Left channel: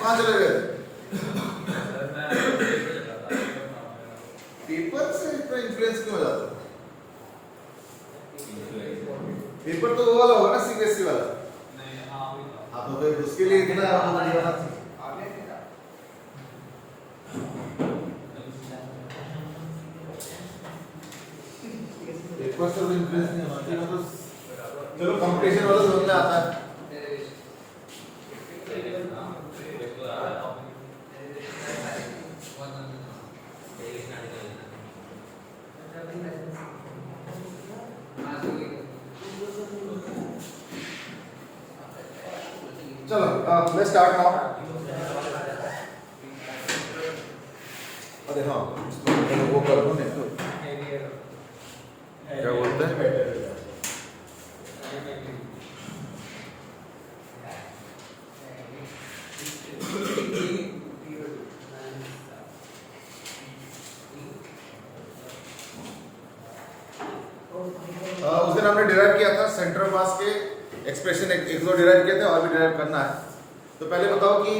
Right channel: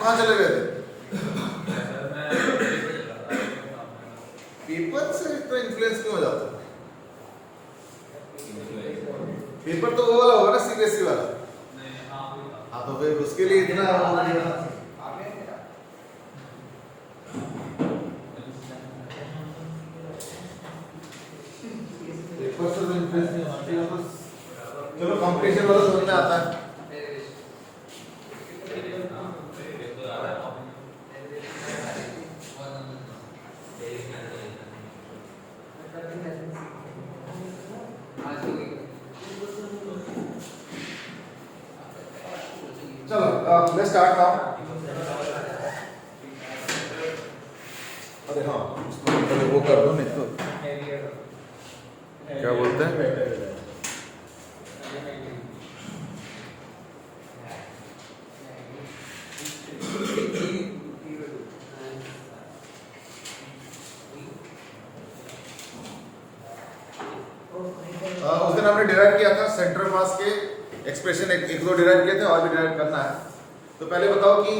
कहाँ चले गए थे? पेपर से तो इन्फ्लुएंस क्यों हो जाता है? पेपर तो वो वाला होगा ना, सीबीएसई वाला। हाँ तो फिर उसके लिए कि ना पेपर से तो इन्फ्लुएंस नहीं होना चाहिए। तो चलो कंपटीशन वाला समझ में आता है। चलो लेट्स स्टार्ट नाउ। अरे हाँ, इसको वो कर दो नहीं तो क्या बोलते हैं? उस दिन हमने डिराइव किया था सेंटर मास के एक्सप्रेशन, एक दो डिराइव किए थे और भी डिराइव करना है। तो पहले बताओ कि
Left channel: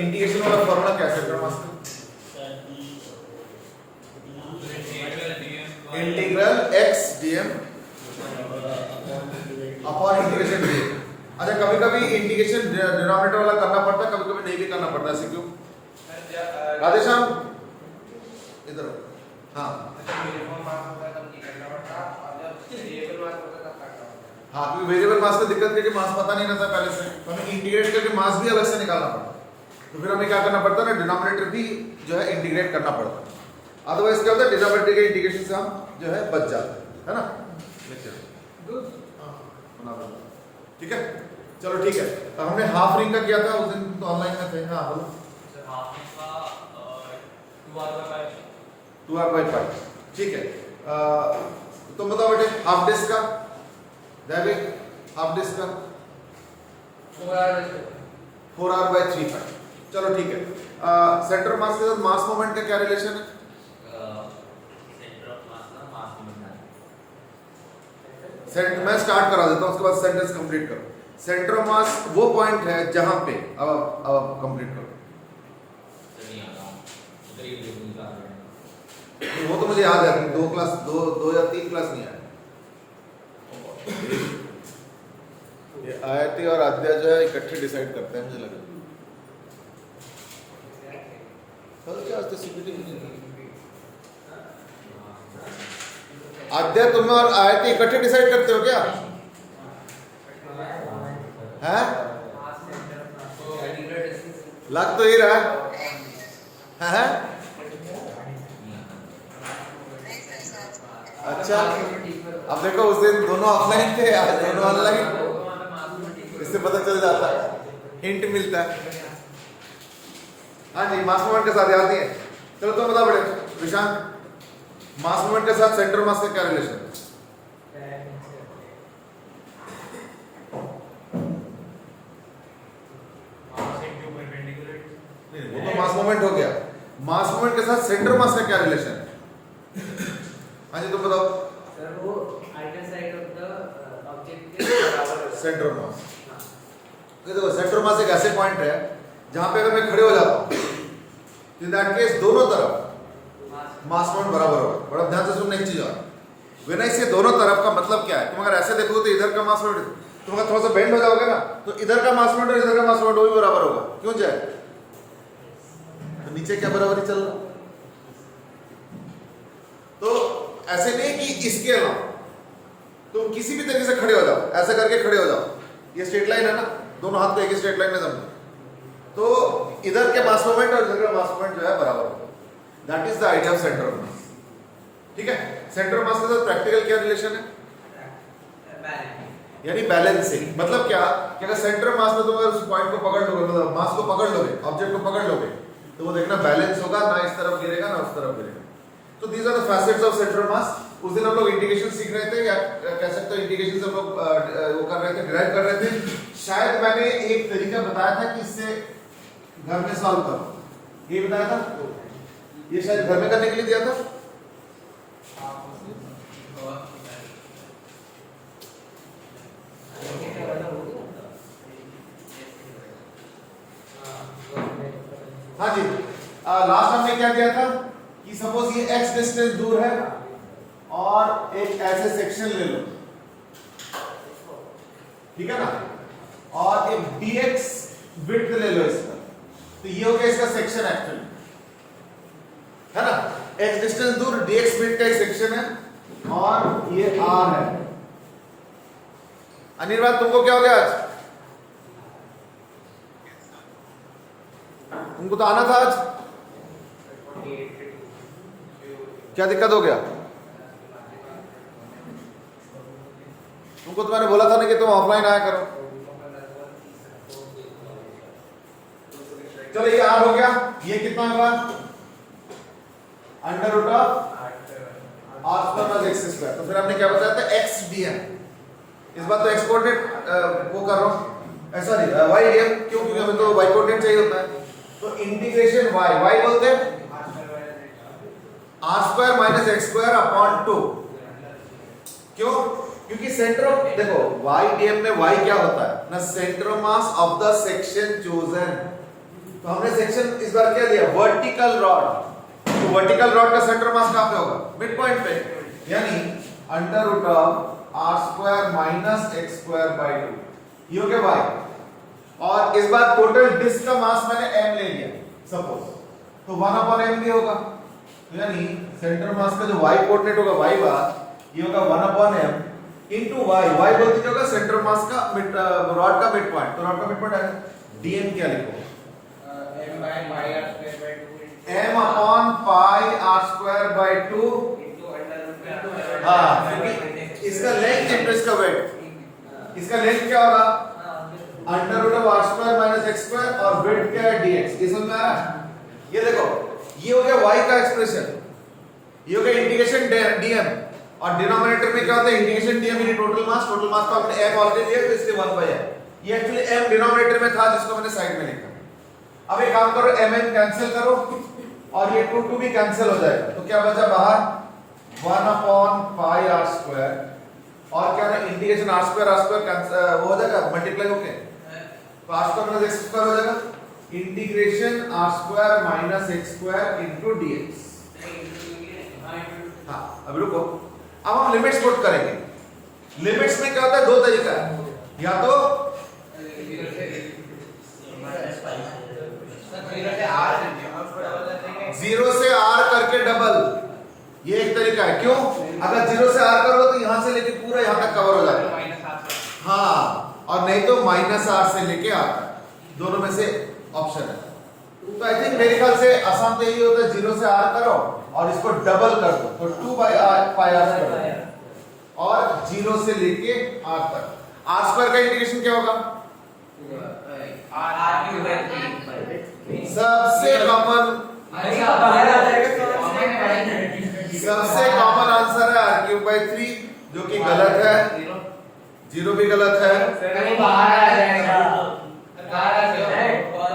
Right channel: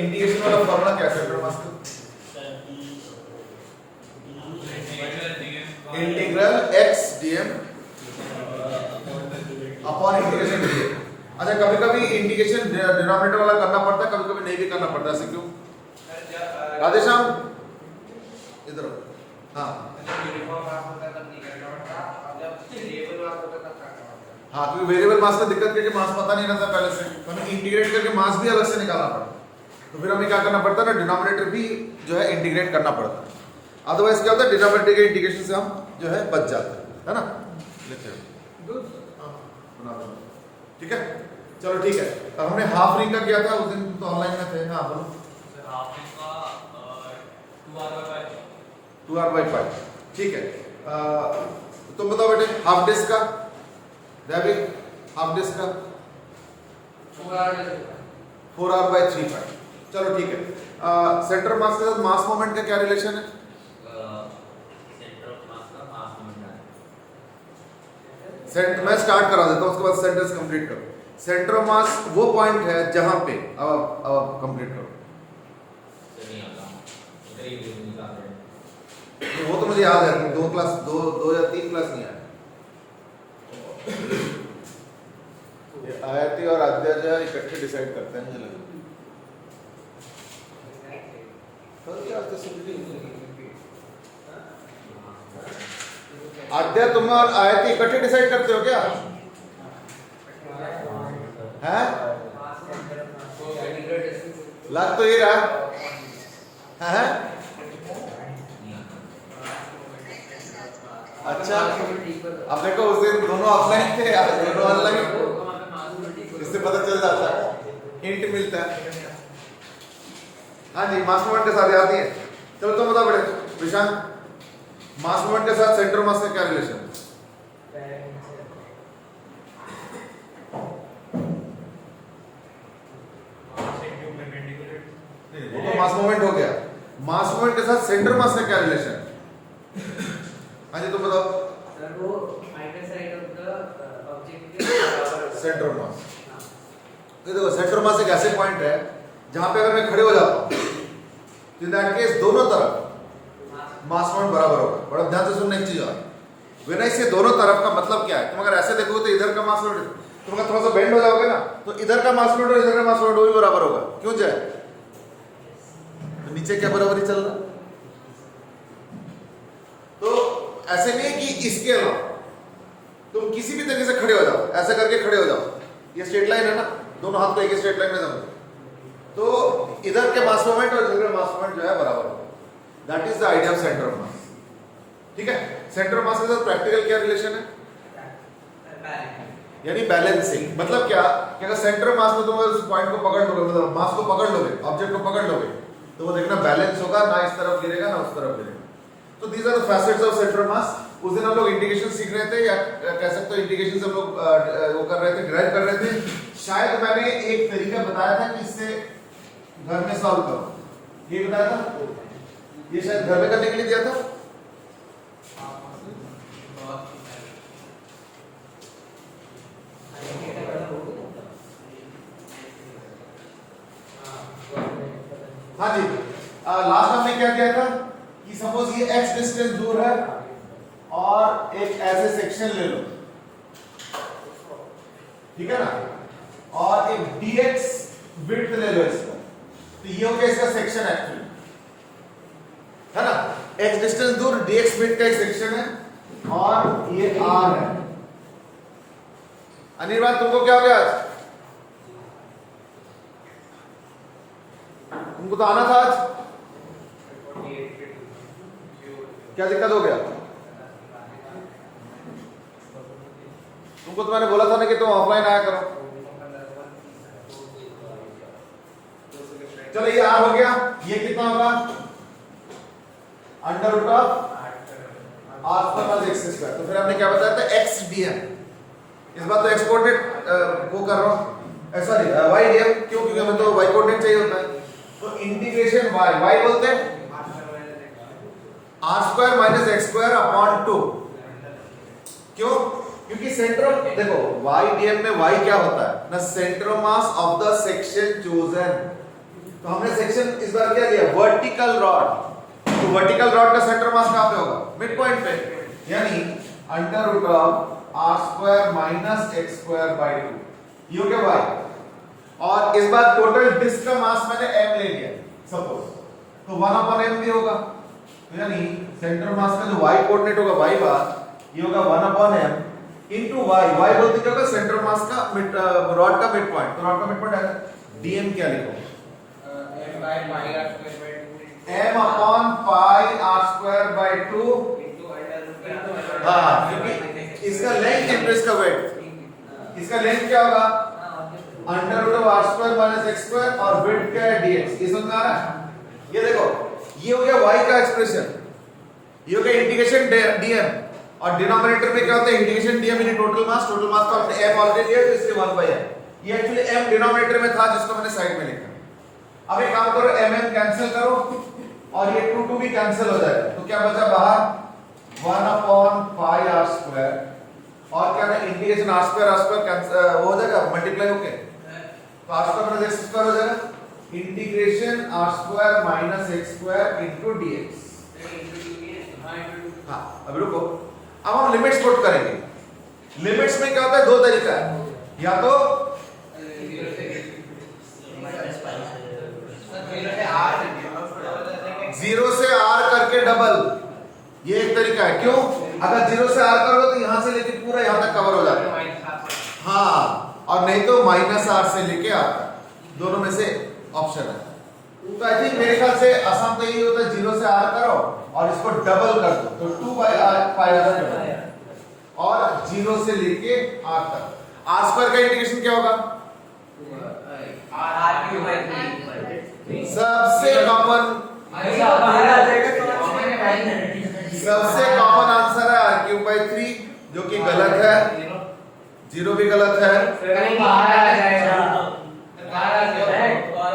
इंटीग्रेशन वाला फॉर्मूला क्या है सेंटर मास का? Integral x dm upon integration dx। अच्छा, कभी कभी इंटीग्रेशन डिनोमिनेटर वाला करना पड़ता है, कभी कभी नहीं भी करना पड़ता है। ऐसे क्यों? राधेश्याम इधर। हाँ हाँ, क्योंकि वेरिएबल मास में दिक्कत है कि मास पता नहीं रहता पहले से, तो हमें इंटीग्रेट करके मास भी अलग से निकालना पड़ता है। तो फिर हमें क्या करना पड़ता है ना, डिनोमिनेटर भी जो है इंटीग्रेट करना पड़ता है। अदरवाइज क्या होता है, डिनोमिनेटर के इंटीग्रेशन से हम जो है बच जाते हैं, है ना? ठीक है, चलो ठीक है। तो हमने हाफ रिंग का किया था उस दिन, तो ऑनलाइन में थे। हाँ बोलो। 2r/5 ठीक है। तुम बताओ बेटे, हाफ डिस्क का हाफ डिस्क का 4r/3/5। चलो ठीक है। सेंटर मास के साथ मास मोमेंट का क्या रिलेशन है? मैं स्टार्ट करा देता हूं, उसके बाद सेंटेंस कंप्लीट करो। सेंटर ऑफ मास वो पॉइंट है जहां पे अब कंप्लीट करो। वो तो मुझे याद है, दो या तीन क्लास नहीं आया। आयती और अध्याय जो है इकट्ठे डिसाइड करते हैं, मुझे लगा। अध्याय तुम और आयती इकट्ठे डिसाइड करते हो क्या? हैं? लग तो ये रहा है। अच्छा, अब देखो उस दिन दोनों ऑफलाइन थे, आज दोनों ऑनलाइन। इससे पता चल जाता है, हिंट मिलता है। हाँ जी, मास मोमेंट के साथ याद नहीं है। चलो तुम बता बड़े विशांक, मास मोमेंट के साथ सेंटर मास का क्या रिलेशन है? नहीं, वो तो मास मोमेंट हो गया। मास मोमेंट के साथ सेंटर मास का क्या रिलेशन है? हाँ जी, तुम बताओ। सेंटर मास, देखो सेंटर मास एक ऐसे पॉइंट है जहां पे अगर मैं खड़े हो जाता हूं तो इन दैट केस दोनों तरफ मास मोमेंट बराबर होगा। बड़ा ध्यान से सुनना एक चीज और, व्हेन आई से दोनों तरफ का मतलब क्या है? तुम अगर ऐसे देखोगे तो इधर का मास मोमेंट, तुम अगर थोड़ा सा बेंड हो जाओगे ना तो इधर का मास मोमेंट और इधर का मास मोमेंट वही बराबर होगा। क्यों जाए? तो नीचे क्या बराबरी चल रहा? तो ऐसे नहीं है कि इसके अलावा तुम किसी भी तरीके से खड़े हो जाओ, ऐसा करके खड़े हो जाओ, ये स्ट्रेट लाइन है ना, दोनों हाथ को एक ही स्ट्रेट लाइन में जमो, तो इधर के मास मोमेंट और इधर का मास मोमेंट जो है बराबर होगा। That is the idea of centre of मास। ठीक है, सेंटर ऑफ मास के साथ प्रैक्टिकल क्या रिलेशन है? यानी बैलेंसिंग। मतलब क्या कि अगर सेंटर ऑफ मास में तुम उस पॉइंट को पकड़ लोगे, मतलब मास को पकड़ लोगे, ऑब्जेक्ट को पकड़ लोगे, तो वो देखना बैलेंस होगा, ना इस तरफ गिरेगा ना उस तरफ गिरेगा। तो these are the facets of centre of mass. उस दिन हम लोग इंटीग्रेशन सीख रहे थे, या कह सकते हो इंटीग्रेशन से हम लोग वो कर रहे थे, डिराइव कर रहे थे। शायद मैंने एक तरीका बताया था कि इससे घर में सॉल्व करो, ये बताया था, ये शायद घर में करने के लिए दिया था। लास्ट हमने क्या किया था कि सपोज ये x डिस्टेंस दूर है और एक ऐसे सेक्शन ले लो, ठीक है ना, और एक dx विड्थ ले लो इसका, तो ये हो गया इसका सेक्शन एक्चुअली, है ना। x डिस्टेंस दूर dx विड्थ का एक सेक्शन है और ये r है। अनिर्बाण तुमको क्या हो गया आज? तुमको तो आना था आज, क्या दिक्कत हो गया? तुमको तो मैंने बोला था ना कि तुम ऑफलाइन आया करो। चलो ये r हो गया, ये कितना होगा? Under root of r square minus x square. तो फिर हमने क्या बताया था? x dm। इस बार तो x कोऑर्डिनेट वो कर रहा हूं, सॉरी y dm, क्यों? क्योंकि हमें तो y कोऑर्डिनेट चाहिए होता है। तो इंटीग्रेशन y बोलते हैं r square minus x square upon 2। क्यों? क्योंकि सेंटर ऑफ, देखो y dm में y क्या होता है ना, centre of mass of the section chosen. तो हमने सेक्शन इस बार क्या लिया? Vertical rod. तो वर्टिकल रॉड का सेंटर मास कहां पे होगा? मिड पॉइंट पे, यानी under root of r square minus x square by 2, ये हो गया y। और इस बार टोटल डिस्क का मास मैंने m ले लिया सपोज, तो 1 अपॉन m भी होगा, तो यानी सेंटर मास का जो y कोऑर्डिनेट होगा y बार, ये होगा 1 upon m into y। y बोलते क्या होगा? सेंटर मास का मिड, रॉड का मिड पॉइंट। तो रॉड का मिड पॉइंट है dm, क्या लिखो? m by pi r square by 2 m upon pi r square by 2 into under root। हां, क्योंकि इसका लेंथ है, इसका वेट, इसका लेंथ क्या होगा? Under root of r square minus x square और विड्थ क्या है? dx। ये समझ में आ रहा है? ये देखो, ये हो गया y का एक्सप्रेशन, ये हो गया इंटीग्रेशन dm, और डिनोमिनेटर में क्या होता है? इंटीग्रेशन dm ये टोटल मास तो हमने m ऑलरेडी लिया, तो इसलिए 1 बाय m। ये एक्चुअली m डिनोमिनेटर में था, जिसको मैंने साइड में लिखा। अब एक काम करो, mm कैंसिल करो और ये 2 भी कैंसिल हो जाएगा, तो क्या बचा बाहर? 1 अपॉन पाई r स्क्वायर, और क्या ना इंटीग्रेशन r स्क्वायर कैंसिल वो हो जाएगा, मल्टीप्लाई होके, तो r square minus x square हो जाएगा, integration r square minus x square into dx। हाँ, अब रुको, अब हम लिमिट्स पुट करेंगे। लिमिट्स में क्या होता है? दो तरीका है, या तो जीरो से r करके डबल, ये एक तरीका है। क्यों? अगर 0 से r करोगे तो यहां से लेके पूरा यहां तक कवर हो जाता है, हाँ, और नहीं तो माइनस r से लेके r तक, दोनों में से ऑप्शन है। तो आई थिंक मेरे ख्याल से आसान तो यही होता है, 0 से r करो और इसको डबल कर दो, तो 2 बाई r पाई r और 0 से लेके r तक। r स्क्वायर का इंटीग्रेशन क्या होगा? सबसे कॉमन आंसर है r³ 3, जो कि गलत है, 0 भी गलत है।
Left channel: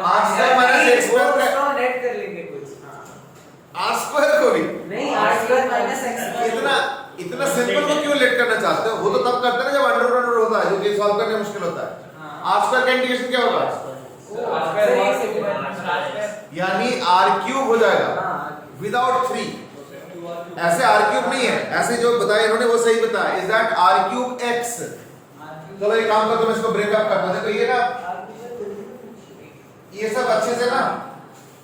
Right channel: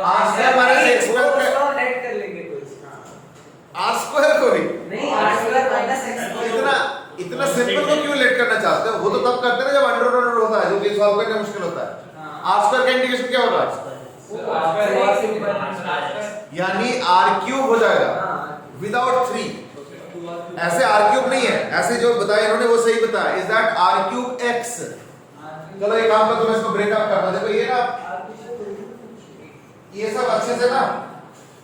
r स्क्वायर को भी इतना सिंपल को क्यों लेट करना चाहते हो? वो तो तब करते हैं जब अंडर होता है, जो कि सॉल्व करना मुश्किल होता है। r स्क्वायर का इंटीग्रेशन क्या होगा? यानी r³ हो जाएगा विदाउट 3। ऐसे r³ नहीं है, ऐसे जो बताया इन्होंने वो सही बताया, इज दैट r³ x। चलो एक काम करो, तुम इसको ब्रेकअप करना। देखो ये ना, ये सब अच्छे से ना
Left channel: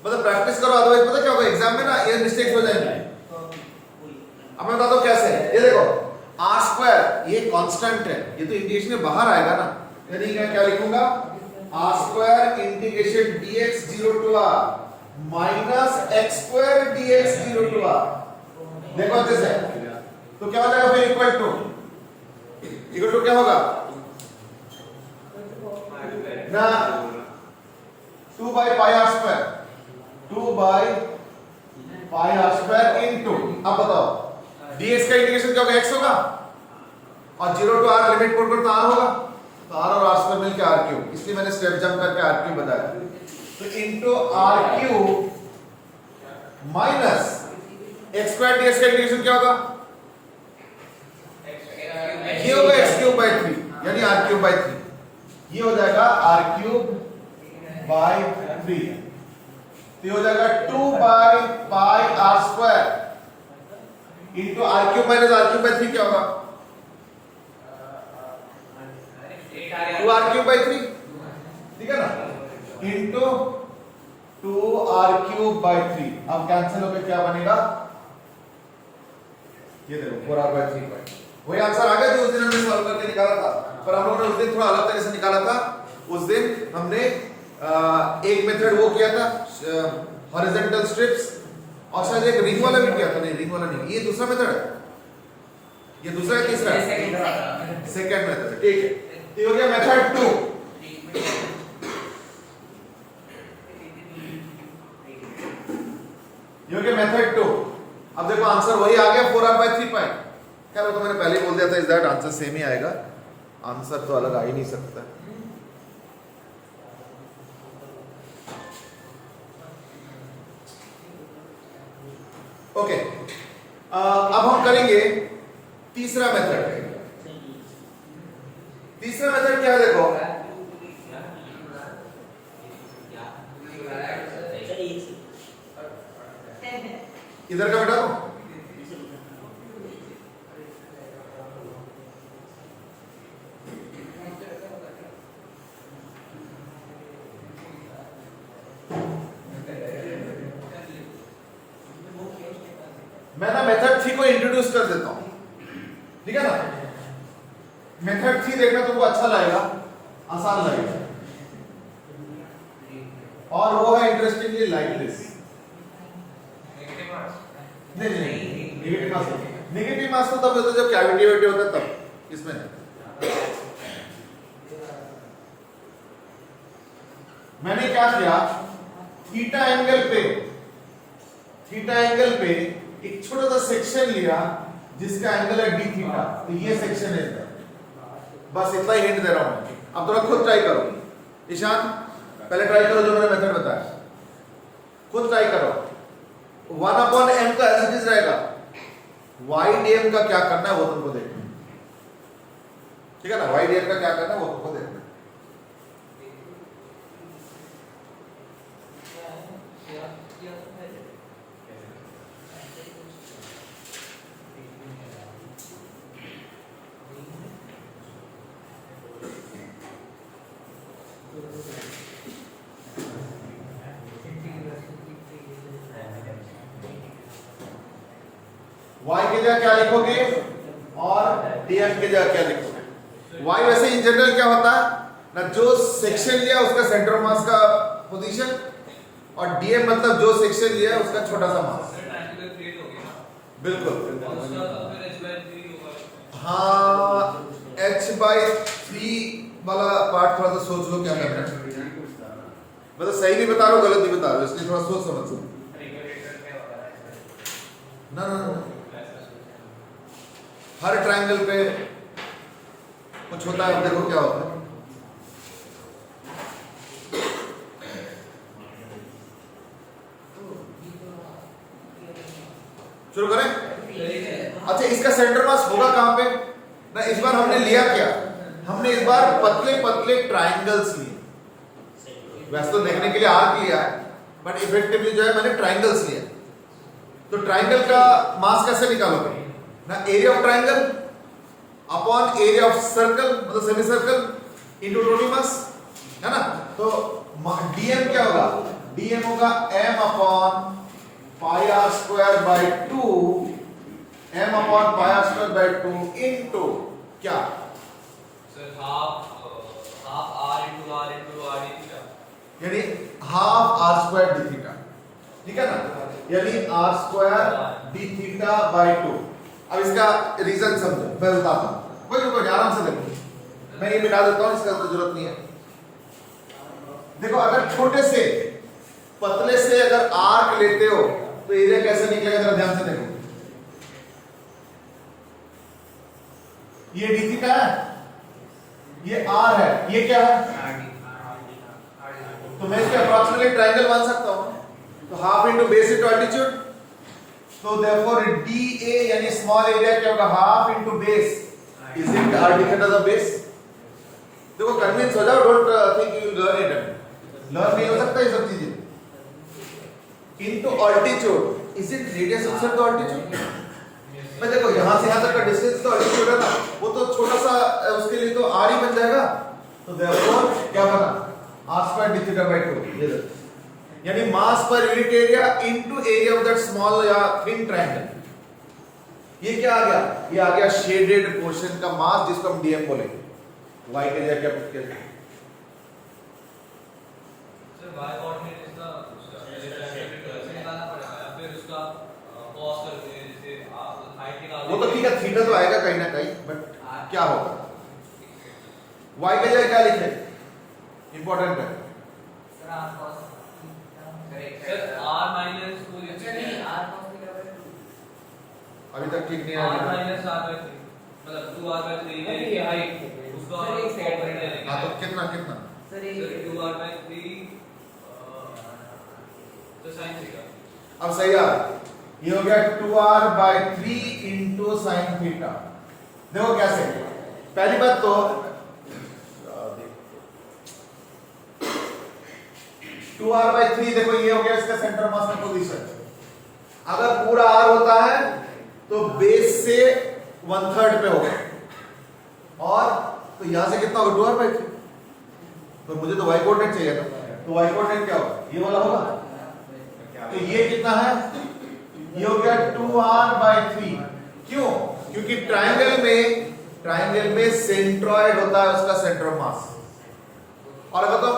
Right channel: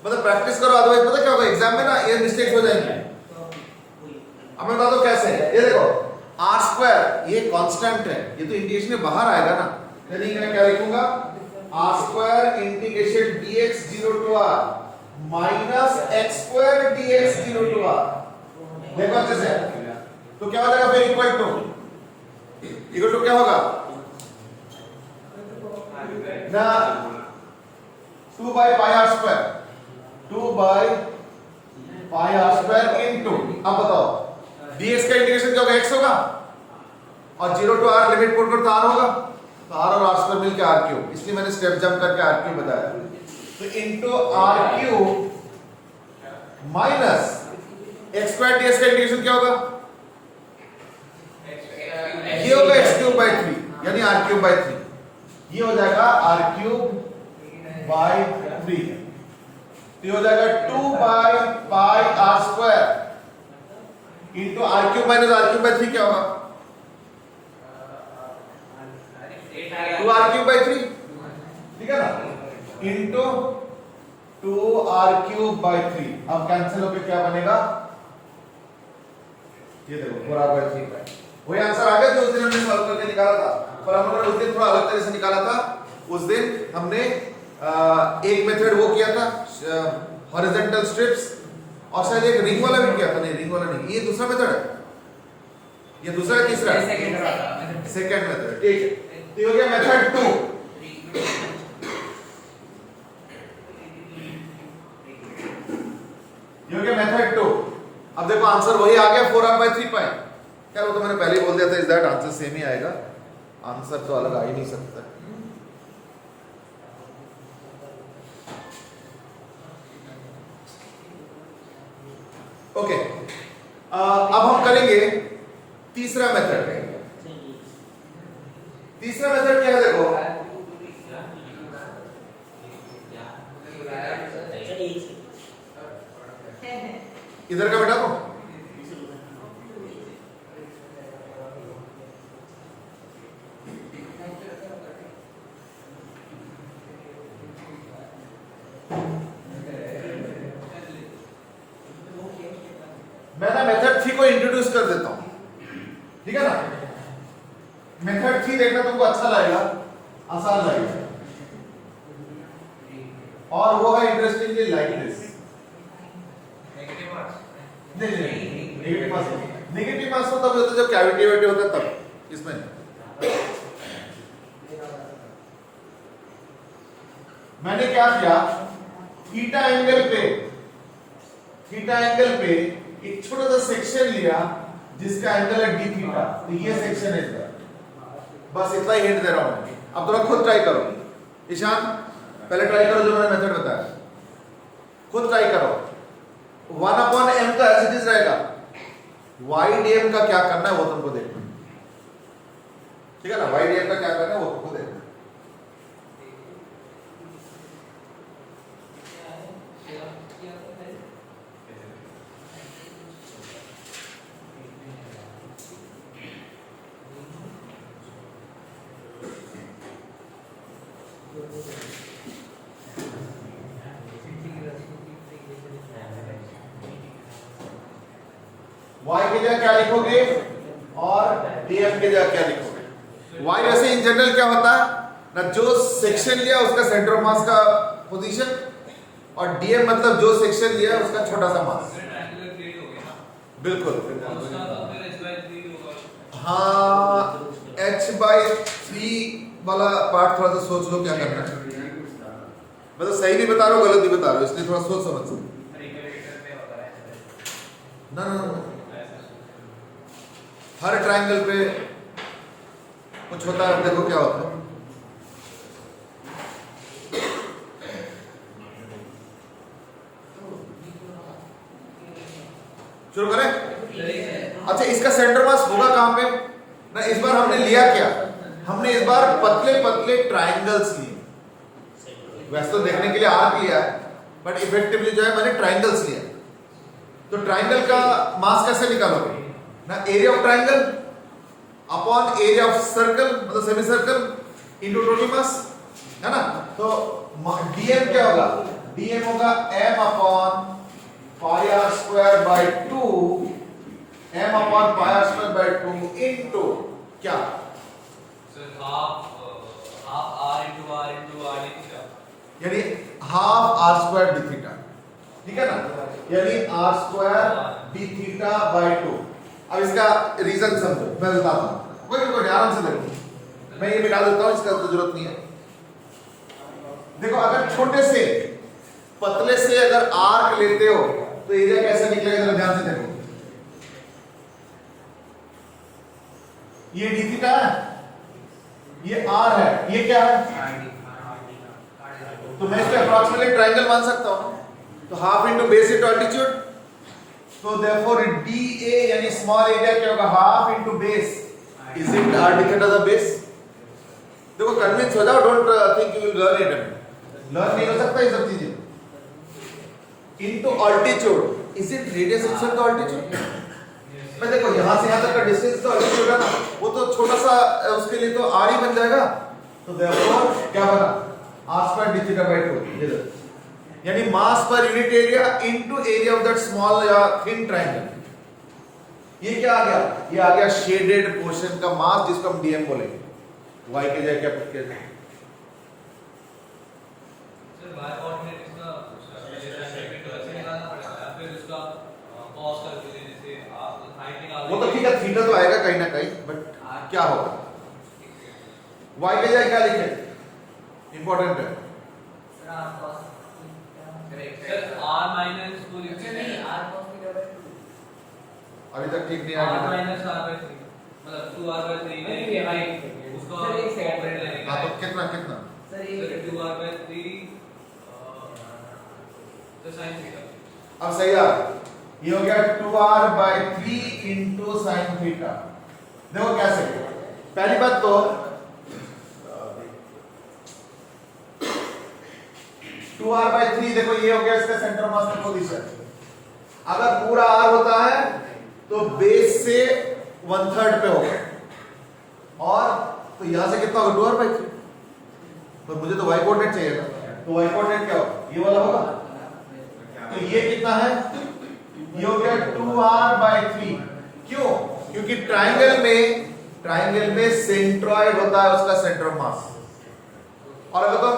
मतलब प्रैक्टिस करो, अदरवाइज पता क्या होगा एग्जाम में ना, ये मिस्टेक्स हो जाएंगे। अब मैं बता दो कैसे। ये देखो r स्क्वायर ये कांस्टेंट है, ये तो इंटीग्रेशन में बाहर आएगा ना, यानी मैं क्या लिखूंगा? r square integration dx 0 to r minus x square dx 0 to r। देखो अच्छे से, तो क्या हो जाएगा फिर? इक्वल टू क्या होगा ना? 2 by pi r square, 2 by pi r square into, अब बताओ dx का इंटीग्रेशन क्या होगा? x होगा, और 0 to r लिमिट पुट करो तो r होगा, तो r और r स्क्वायर मिलकर r³, इसलिए मैंने स्टेप जंप करके r³ बताया। तो into r³ minus x square dx का इंटीग्रेशन क्या होगा? ये होगा x³ बाई 3, यानी r³ बाई 3, ये हो जाएगा r³ बाई 3। तो ये हो जाएगा 2 by pi r square into r cube minus r cube by 3 क्या होगा 2 आर क्यूब बाई 3 ठीक है ना इंटू 2 आर क्यूब बाई 3 अब कैंसिल होकर क्या बनेगा ये देखो 4 आर बाई 3 बाई वही आंसर आ गया जो उस दिन हमने सॉल्व करके निकाला था पर हम लोगों ने उस दिन थोड़ा अलग तरह से निकाला था उस दिन हमने एक मेथड वो किया था हॉरिजॉन्टल स्ट्रिप्स और शायद एक रिंग वाला भी किया था नहीं रिंग वाला नहीं ये दूसरा मेथड है ये दूसरा है तीसरा है सेकंड मेथड है ठीक है तो ये हो गया मेथड 2 ये हो गया मेथड 2 अब देखो आंसर वही आ गया 4r by 3 पाई यार वो तो मैंने पहले ही बोल दिया था इस दैट आंसर सेम ही आएगा आंसर तो अलग आ ही नहीं सकता ओके अब हम करेंगे तीसरा मेथड क्या है देखो इधर का बेटा तो मैं ना मेथड 3 को इंट्रोड्यूस कर देता हूं ठीक है ना मेथड 3 देखना तुमको अच्छा लगेगा आसान लगेगा और वो है इंटरेस्टिंगली लाइक दिस नहीं नेगेटिव मास तो तब होता है जब कैविटी वेटी होता है तब इसमें मैंने क्या किया थीटा एंगल पे एक छोटा सा सेक्शन लिया जिसका एंगल है डी थीटा तो ये सेक्शन है इसका बस इतना ही हिंट दे रहा हूं मैं अब थोड़ा खुद ट्राई करो ईशान पहले ट्राई करो जो मैंने मेथड बताया खुद ट्राई करो 1/m तो एज इट इज रहेगा YDM का क्या करना है वो तुमको देखना ठीक है ना YDM का क्या करना है वो तुमको देखना y के जगह क्या लिखोगे और dm के जगह क्या लिखोगे y वैसे इन जनरल क्या होता है ना जो सेक्शन लिया उसका सेंटर ऑफ मास का पोजीशन और dm मतलब जो सेक्शन लिया उसका छोटा सा मास बिल्कुल हाँ h/3 वाला पार्ट थोड़ा सा सोच लो क्या करना है मतलब सही भी बता रहा हूँ गलत भी बता रहा हूँ इसलिए थोड़ा सोच समझ ना हर ट्रायंगल पे कुछ होता है देखो क्या होता है शुरू करें अच्छा इसका सेंटर मास होगा कहां पे ना इस बार हमने लिया क्या हमने इस बार पतले पतले ट्रायंगल्स लिए वैसे तो देखने के लिए आर्क लिया है बट इफेक्टिवली जो है मैंने ट्रायंगल्स लिया तो ट्रायंगल का मास कैसे निकालोगे ना area of triangle upon area of circle मतलब semi circle into total mass है ना तो डीएम क्या होगा डीएम होगा m upon pi r square by 2 m upon pi r square by 2 into क्या sir half r into r into r theta यानी half r square d theta ठीक है ना यानी r square d theta by 2 अब इसका reason समझो मैं बताता हूं कोई आराम से देखो मैं ये मिटा देता हूं इसका तो जरूरत नहीं है देखो अगर छोटे से पतले से अगर आर्क लेते हो तो एरिया कैसे निकलेगा जरा ध्यान से देखो ये डी थीटा है ये आर है ये क्या है तो मैं इसके अप्रॉक्सीमेटली ट्रायंगल मान सकता हूं तो half into base into altitude तो देयरफॉर DA यानी स्मॉल एरिया क्या होगा half into base is it r d theta the base देखो कन्विंस हो जाओ don't think you will learn it learn नहीं हो सकता ये सब चीजें into altitude. Is it radius itself the altitude? मैं देखो यहां से यहां तक का डिस्टेंस तो altitude है ना, वो तो छोटा सा उसके लिए तो r ही बन जाएगा। तो therefore क्या बना r square d theta by 2, ये देखो, यानी मास पर unit area into area of that small या थिन ट्रायंगल। ये क्या आ गया? ये आ गया शेडेड पोर्शन का मास, जिसको हम डीएम बोलेंगे। y के जगह क्या पुट करेंगे? सर y कोऑर्डिनेट इसका कैसे निकालना पड़ेगा या फिर उसका cos करके जैसे आप हाइट निकाल वो तो ठीक है, थीटा तो आएगा कहीं ना कहीं, बट क्या होगा? y के जगह क्या लिखे? इंपॉर्टेंट है सर r माइनस कोई नहीं r cos थीटा बाय 2 अभी तक ठीक नहीं r आया। माइनस r बाय 3 मतलब 2r बाय 3 है ये हाइट उसका कोऑर्डिनेट है। हाँ तो कितना कितना? सर 2r बाय 3 तो sin थीटा। अब सही आ रहा, ये हो गया 2r by 3 into sin theta. देखो कैसे, पहली बात तो 2r by 3, देखो ये हो गया इसका सेंटर मास का पोजीशन। अगर पूरा r होता है तो बेस से 1/3 पे होगा, और तो यहां से कितना होगा 2r by 3, पर मुझे तो y कोऑर्डिनेट चाहिए ना, तो y कोऑर्डिनेट क्या होगा? ये वाला होगा। तो ये कितना है? ये हो गया 2r by 3। क्यों? क्योंकि ट्राइंगल में सेंट्रॉइड होता है उसका सेंटर ऑफ मास, और अगर तुम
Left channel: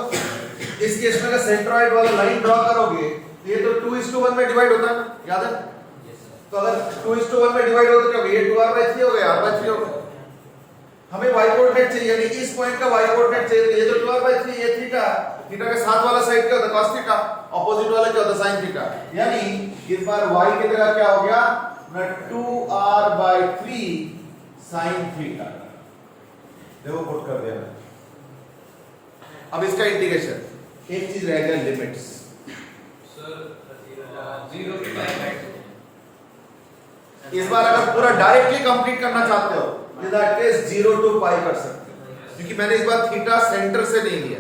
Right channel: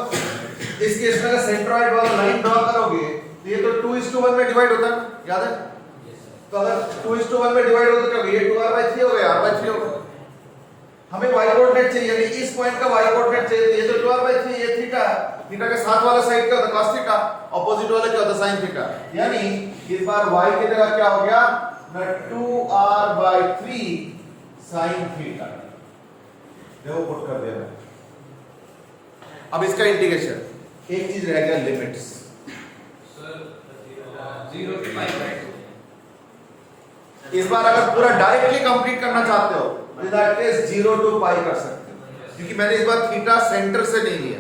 इस केस में अगर सेंट्रॉइड वाला लाइन ड्रॉ करोगे तो ये तो 2:1 में डिवाइड होता है ना, याद है? तो अगर 2:1 में डिवाइड हो तो क्या होगा? ये 2r by 3 हो गया, r by 3 हो गया। हमें y कोऑर्डिनेट चाहिए, यानी इस पॉइंट का y कोऑर्डिनेट चाहिए, तो ये तो 2r by 3, ये थीटा, थीटा के साथ वाला साइड क्या होता है? cos थीटा, ऑपोजिट वाला क्या होता है? sin theta. यानी इस बार y की जगह क्या हो गया? 2r by 3 sin theta. देखो पुट कर दिया। अब इसका इंटीग्रेशन, एक चीज रह गया, limits. Sir 0 to pi by 2। इस बार अगर पूरा डायरेक्टली कंप्लीट करना चाहते हो तो दैट केस 0 to pi कर सकते हो, क्योंकि मैंने इस बार थीटा सेंटर से नहीं लिया।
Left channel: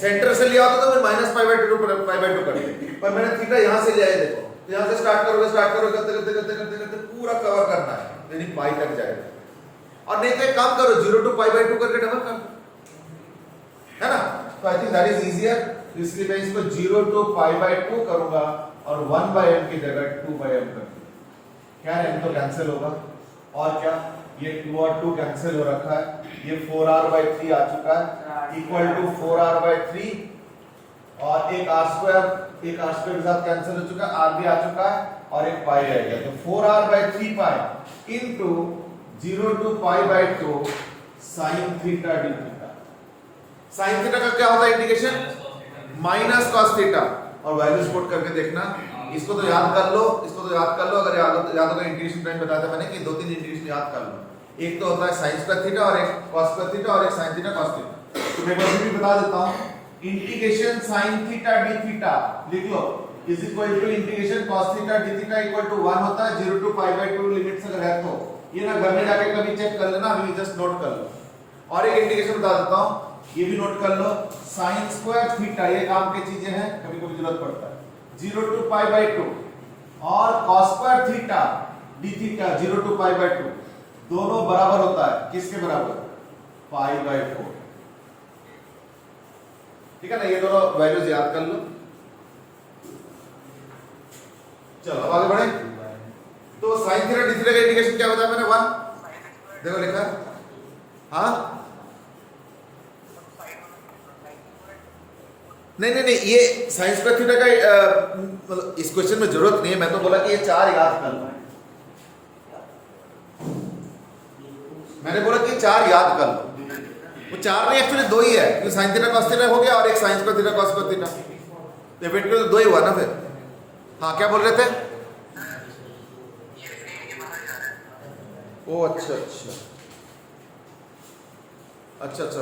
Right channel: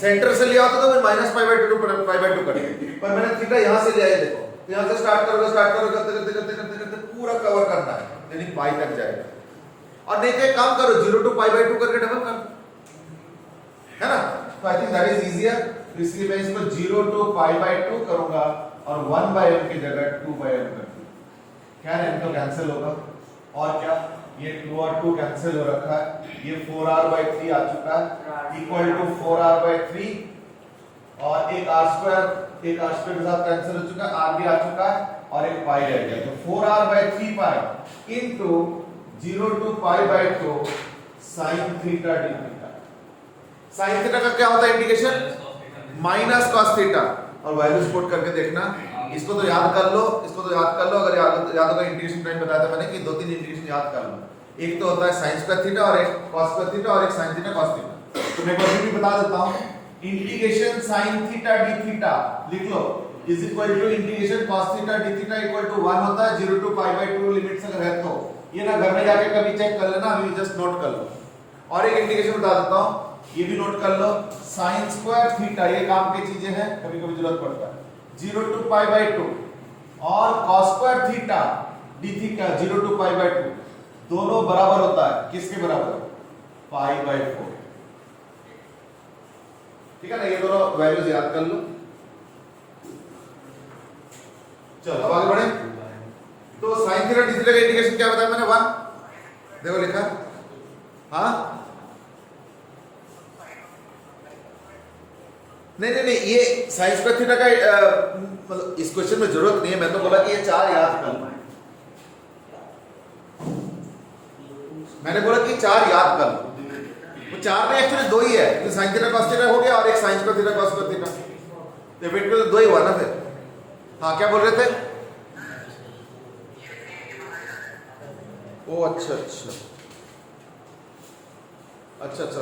सेंटर से लिया होता तो मैं -π/2 π/2 कर देता, पर मैंने थीटा यहां से लिया है। देखो तो यहां से स्टार्ट करोगे करते पूरा कवर करना है, यानी पाई तक जाएगा। और नहीं तो एक काम करो, 0 to π/2 करके डबल कर दो, है ना? तो I think that is easier. इसलिए मैं इसको 0 to π/2 करूंगा और 1/m की जगह 2/m कर दूंगा। क्या m तो कैंसिल होगा, और क्या ये 2 और 2 कैंसिल हो रखा है, ये 4r by 3 आ चुका है, इक्वल टू 4r by 3, और एक r स्क्वायर के साथ कैंसिल हो चुका है, r भी आ चुका है, और एक पाई रह गया। तो 4r by 3 pi into 0 to π/2 sin theta d theta. sin theta का क्या होता है इंटीग्रेशन? माइनस cos थीटा, और वैल्यूज पुट करके देखना। इसको तो याद कर लो, इसको तो याद कर लो। अगर याद होगा इंटीग्रेशन टाइम बताया था मैंने कि 2-3 इंटीग्रेशन याद कर लो। एक तो होता है sin स्क्वायर थीटा, और एक cos स्क्वायर थीटा, और एक sin थीटा cos थीटा। तो मैं अभी भी बता देता हूं, integration sin theta d theta लिख लो is equal to integration cos theta d theta equal to 1 होता है 0 to π/2 लिमिट्स अगर है तो। ये ना घर में जाके कभी चेक कर लेना, अभी जस्ट नोट कर लो। और एक इंटीग्रेशन बता देता हूं, ये भी नोट कर लो, sin स्क्वायर थीटा, ये काम की चीजें हैं, कभी कभी जरूरत पड़ता है, 0 to π/2, और cos square theta d theta 0 to π/2 दोनों बराबर होता है किसके बराबर? π/4। ठीक है ना? ये दोनों वैल्यूज याद कर लो। चलो अब आगे बढ़े। तो sin थीटा d थीटा का इंटीग्रेशन क्या बताया मैंने? 1। देखो लिखा, हाँ नहीं, ये sin स्क्वायर थीटा का मतलब इस क्वेश्चन में जरूरत नहीं है। मैं तो बोला कि ये 4 याद कर लो, मैंने बोला कि 4 याद कर लो। तो 4 में एक्चुअली 2 ही है, तो sin थीटा cos थीटा हो गया, और एक sin square theta cos square theta, तो इफेक्टिव 2 ही हुआ ना फिर। हाँ क्या बोल रहे थे? ओ अच्छा,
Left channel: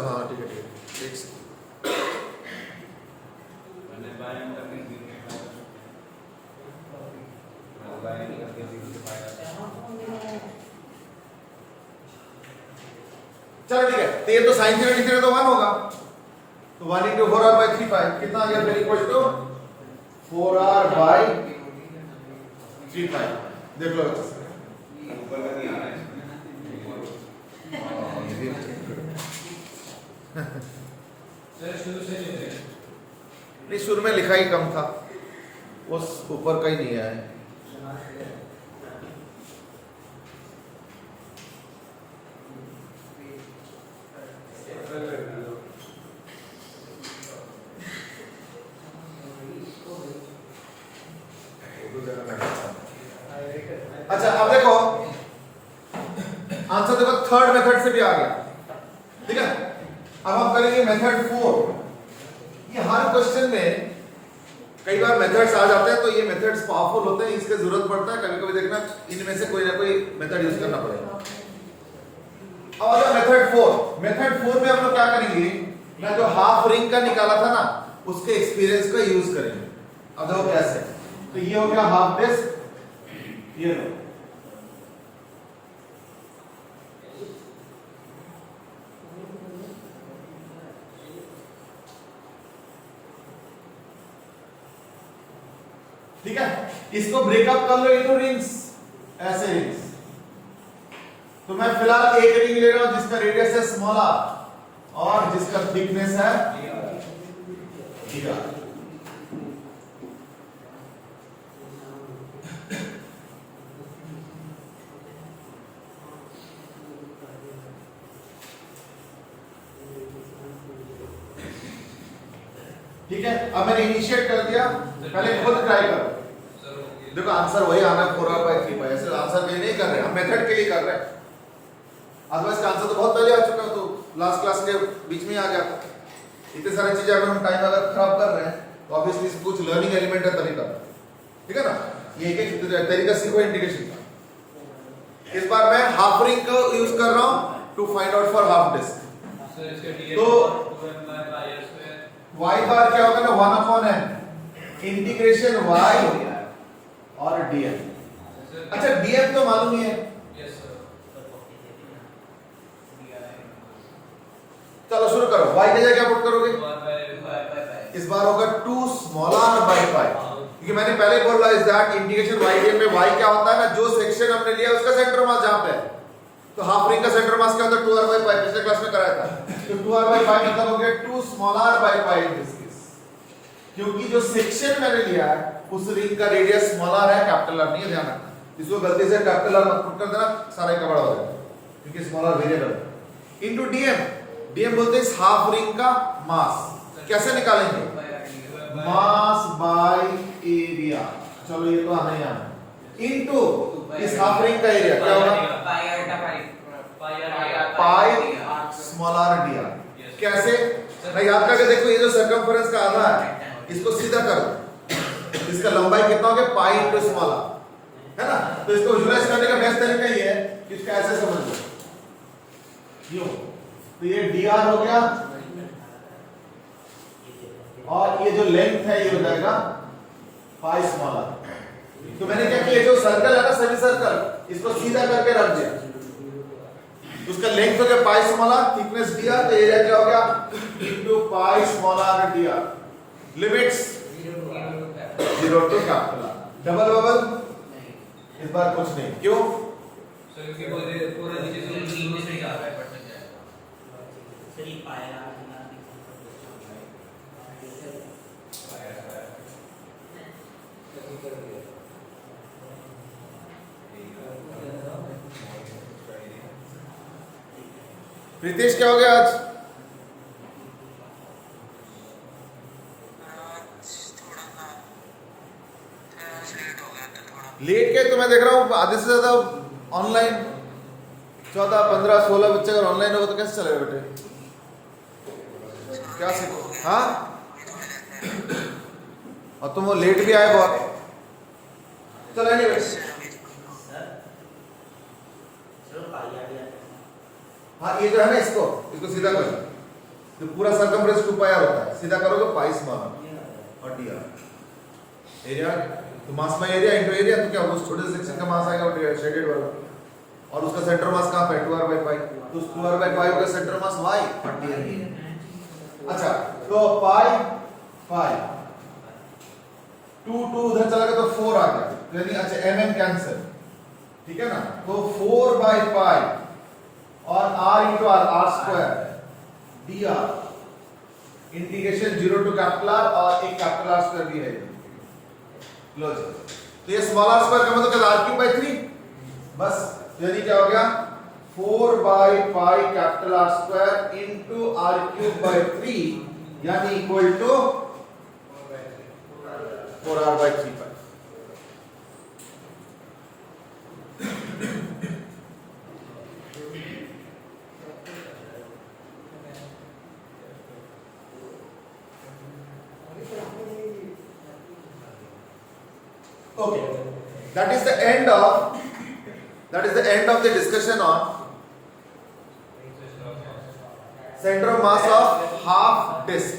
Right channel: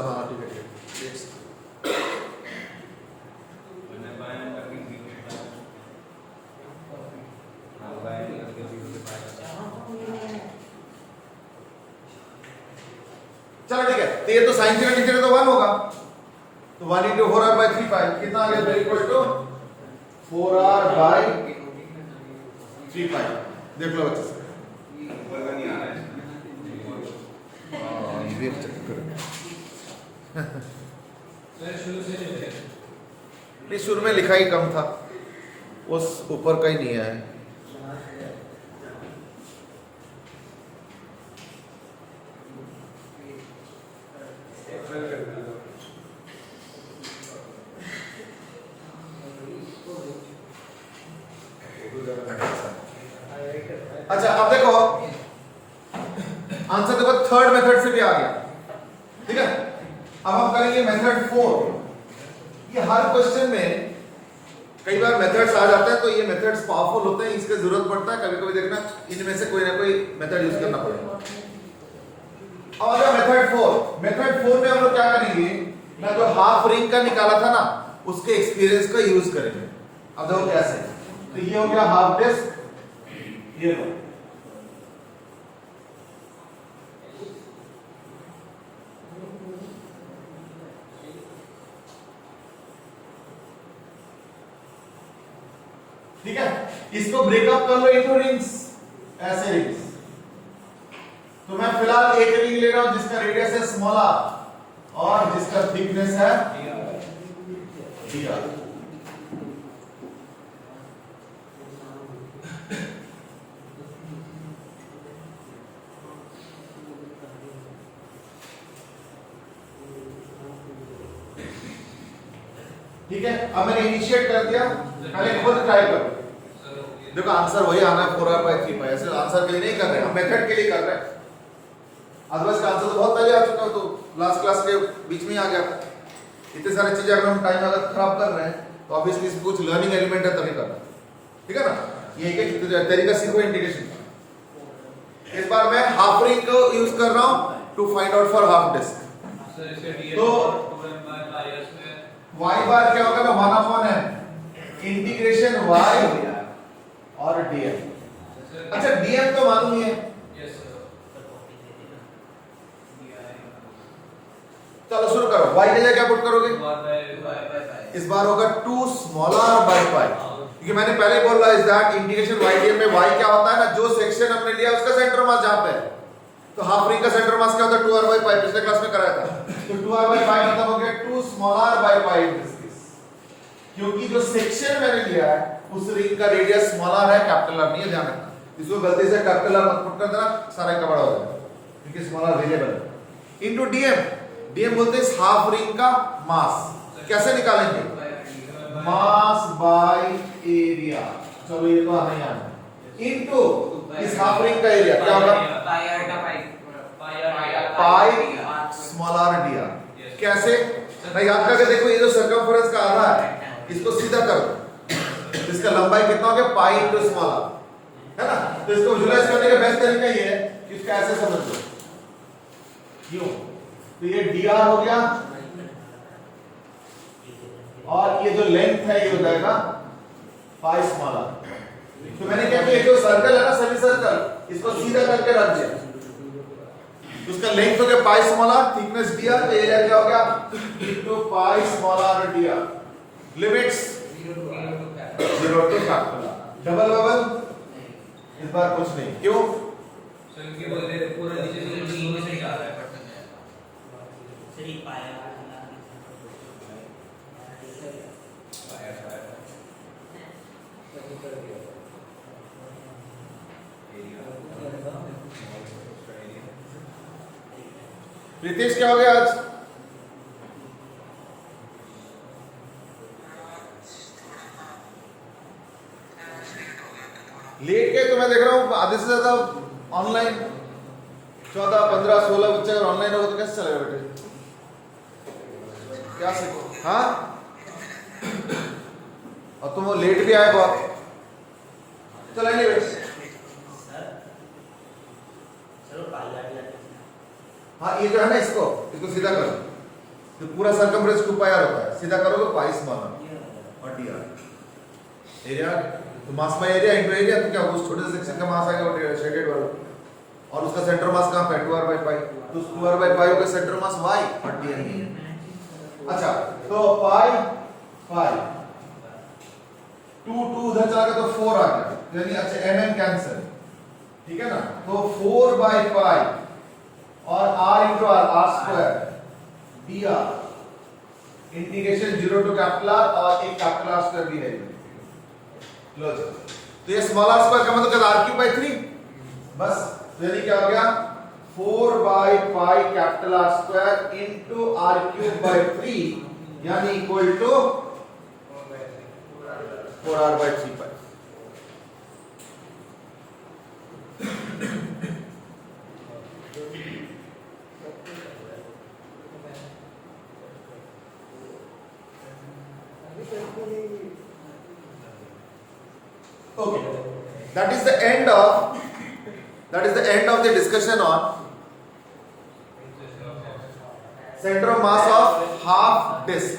हाँ ठीक है। चलो ठीक है, तो ये तो sin थीटा d थीटा तो 1 होगा, तो 1 into 4r by 3 पाई कितना आ गया? फिर इक्वल टू 4r by 3 पाई। देख लो अच्छे से। ऊपर का नहीं आ रहा है ये भी अच्छा सर शुरू से नहीं है। नहीं, शुरू में लिखा ही कम था, उस ऊपर का ही नहीं है। अच्छा अब देखो, आंसर देखो थर्ड मेथड से भी आ गया, ठीक है। अब हम करेंगे मेथड 4। ये हर क्वेश्चन में कई बार मेथड्स आ जाते हैं, तो ये मेथड्स पावरफुल होते हैं, इसकी जरूरत पड़ता है कभी कभी, देखना इनमें से कोई ना कोई मेथड यूज करना पड़ेगा। अब आ जाओ मेथड 4। मेथड 4 में हम लोग क्या करेंगे, मैं जो हाफ रिंग का निकाला था ना, उसके एक्सपीरियंस को यूज करेंगे। अब देखो कैसे, तो ये हो गया हाफ डिस्क, ये लो, ठीक है। इसको ब्रेकअप कर लो इनटू रिंग्स, ऐसे रिंग्स। तो मैं फिलहाल एक रिंग ले रहा हूं जिसका रेडियस है स्मॉल r और जिसका थिकनेस है dr। ठीक है, अब मैंने इनिशिएट कर दिया, पहले खुद ट्राई करो। देखो आंसर वही आना है 4r by 3 पाई, ऐसे आंसर कहीं नहीं कर रहे, हम मेथड के लिए कर रहे हैं। अदरवाइज का आंसर तो बहुत पहले आ चुका है, तो लास्ट क्लास के बीच में आ गया था। इतने सारी चीजें अगर हम टाइम अगर खराब कर रहे हैं, तो ऑब्वियसली कुछ लर्निंग एलिमेंट है तभी करना, ठीक है ना। ये एक तरीका सीखो इंटीग्रेशन का। इस बार मैं हाफ रिंग को यूज कर रहा हूं to find out for half disc. Sir इसके dn तो और 2m/is में y बार क्या होगा ना, 1/m इंटीग्रेशन y और dm। अच्छा dm तो मालूम ही है, यस सर। चलो शुरू करो। y की जगह क्या पुट करोगे, बाय इस बार होगा 2 स्मॉलर बाय पाई, क्योंकि मैंने पहले बोला is that integration y dm में y क्या होता है ना, जो सेक्शन हमने लिया उसका सेंटर मास जहां पे है। तो हाफ रिंग का सेंटर मास क्या होता है, 2r by पाई, पिछले क्लास में कराया था। तो 2r by पाई मतलब हो गया 2 smaller by pi in this case, क्योंकि जो सेक्शन मैंने लिया है उस रिंग का रेडियस स्मॉलर है, कैपिटल R नहीं है, ध्यान रखना। इसको गलती से कैपिटल R मत पुट कर देना, सारा का बड़ा हो जाएगा, क्योंकि स्मॉलर वेरिएबल है। इनटू dm, dm बोलते हैं इस हाफ रिंग का मास। कैसे निकालेंगे, मास बाय एरिया, चलो ये तो हमें आना है, इनटू इस हाफ रिंग का एरिया क्या होगा, पाई स्मॉलर dr। कैसे ना, याद करके देखो, ये जो सर्कमफरेंस का आधा है इसको सीधा कर दो, इसका लंबाई कितना हो गया, पाई इंटू स्मॉलर, है ना। तो इसको विजुलाइज करने का बेस्ट तरीका ये है कि इसको ऐसे समझ लो, क्यों, तो ये dr हो गया और ये जो लेंथ है ये हो जाएगा पाई स्मॉलर। तो मैंने क्या किया, जो सर्कल है ना, सेमी सर्कल, इसको सीधा करके रख दिया, उसका लेंथ हो गया पाई स्मॉलर, थिकनेस dr, तो एरिया क्या हो गया into pi smaller dr। Limits 0 to capital R। Double bubble इस बार कुछ नहीं, क्यों, सर क्योंकि पूरा नीचे से 0 से जा रहा है। रितेश क्या हो गया आज, लेट के, तो मैं देख रहा हूँ आधे से ज्यादा ऑनलाइन, 14, 15, 16 बच्चे अगर ऑनलाइन हो तो कैसे चलेगा बेटे, क्या सीखो, हाँ। और तुम वो लेट भी आए बहुत, चलो एनीवेज, हाँ ये जो है ना, इसको सीधा करो, तो पूरा सर्कमफ्रेंस 2 पाई r होता है, सीधा करोगे पाई स्मॉलर और dr। एरिया तो mass by area into area, तो क्या उस छोटे से सेक्शन का मास आएगा वो शेडेड वाला, और उसका सेंटर मास कहां पे, 2r by पाई, तो उस 2r by पाई का सेंटर मास y और dr। अच्छा तो पाई पाई 2 2 उधर चला गया तो 4 आ गया, तो यानी अच्छा mm कैंसिल, ठीक है ना। तो 4 बाई पाई और r into r, r square dr integration 0 to capital R और एक कैपिटल R स्क्वायर भी है इधर। लो जी, तो ये स्मॉल r स्क्वायर का मतलब r क्यूब बाई 3, बस। तो यानी क्या हो गया 4 by pi capital R square into r cube by 3 यानी equal to 4r by 3 pi. Okay, that is the end of the discussion on center of mass of half disk।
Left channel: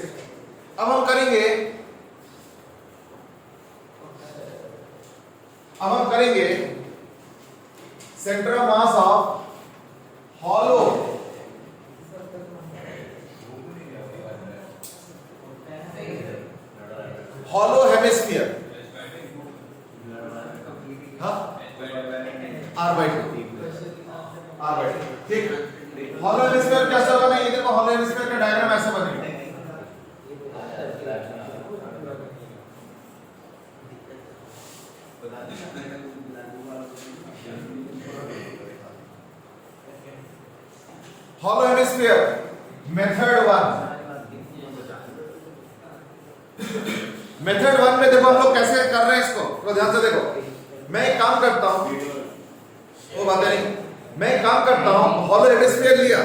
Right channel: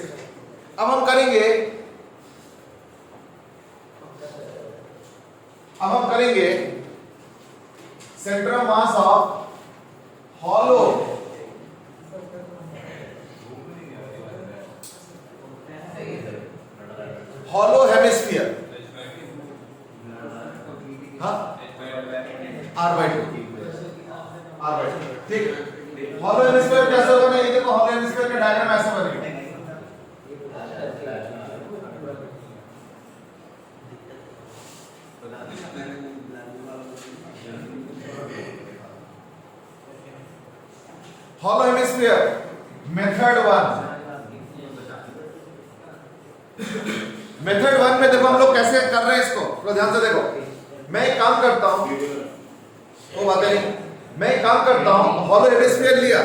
अब हम करेंगे centre of mass of hollow hemisphere, हाँ r by 2, ठीक। Hollow hemisphere कैसे होगा ना, ये देखो हॉलो हेमिस्फीयर का डायग्राम ऐसा बनेगा। हॉलो हेमिस्फीयर मेथड 1 में देखो हम लोग कैसे कर रहे हैं इसको, थोड़ा ध्यान से देखो। मैं एक काम करता हूं, वो बात नहीं, मैं एक काम करता हूं, हॉलो हेमिस्फीयर लिया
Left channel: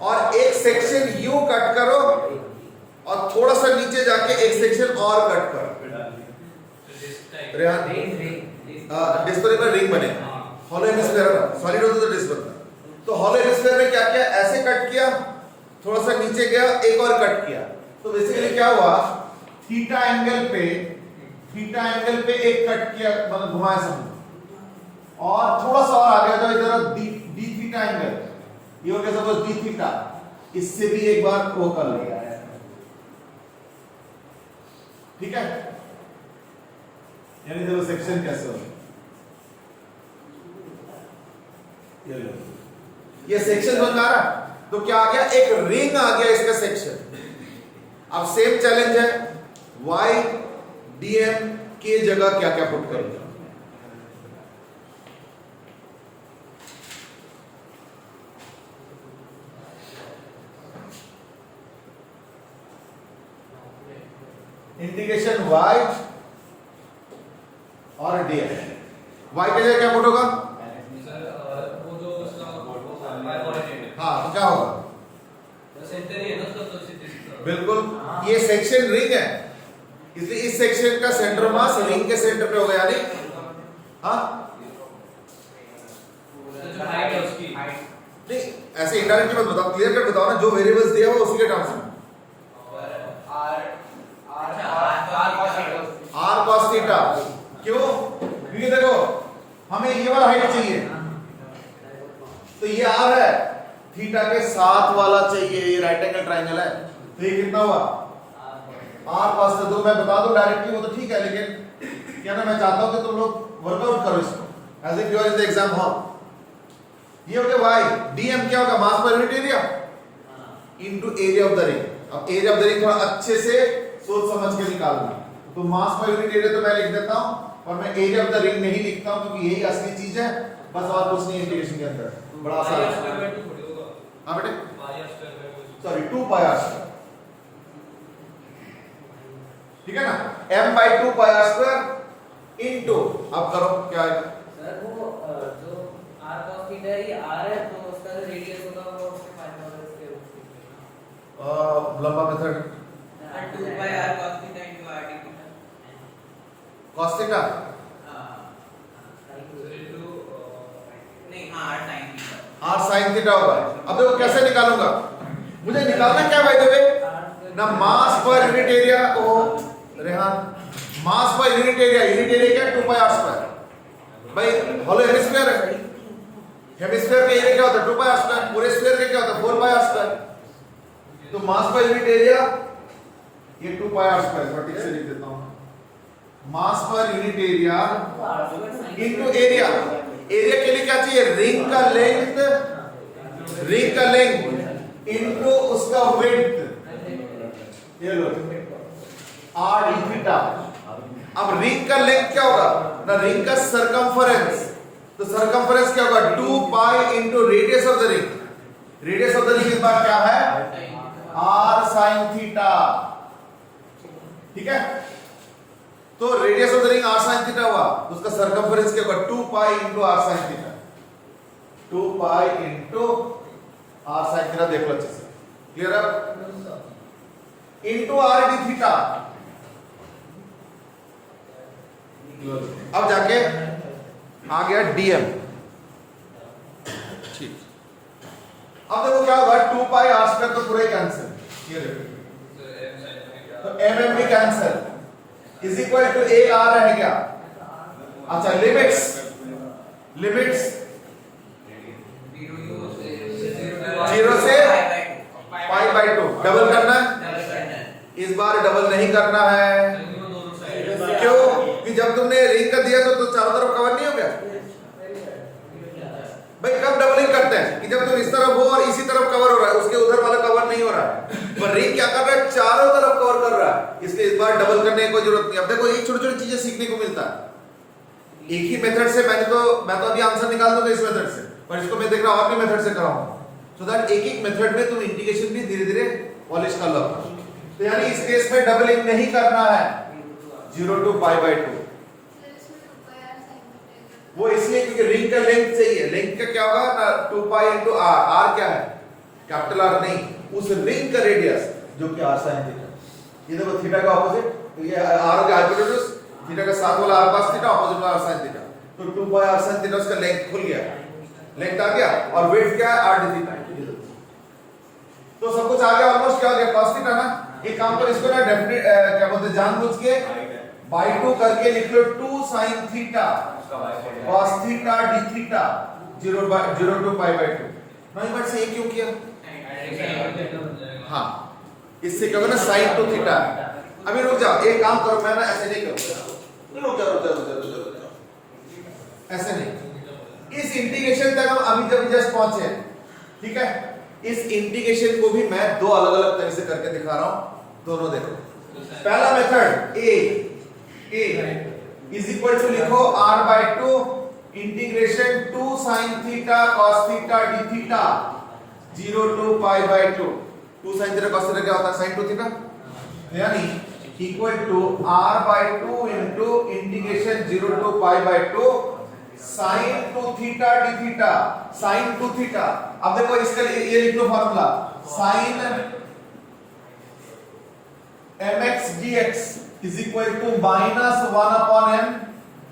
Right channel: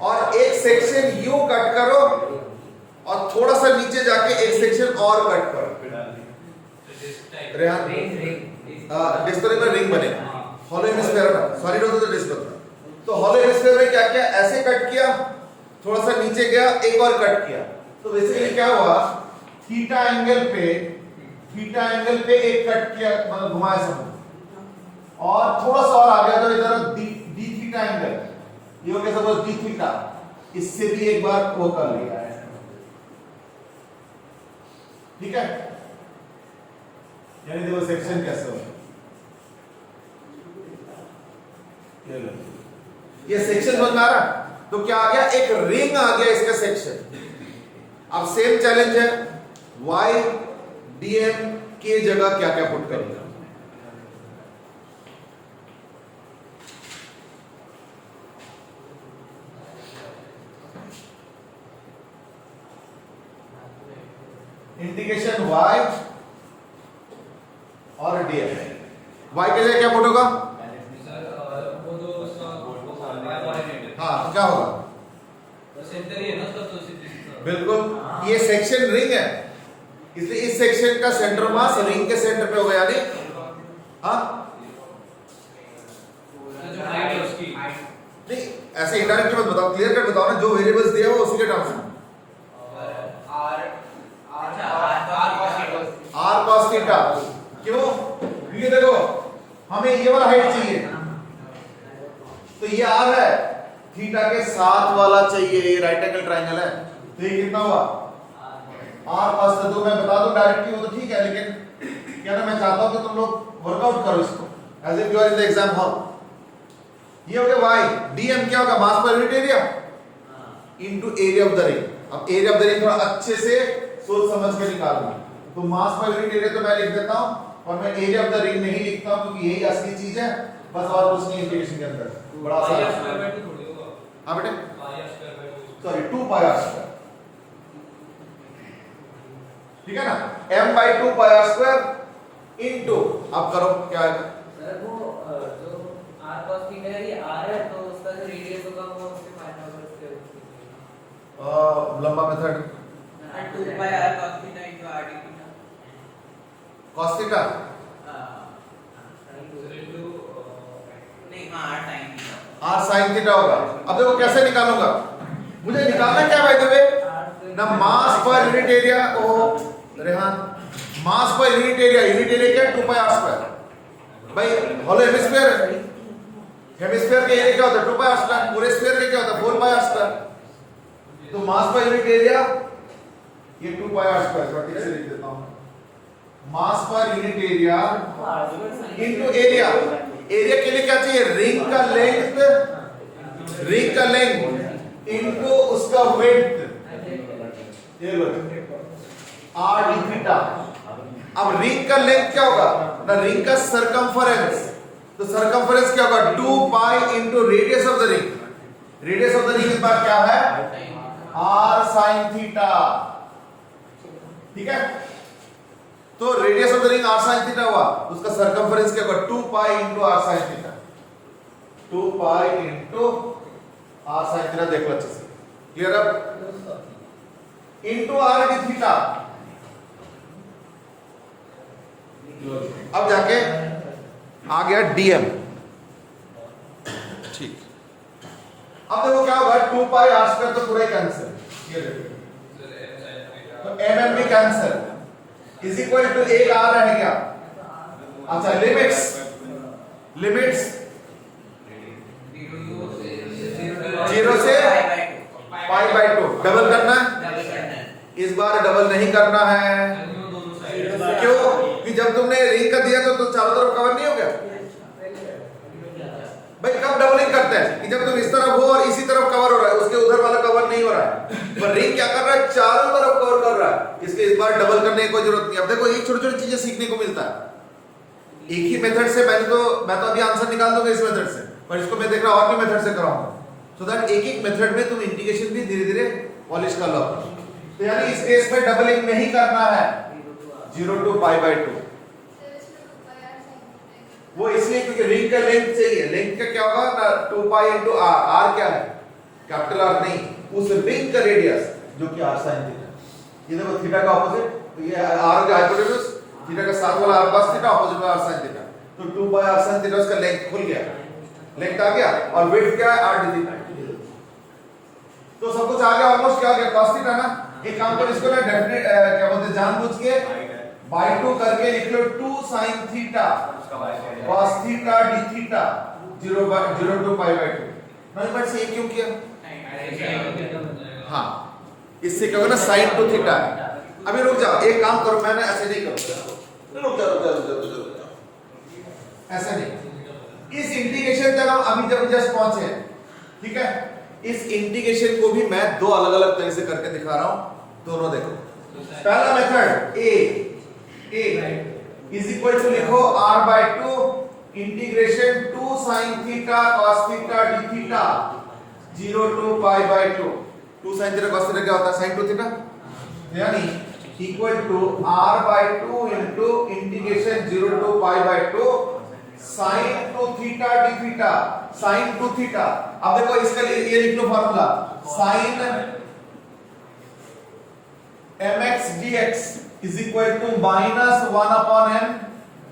और एक सेक्शन यूं कट करो और थोड़ा सा नीचे जाके एक सेक्शन और कट करो। रेहान डिस्क पर रिंग बनेगा, हॉलो हेमिस्फीयर है ना, सॉलिड होता तो डिस्क बनता। तो हॉलो हेमिस्फीयर में क्या किया, ऐसे कट किया, थोड़ा सा नीचे गया, एक और कट किया। तो बेसिकली क्या हुआ, थीटा एंगल पे एक कट किया, मतलब घुमाया समझ, और थोड़ा सा और आ गया तो इधर डी थीटा एंगल, ये हो गया सपोज डी थीटा, इससे भी एक बार वो कर लिया है, ठीक है। यानी देखो सेक्शन कैसे हो, ये सेक्शन बन रहा है, तो क्या आ गया, एक रिंग आ गया इसका सेक्शन। अब सेम चैलेंज है, y dm के जगह क्या क्या पुट करूंगा। इंटीग्रेशन y और dm, y के जगह क्या पुट होगा, हाँ तो क्या होगा, बिल्कुल ये सेक्शन रिंग है, इसलिए इस सेक्शन का सेंटर मास रिंग के सेंटर पे होगा, यानी हाँ नहीं ऐसे इनडायरेक्टली मत बताओ, क्लियर कट बताओ ना, जो वेरिएबल्स दिया हुआ उसी के टर्म्स में। r cos थीटा, क्यों, क्योंकि देखो हमें ये वाला हाइट चाहिए, तो ये r है, थीटा के साथ वाला चाहिए, ये राइट एंगल ट्राइंगल है, तो ये कितना हुआ r cos थीटा। तो मैं बता दूं डायरेक्टली वो तो ठीक है, लेकिन क्या ना मैं चाहता हूं कि तुम लोग वर्कआउट करो इसको as if you are in the exam hall. ये हो गया y, dm क्या होगा, मास पर unit area into area of the ring. अब एरिया ऑफ द रिंग थोड़ा अच्छे से सोच समझ के निकालूंगी, तो मास पर यूनिट एरिया तो मैं लिख देता हूं, और मैं एरिया ऑफ द रिंग नहीं लिखता हूं क्योंकि यही असली चीज है, बस और कुछ नहीं इंटीग्रेशन के अंदर, बड़ा आसान है। हां बेटे, सॉरी 2 पाई r स्क्वायर, ठीक है ना, m by 2 pi r square into, अब करो क्या आएगा सर, वो जो r cos थीटा है, ये r है, तो उसका जो रेडियस होगा वो उसके फाइंड आउट करके लंबा मेथड 2 पाई r cos theta into r d theta, cos theta, नहीं r sin theta, r sin theta होगा। अब देखो कैसे निकालूंगा, मुझे निकालना क्या बाय द वे ना, मास पर यूनिट एरिया, ओ रेहान मास पर यूनिट एरिया क्या है, 2 पाई r स्क्वायर भाई, हॉलो हेमिस्फीयर है, हेमिस्फीयर का एरिया क्या होता है 2 पाई r स्क्वायर, पूरे स्फीयर का क्या होता है 4 पाई r स्क्वायर, तो मास पर यूनिट एरिया ये 2 पाई r स्क्वायर, मैं ठीक से लिख देता हूं मास पर unit area into area. Area के लिए क्या चाहिए? रिंग का लेंथ इनटू उसका विड्थ, ये लो r d थीटा। अब रिंग का लेंथ क्या होगा ना? रिंग का सरकमफरेंस, तो सरकमफरेंस क्या होगा? 2 pi into radius of the ring. Radius of the ring इस बार क्या है? r sin theta. ठीक है, तो radius of the ring r sin theta हुआ, तो उसका सरकमफरेंस क्या होगा? 2 pi into r sin theta. 2 pi into r sin theta. देखो अच्छे से, क्लियर? अब इनटू r d थीटा। अब जाके आ गया dm। ठीक, अब देखो क्या होगा? 2 पाई r स्क्वायर तो पूरा ही कैंसिल, तो mm भी कैंसिल इज इक्वल टू एक आ रहे क्या? अच्छा, लिमिट्स 0 से पाई बाई 2। डबल करना है, इस बार डबल नहीं करना है। क्यों? कि जब तुमने रिंग का दिया तो चारों तरफ कवर नहीं हो गया भाई। कब डबलिंग करते हैं? कि जब तुम इस तरफ हो और इसी तरफ कवर हो रहा है, उसके उधर वाला कवर नहीं हो रहा है। पर रिंग क्या कर रहा है? चारों तरफ कवर कर रहा है, इसलिए इस बार डबल करने की कोई जरूरत नहीं। अब देखो, एक छोटी छोटी चीजें सीखने को मिलता है। एक ही मेथड से मैं तो अभी आंसर निकाल दूंगा इस मेथड से, पर इसको मैं देख रहा हूं और भी मेथड से कराऊंगा, सो दैट एक मेथड में तुम इंटीग्रेशन भी धीरे धीरे पॉलिश कर लो। तो यानी इस केस में डबलिंग नहीं करना है, 0 टू पाई बाई 2। वो इसलिए क्योंकि रिंग का लेंथ चाहिए। लेंथ का क्या होगा ना? 2 पाई इनटू r। r क्या है? कैपिटल R नहीं, उस रिंग का रेडियस जो कि r sin थीटा। ये देखो थीटा का ऑपोजिट, तो ये r का हाइपोटेन्यूज, थीटा का साथ वाला r cos थीटा, ऑपोजिट वाला r sin थीटा। तो 2 पाई r sin थीटा, उसका लेंथ खुल गया, लेंथ आ गया। और विड्थ क्या है? r d theta. तो सब कुछ आ गया, ऑलमोस्ट क्या आ गया? cos थीटा ना। एक काम कर, इसको ना डेफिनेट क्या बोलते हैं, जानबूझ के बाई 2 करके लिख लो 2 sin theta cos theta d theta 0 to pi by 2। नहीं बट से ये क्यों किया? हाँ, इससे क्या होगा ना? sin 2 theta. अभी रुक जाओ, एक काम करो, मैं ना ऐसे नहीं करूंगा। रुक जाओ, ऐसे नहीं। इस इंटीग्रेशन तक हम अभी जब जस्ट पहुंचे हैं, ठीक है? इस इंटीग्रेशन को भी मैं दो अलग अलग तरह से करके दिखा रहा हूं, दोनों देखो। पहला method a is equal to लिखो r by 2 integration 2 sin theta cos theta d theta 0 to pi by 2। 2 sin theta cos theta क्या होता है? sin 2 theta. यानी equal to r by 2 into integration 0 to pi by 2 sin 2 theta d theta sin 2 theta. अब देखो इसका ये लिख लो formula, sin mx dx is equal to minus 1 upon m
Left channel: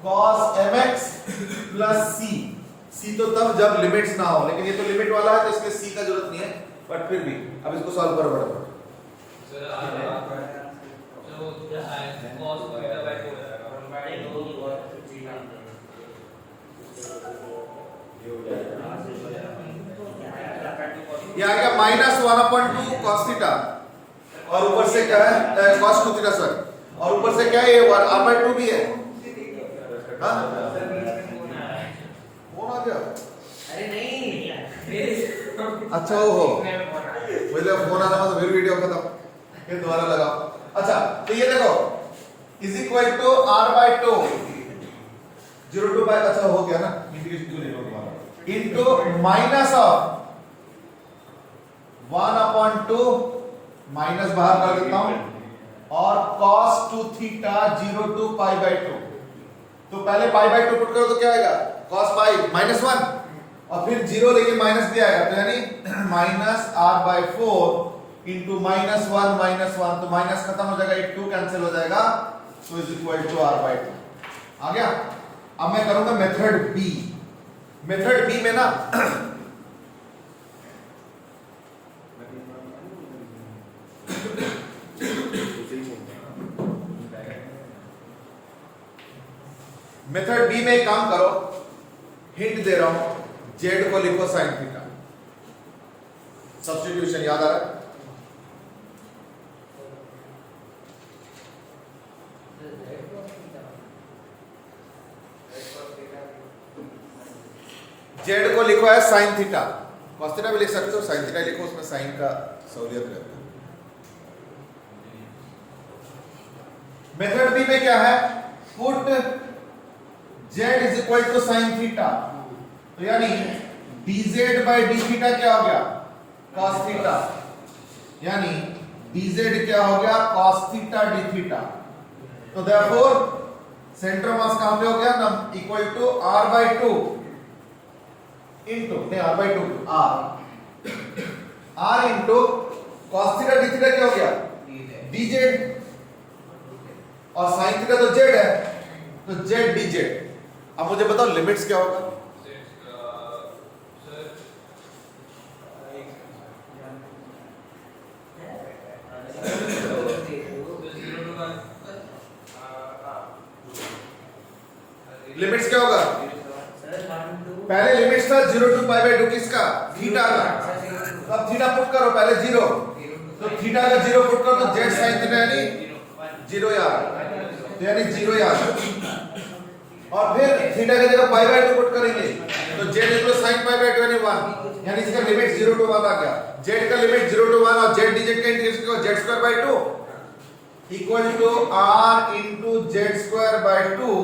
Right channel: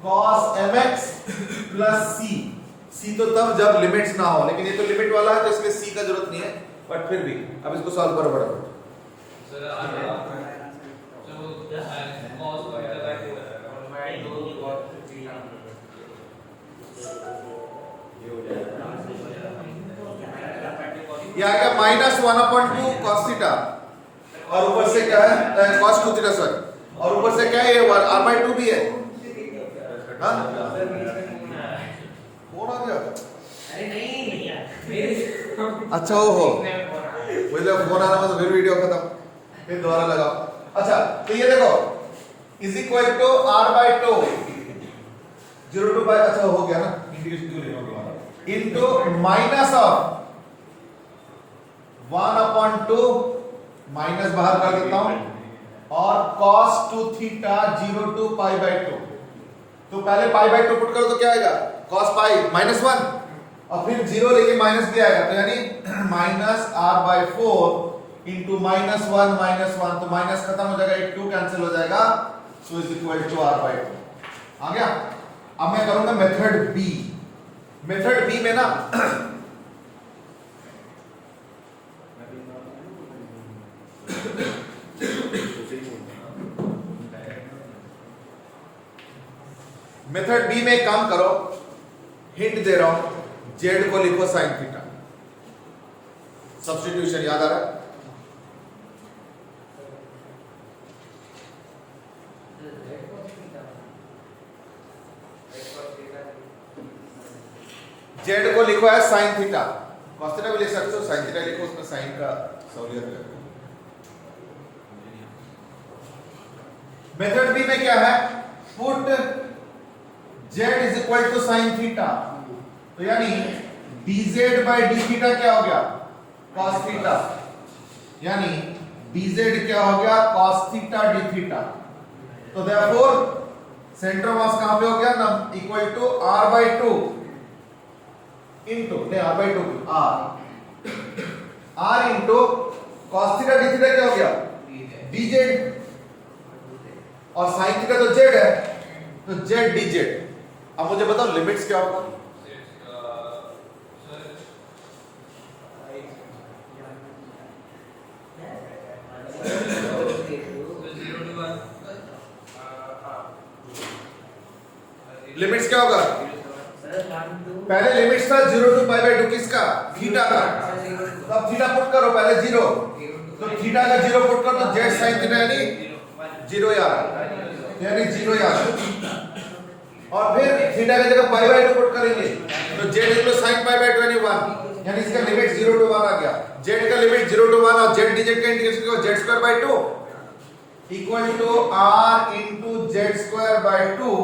cos mx plus c। c तो तब जब लिमिट्स ना हो, लेकिन ये तो लिमिट वाला है तो इसलिए c का जरूरत नहीं है, बट फिर भी अब इसको सॉल्व करो बड़ा। सर जो cos थीटा बाई 2 ये आएगा -1/2 cos थीटा, और ऊपर से क्या है? cos 2 थीटा सॉरी, और ऊपर से क्या है? ये r/2 भी है। हाँ, कौन आ गया? अरे नहीं, अच्छा हो मुझे फोन आता तो फिर वीडियो खत्म, फिर दोबारा लगा। अच्छा, तो ये देखो is equal to r/2 0 to pi. अच्छा हो गया ना, इनटू माइनस ऑफ 1/2 माइनस बाहर कर देता हूं, और cos 2 theta 0 to pi by 2। तो पहले पाई बाई 2 पुट करो तो क्या आएगा? cos पाई -1, और फिर 0 लेके माइनस भी आएगा, तो यानी माइनस r/4 इंटू -1 तो माइनस खत्म हो जाएगा, एक 2 कैंसिल हो जाएगा, so is equal to r/2 आ गया। अब मैं करूंगा मेथड बी। मेथड बी में ना मेथड बी में एक काम करो, हिंट दे रहा हूं, जेड को लिखो साइन थीटा। सब्स्टिट्यूशन याद आ रहा है? जेड को लिखो है साइन थीटा, कॉस थीटा भी लिख सकते हो, साइन थीटा लिखो, उसमें साइन का सहूलियत रहता है। मेथड बी में क्या है, put z is equal to sine theta, तो यानी dz बाई डी थीटा क्या हो गया, cos थीटा, यानी dz क्या हो गया, cos थीटा डी थीटा। तो देयरफॉर सेंटर मास कहां पे हो गया ना, equal to r by two into, नहीं r by two, r into cos theta d theta क्या हो गया, dz, और sin थीटा तो z है, तो z dz। अब मुझे बताओ लिमिट्स क्या होगा, लिमिट्स क्या होगा, पहले लिमिट्स था 0 टू पाई बाई 2 किसका, थीटा का, तो अब थीटा पुट करो पहले 0, तो थीटा का 0 पुट करो तो जेड साइन थीटा यानी 0 यार, यानी 0 यार, और फिर थीटा की जगह पाई बाई 2 पुट करेंगे तो Z equal sine pi by 2 यानी 1, यानी इसका लिमिट 0 टू 1 आ गया। जेड का लिमिट 0 टू 1 और जेड dz का इंटीग्रेशन क्या, z square by 2 equal to r into z square by 2,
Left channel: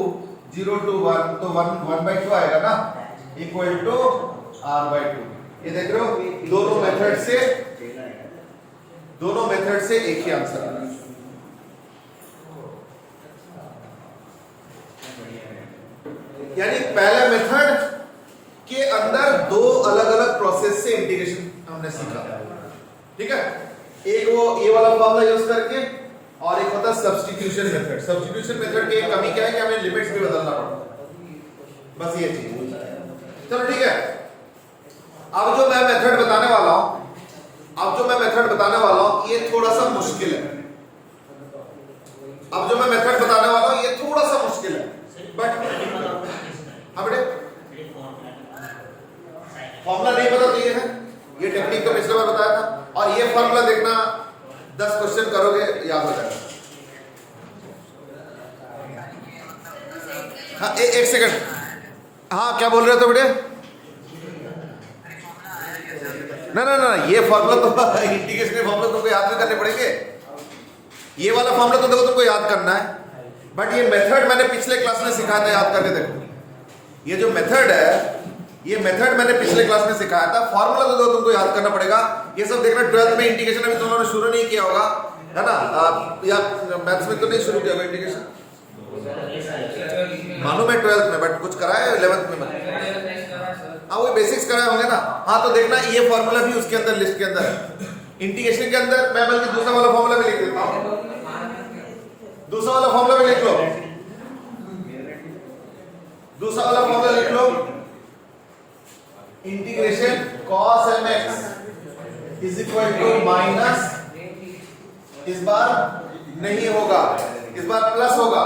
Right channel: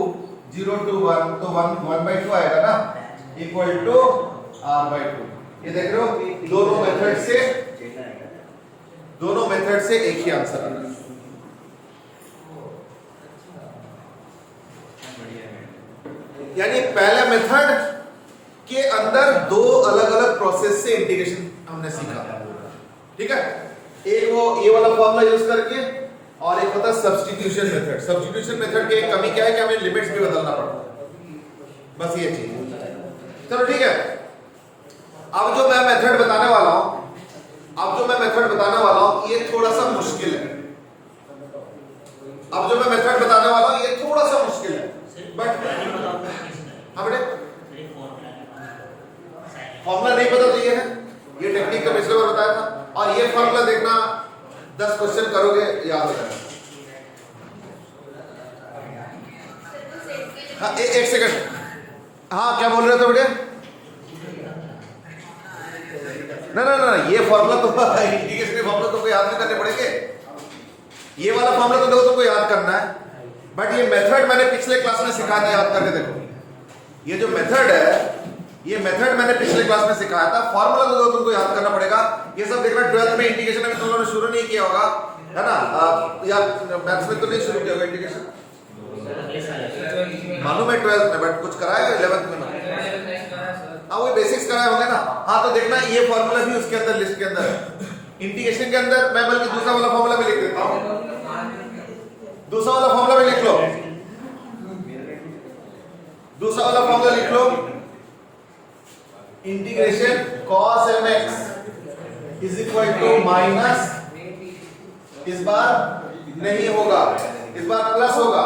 0 to 1 तो 1 बाई 2 आएगा ना, इक्वल टू r बाई 2। ये देख रहे हो, दोनों मेथड से एक ही आंसर आ रहा है। यानी पहले मेथड के अंदर दो अलग अलग प्रोसेस से इंटीग्रेशन हमने सीखा, ठीक है, एक वो ये वाला फॉर्मूला यूज करके, और एक होता है सब्स्टिट्यूशन मेथड। सब्स्टिट्यूशन मेथड की कमी क्या है कि हमें लिमिट्स भी बदलना पड़ता, बस ये चीज। चलो ठीक है, अब जो मैं मेथड बताने वाला हूं ये थोड़ा सा मुश्किल है। अब जो मैं मेथड बताने वाला हूं ये थोड़ा सा मुश्किल है, बट हाँ बेटे फॉर्मूला नहीं पता तो ये है, ये टेक्निक तो पिछले बार बताया था, और ये फॉर्मूला देखना 10 क्वेश्चन करोगे याद हो जाएगा। हाँ एक सेकंड, हाँ क्या बोल रहे थे बेटे, नहीं ये फॉर्मूला तो इंटीग्रेशन फॉर्मूला तुमको याद नहीं करने पड़ेंगे, ये वाला फॉर्मूला तो देखो तुमको याद करना है, बट ये मेथड मैंने पिछले क्लास में सिखाया था, याद करके देखो। ये जो मेथड है, ये मेथड मैंने पिछले क्लास में सिखाया था, फॉर्मूला तो तुमको याद करना पड़ेगा। ये सब देखना 12th में इंटीग्रेशन में तुम लोगों ने शुरू नहीं किया होगा, है ना, या मैथ्स में तो नहीं शुरू किया होगा इंटीग्रेशन, मालूम है 12th में, बट कुछ कराया 11th में ना, हाँ वो बेसिक्स कराया होंगे ना। हाँ तो देखना ये फॉर्मूला भी उसके अंदर लिस्ट के अंदर है, इंटीग्रेशन के अंदर। मैं बल्कि दूसरा वाला फॉर्मूला भी लिख देता हूँ, दूसरा वाला फॉर्मूला भी लिख लो, दूसरा वाला फॉर्मूला लिख लो, integration cos mx is equal to minus, इस बार नहीं होगा, इस बार प्लस होगा,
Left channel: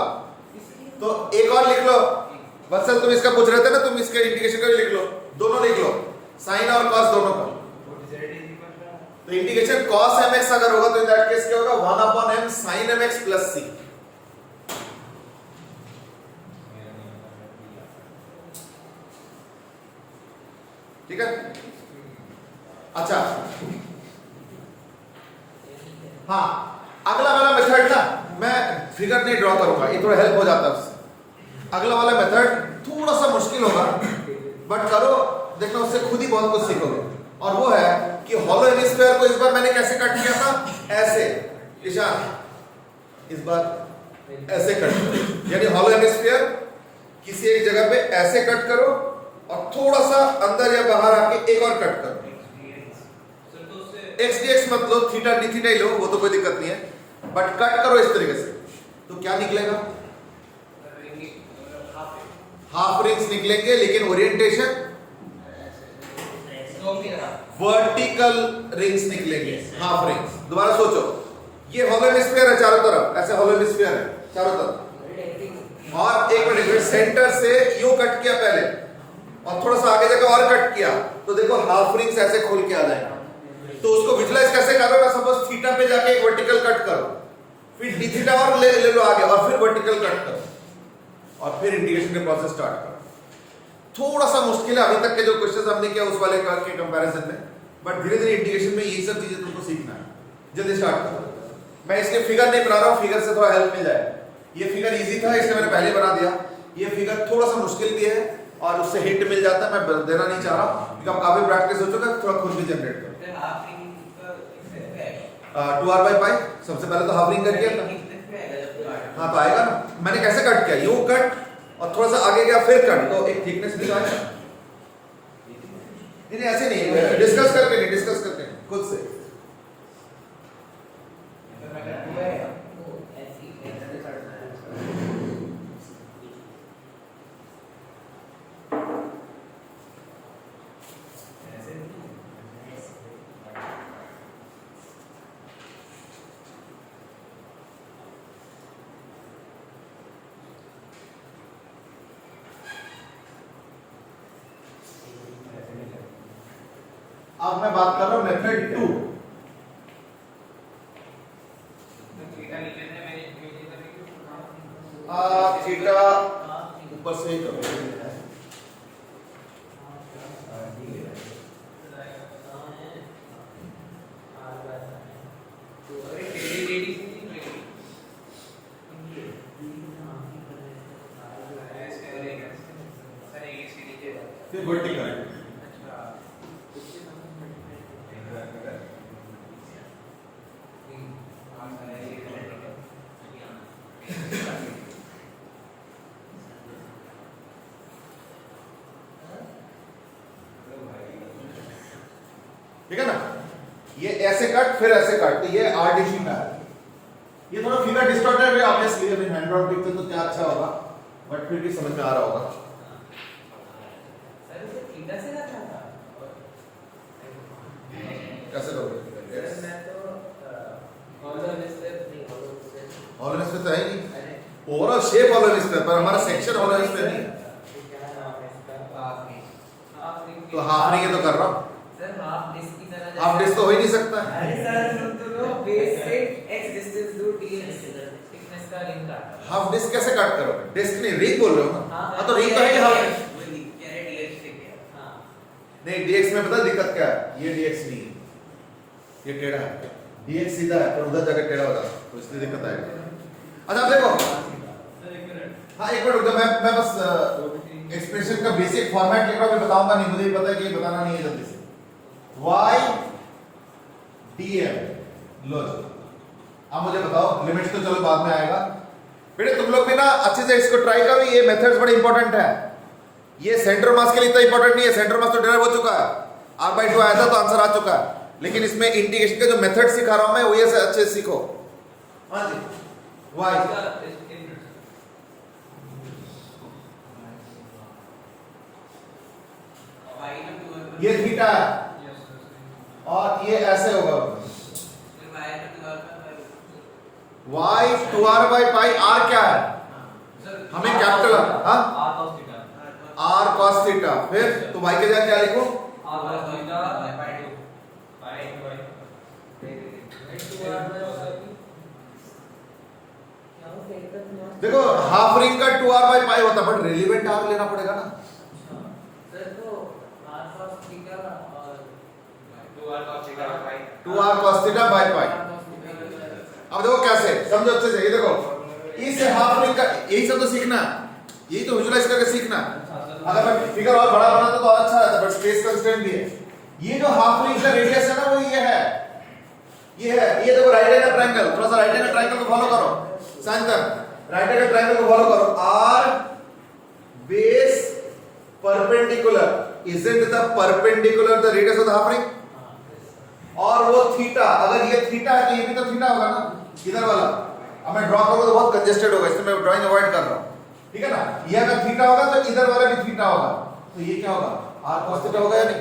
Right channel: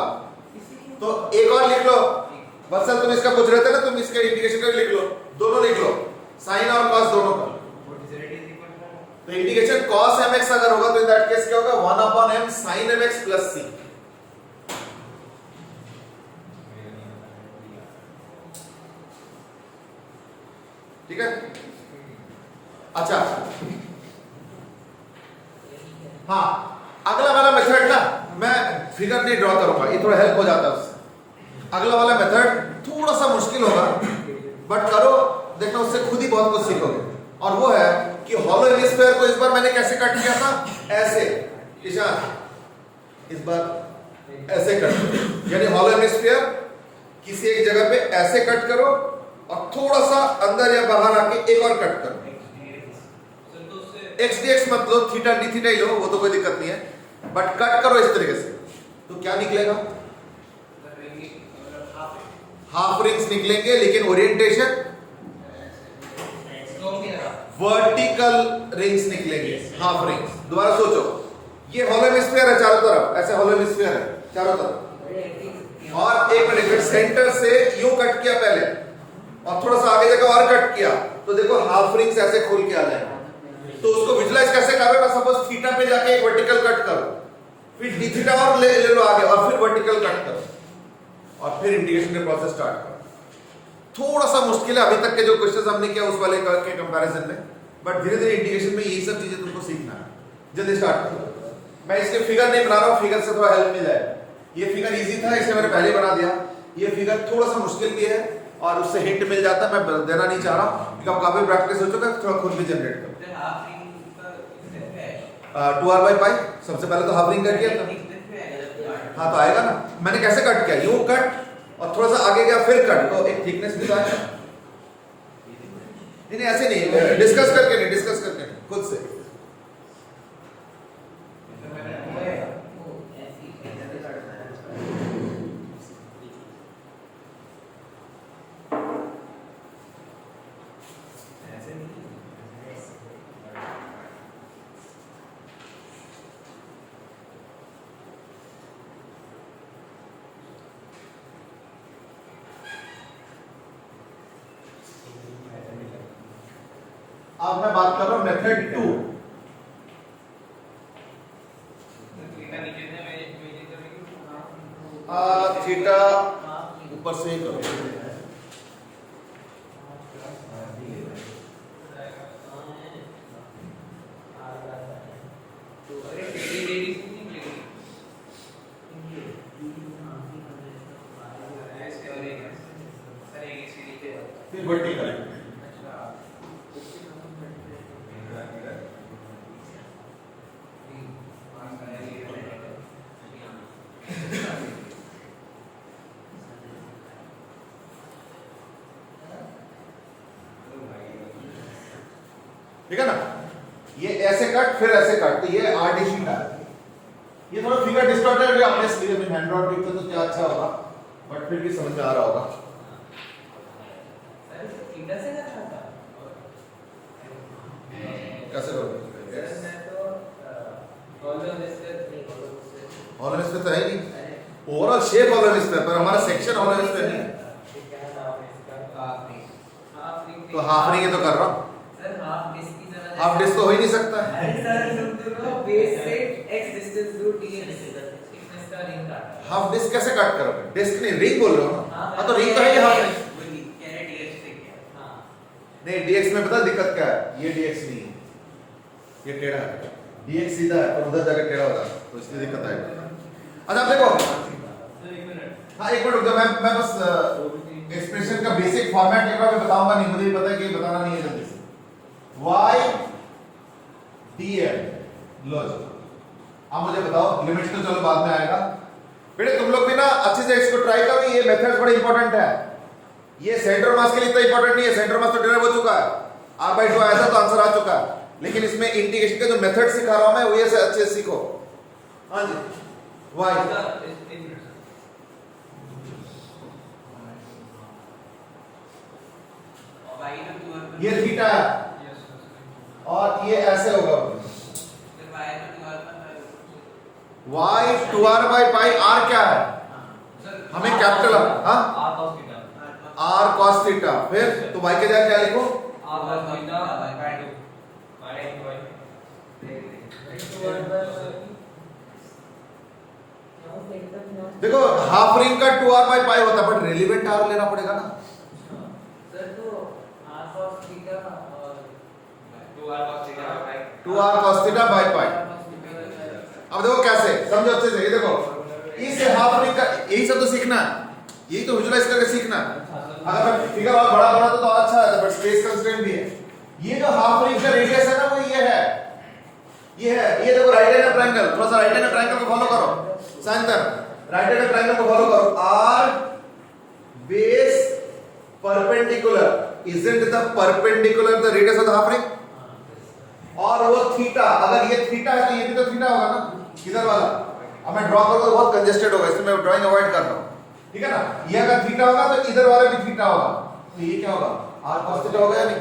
तो एक और लिख लो। वत्सल तुम इसका पूछ रहे थे ना, तुम इसके इंटीग्रेशन का भी लिख लो, दोनों लिख लो, साइन और cos दोनों का। तो इंटीग्रेशन cos mx अगर होगा तो इन दैट केस क्या होगा, 1/m sin mx plus c। ठीक है, अच्छा हाँ अगला वाला मेथड ना मैं फिगर नहीं ड्रॉ करूंगा, ये थोड़ा हेल्प हो जाता है उससे। अगला वाला मेथड थोड़ा सा मुश्किल होगा, बट करो देखना, उससे खुद ही बहुत कुछ सीखोगे। और वो है कि हॉलो हेमिस्फीयर को इस बार मैंने कैसे कट किया था, ऐसे, ईशान इस बार ऐसे कट करो, यानी हॉलो हेमिस्फीयर किसी एक जगह पे ऐसे कट करो और थोड़ा सा अंदर या बाहर आके एक और कट करो। एक्स डी एक्स मत लो, थीटा डी थीटा ही लो, वो तो कोई दिक्कत नहीं है, बट कट करो इस तरीके से, तो क्या निकलेगा, हाफ रिंग्स निकलेंगे, लेकिन ओरिएंटेशन वर्टिकल रिंग्स निकलेंगे, हाफ रिंग्स। दोबारा सोचो, ये हॉलो हेमिस्फीयर है चारों तरफ, ऐसे हॉलो हेमिस्फीयर है चारों तरफ, और एक मिनट सेंटर से यूं कट किया पहले और थोड़ा सा आगे जाकर और कट किया, तो देखो हाफ रिंग्स ऐसे खुल के आ जाएगा। तो उसको विजुलाइज कैसे करो ना, सपोज थीटा पे जाके एक वर्टिकल कट करो, फिर डी थीटा और ले लो आगे, और फिर वर्टिकल कट करो, और फिर इंटीग्रेशन के प्रोसेस स्टार्ट करो। थोड़ा सा मुश्किल है अभी तक के जो क्वेश्चंस हमने किया उस वाले के कंपैरिजन में, बट धीरे धीरे इंटीग्रेशन में यही सब चीजें तुमको सीखना है। जल्दी स्टार्ट करो। मैं इसके फिगर नहीं बना रहा हूँ, फिगर से थोड़ा हेल्प मिल जाए। ये फिगर इजी था इसलिए मैंने पहले बना दिया। ये फिगर थोड़ा सा मुश्किल भी है और उससे हिंट मिल जाता है, मैं देना नहीं चाह रहा क्योंकि काफी प्रैक्टिस हो चुका है, थोड़ा खुद भी जनरेट करो। फिर हाफ रिंग का इसमें क्या है? 2r/π सबसे पहले तो हाफ रिंग कर दिया था। थिकनेस में आएगा। हाँ तो आएगा ना। मैंने कैसे कट किया, यूं कट और थोड़ा सा आगे गया फिर कट, तो एक थिकनेस भी तो आएगा। नहीं ऐसे नहीं, डिस्कस करके नहीं, डिस्कस करके नहीं, खुद से। अब मैं बात कर रहा हूं मेथड 2। थीटा ऊपर से ही करो। फिर वर्टिकल ठीक है ना। ये ऐसे कट फिर ऐसे कट, तो ये आरडीसी का है। ये थोड़ा फिगर डिस्टॉर्टेड है ऑब्वियसली, अभी हैंड ड्रॉ देखते तो क्या अच्छा होगा, बट फिर भी समझ में आ रहा होगा। सर थीटा से ना था। कैसे करोगे? सर मैं तो हॉलोन स्टेप नहीं, हॉलोन स्पेस तो है नहीं, ओवरऑल शेप हॉलोन स्पेस पर हमारा सेक्शन हॉलोन स्पेस नहीं है। तो हाफ रिंग ये तो कर रहा हूं। सर हाफ डिस्क की तरह। हाफ डिस्क तो हो ही नहीं सकता। अरे सर सुनते हो, बेस से x डिस्टेंस दूर dx थिकनेस का रिंग काटा। हाफ डिस्क कैसे कट करोगे? डिस्क नहीं, रिंग बोल रहे हो ना। हाँ तो रिंग तो है हाफ रिंग। नहीं डीएक्स में पता दिक्कत क्या है, ये डीएक्स नहीं है, ये टेढ़ा है। डीएक्स सीधा है पर उधर जाके टेढ़ा हो जाता है, तो इसलिए दिक्कत आएगी। अच्छा देखो, हाँ एक मिनट रुक जाओ, मैं बस एक्सप्रेशन का बेसिक फॉर्मेट लिख रहा हूं, मैं बताऊंगा नहीं, मुझे भी पता है कि ये बताना नहीं है जल्दी से। y dl लो जी। अब मुझे बताओ, लिमिट्स तो चलो बाद में आएगा। बेटे तुम लोग भी ना अच्छे से इसको ट्राई करो, ये मेथड्स बड़े इंपॉर्टेंट है। ये सेंटर मास के लिए इतना इंपॉर्टेंट नहीं है, सेंटर मास तो डिराइव हो चुका है, r/2 आया था तो आंसर आ चुका है, लेकिन इसमें इंटीग्रेशन का जो मेथड सिखा रहा हूं मैं, वो ये से अच्छे से सीखो। हाँ जी y ये थीटा है और ये ऐसे होगा, y 2r/π r क्या है हमें कैपिटल, हाँ r cos थीटा, फिर तो y के जगह क्या लिखो, देखो हाफ रिंग का 2r/π होता, बट रेलिवेंट r लेना पड़ेगा ना। सर तो r cos थीटा और 2r cos theta by pi. अब देखो कैसे, समझो अच्छे से, ये देखो इस हाफ रिंग का यही सब तो सीखना है, यही तो विजुलाइज करके सीखना है। अगर मैं फिगर और बड़ा बनाता तो और अच्छा रहता, बट स्पेस कंस्ट्रेंट भी है। ये जो हाफ रिंग का रेडियस है ना, वो ये है, ये देखो राइट एंगल ट्रायंगल, थोड़ा सा राइट एंगल ट्रायंगल को फॉलो करो साइंटर, राइट एंगल ट्रायंगल को फॉलो करो। r base perpendicular, isn't the perpendicular the radius of the half ring? और वो थीटा, अगर ये थीटा है तो ये भी तो थीटा होगा ना, इधर वाला। अब मैं ड्रॉ करूंगा तो बहुत कंजेस्टेड होगा, इसलिए मैं ड्राइंग अवॉइड कर रहा हूं, ठीक है ना। ये अगर थीटा होगा तो इधर वाला भी थीटा होगा, तो ये क्या होगा, r cos थीटा होगा या नहीं।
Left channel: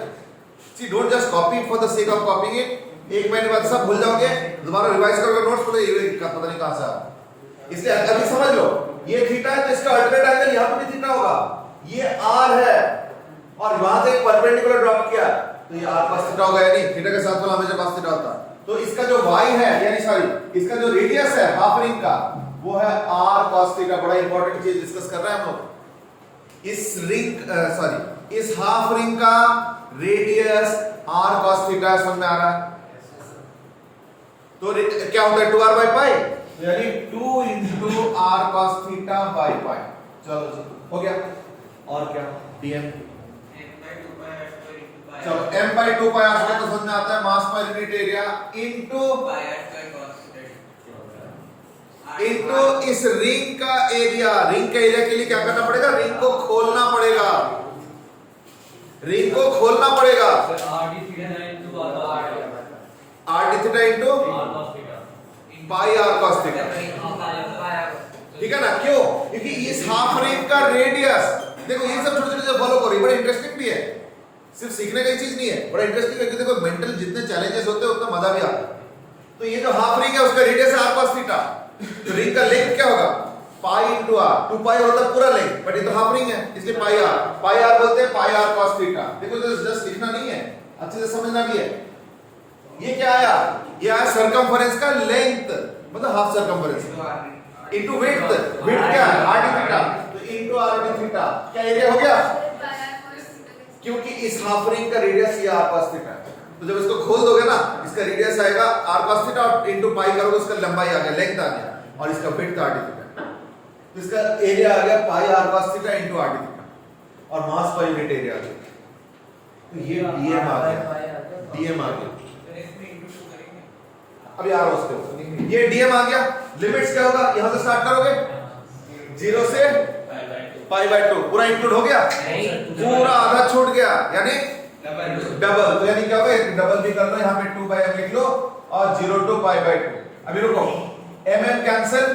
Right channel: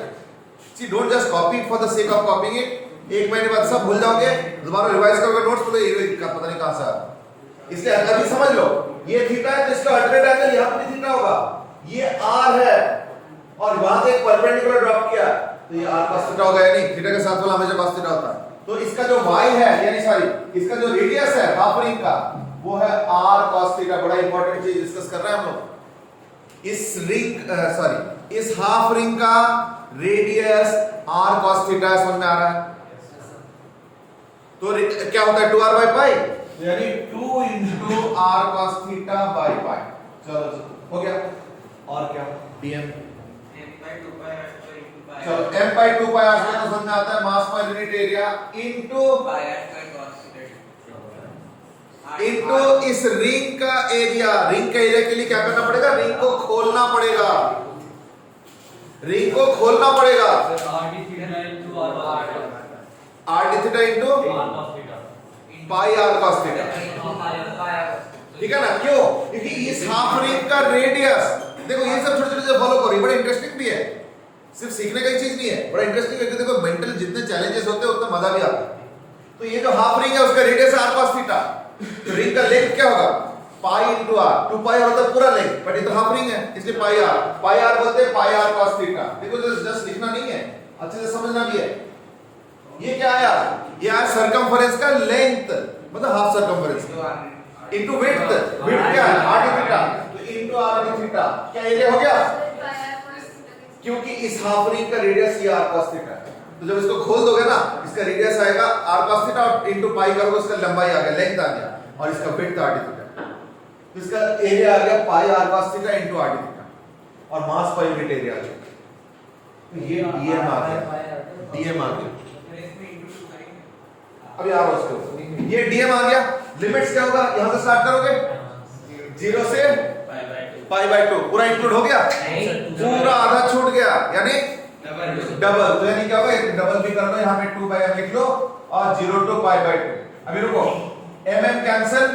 See don't just copy for the sake of copying it, एक महीने बाद सब भूल जाओगे, दोबारा रिवाइज करोगे नोट्स, पता नहीं कहां से आ। इसलिए अभी समझ लो, ये थीटा है तो इसका अल्टरनेट एंगल यहां पर भी थीटा होगा, ये r है और वहां से एक परपेंडिकुलर ड्रॉप किया, तो ये r cos थीटा होगा या नहीं, थीटा के साथ वाला हमेशा cos थीटा होता है। तो इसका जो y है, यानी सॉरी इसका जो रेडियस है हाफ रिंग का, वो है r cos थीटा। बड़ा इंपॉर्टेंट चीज डिस्कस कर रहे हैं हम लोग। इस हाफ रिंग का रेडियस r cos थीटा समझ में आ रहा है? तो क्या होता है 2r by पाई, यानी 2 into r cos theta by पाई। चलो जी हो गया। और क्या dm, चलो m by 2 pi r square तो समझ में आता है, मास पर यूनिट एरिया इनटू इस रिंग का एरिया। रिंग के एरिया के लिए क्या करना पड़ेगा? रिंग को खोलना पड़ेगा, रिंग को खोलना पड़ेगा। r d थीटा इनटू पाई r cos थीटा, ठीक है ना? क्यों? क्योंकि इस हाफ रिंग का रेडियस, देखो ये सब छोटे छोटे चीजें फॉलो करो, बड़ा इंटरेस्टिंग भी है, सिर्फ सीखने का ही चीज नहीं है, बड़ा इंटरेस्टिंग है। देखो मेंटल जितने चैलेंजेस होते हैं उतना मजा भी आता है। तो ये जो हाफ रिंग है उसका रेडियस है r cos थीटा, तो रिंग का लेंथ क्या होगा? पाई इंटू r, 2 पाई होता है पूरा लेंथ, बट ये तो हाफ रिंग है इसलिए पाई r बोलते हैं पाई r cos थीटा। देखो जस्ट लिखना नहीं है, अच्छे से समझना भी है। ये क्या आया? ये आया सरकमफरेंस का लेंथ, मतलब half circumference into width. Width क्या है? r d थीटा, तो इनटू r d थीटा। क्या एरिया हो गया? क्योंकि इस हाफ रिंग का रेडियस ये r cos थीटा है, तो जब इसको खोल दोगे ना इसका रेडियस आएगा r cos थीटा और इनटू पाई करोगे उसका लंबाई आ गया, लेंथ आ गया, और इसका विड्थ r d थीटा, तो इसका एरिया आ गया पाई r cos theta into r d theta, और मास पर यूनिट एरिया आ गया। तो ये dm आ गया, dm आ गया। अभी आ रहा उसके ऊपर, ये dm आ गया। लिमिट्स क्या होगा? यहां से स्टार्ट करोगे 0 से पाई बाय 2, पूरा इंक्लूड हो गया, पूरा आधा छूट गया, यानी डबल। तो यानी क्या होगा? डबल भी कर लो, यहाँ पे 2 बाय लिख लो और 0 टू पाई बाय 2। अभी रुको, mm कैंसिल,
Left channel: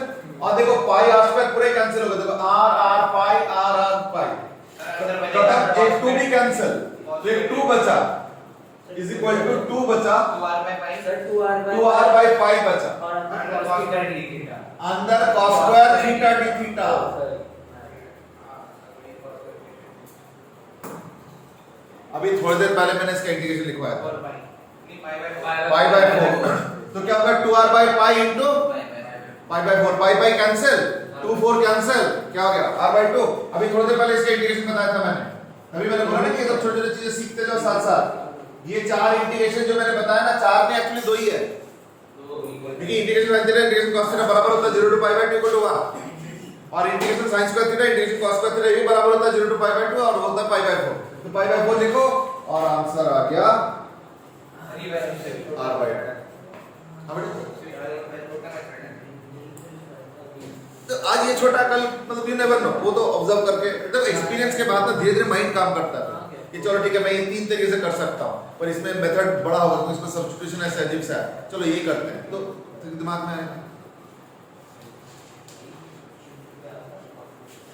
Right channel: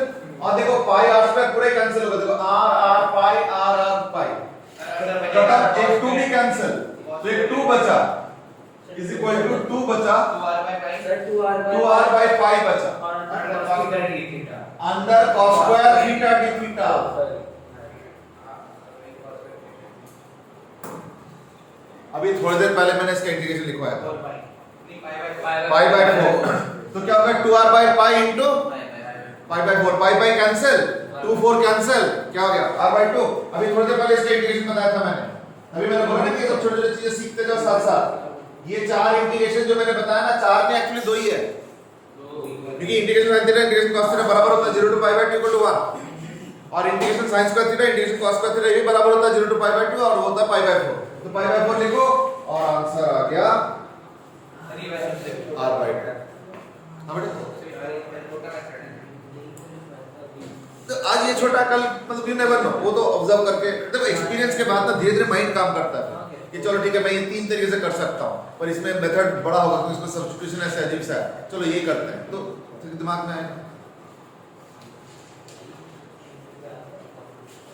और देखो पाई r स्क्वायर पूरा कैंसिल होगा, देखो r पाई r पाई खत्म, एक 2 भी कैंसिल, तो एक 2 बचा इज इक्वल टू 2 बचा, 2r बाय पाई बचा, अंदर cos square theta d theta. अभी थोड़ी देर पहले मैंने इसका इंटीग्रेशन लिखवाया था, पाई बाय 4, तो क्या होगा? 2r by pi into pi by 4, pi cancel, 2 4 cancel, क्या हो गया? r by 2। अभी थोड़ी देर पहले इसका इंटीग्रेशन बताया था मैंने, अभी मैंने बोला ना कि सब छोटी छोटी चीजें सीखते जाओ साथ साथ। ये 4 इंटीग्रेशन जो मैंने बताया ना, 4 में एक्चुअली 2 ही है, क्योंकि integration sin theta integration cos theta बराबर होता है 0 to pi by 2 equal to 1, और integration sin square theta integration cos square theta ये बराबर होता है 0 टू पाई बाय 2 और होता है पाई बाय 4। तो पाई बाय 4 लिखो और आंसर आ गया r बाय 2। तो आज ये छोटा, कल मतलब यू नेवर नो, वो तो ऑब्जर्व करके, देखो एक्सपीरियंस के बाद ना धीरे धीरे माइंड काम करता है कि चलो ठीक है मैं ये 3 तरीके से कर सकता हूँ, पर इसमें मेथड बड़ा होगा तो इसमें सब्स्टिट्यूशन ऐसे अजीब सा है, चलो यही करते हैं, तो दिमाग में आएगा।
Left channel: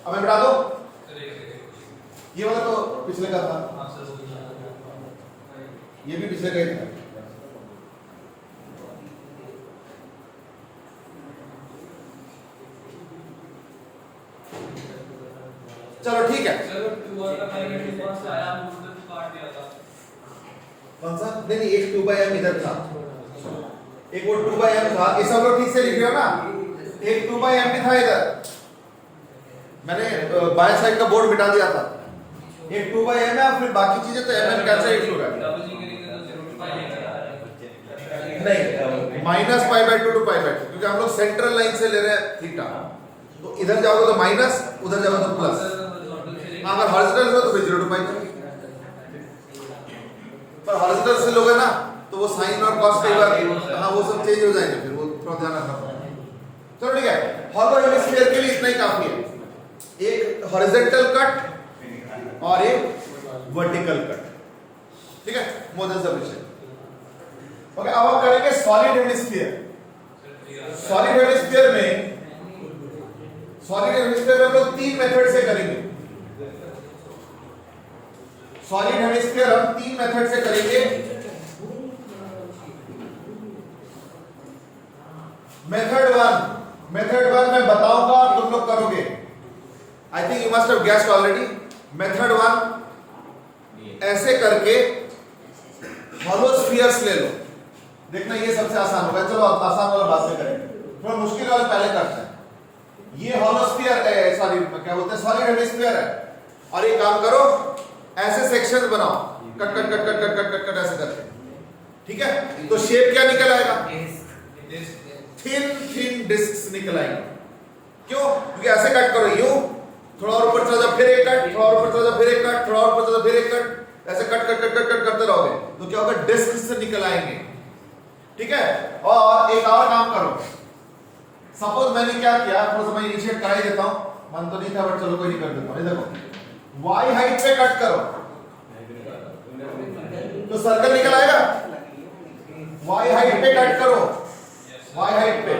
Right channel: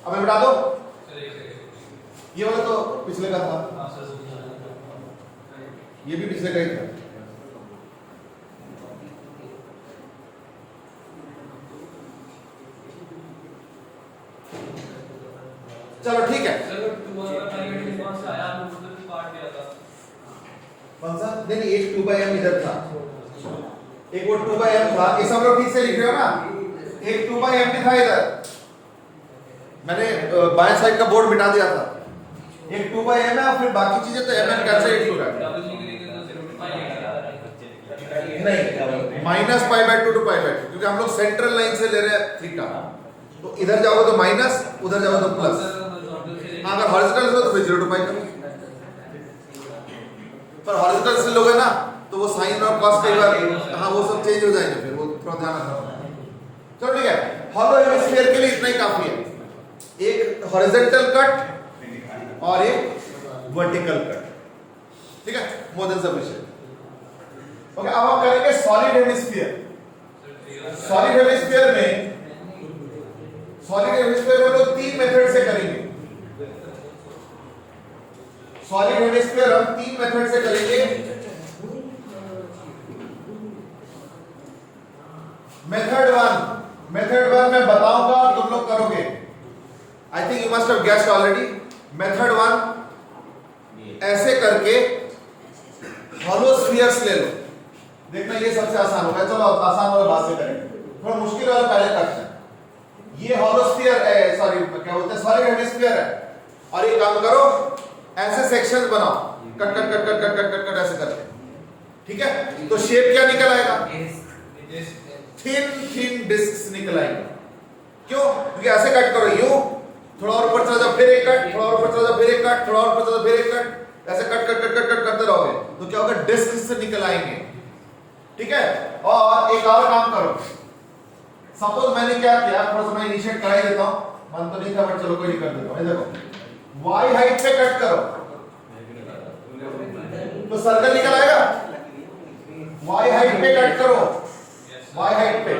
अब मैं बता दो, ये वाला तो पिछले का था, ये भी पिछले का ही था। चलो ठीक है, कौन सा? नहीं एक 2 बाय m इधर था, एक वो 2 बाय m था, ये सब लोग ठीक से लिख रहे हो ना? एक 2 बाय m भी था इधर, मैंने बाएं साइड का बोर्ड मिटा दिया था। एक 2 बाय m है और फिर बाकी चीजें तो m n कैंसिल हो गया, नहीं minus pi by 2 to pi by 2, क्योंकि हम लोग सेंट्रल लाइन से ले रहे हैं थीटा, तो इधर जाओगे तो माइनस, उधर जाओगे तो प्लस। अगर हॉरिजॉन्टल हो तो फिर 0 टू पाई करो, पर हॉरिजॉन्टल से लोगे ना तो वो साइन और कॉस कई बार, हाँ वो सब चेंज हो जाएंगे, फिर वो थोड़ा ध्यान रखना। चलो ठीक है, हॉलो हेमिस्फीयर के लिए इतना ही काफी है, एक हॉरिजॉन्टल कट और एक वर्टिकल कट, ठीक है, मोर देन सफिशिएंट। ओके, अब हम करेंगे सॉलिड हेमिस्फीयर। सॉलिड हेमिस्फीयर में हम लोग 3 मेथड से करेंगे। सॉलिड हेमिस्फीयर हम 3 मेथड से करेंगे। मेथड 1 मैं बताऊंगा, तुम लोग करोगे। I think you must have guessed already. Method 1 ऐसे करके हॉलो स्फीयर्स ले लो, देखना ये सबसे आसान होगा। चलो आसान वाला बाद से करेंगे, थोड़ा मुश्किल वाला पहले करते हैं। ये हॉलो स्फीयर है, सॉरी क्या बोलते हैं, सॉलिड हेमिस्फीयर है। और एक काम करो, ऐसे सेक्शंस बनाओ, cut cut cut cut cut cut cut cut ऐसे करके, ठीक है? तो शेप क्या निकल आएगा? थिन थिन डिस्क्स निकल आएंगे। क्यों? क्योंकि ऐसे कट करो, यूं थोड़ा और ऊपर चला जाओ, फिर एक कट, थोड़ा और ऊपर चला जाओ, फिर एक कट, थोड़ा और ऊपर चला जाओ, फिर एक कट, ऐसे cut cut cut cut cut करते रहोगे तो क्या होगा? डिस्क से निकल आएंगे, ठीक है? और एक और काम करो, सपोज मैंने क्या किया, थोड़ा सा मैं इनिशिएट करा ही देता हूं, मन तो नहीं था बट चलो कोई नहीं, कर देता हूं। ये देखो, वाई हाइट पे कट करो तो सर्कल निकल आएगा। वाई हाइट पे कट करो, वाई हाइट पे,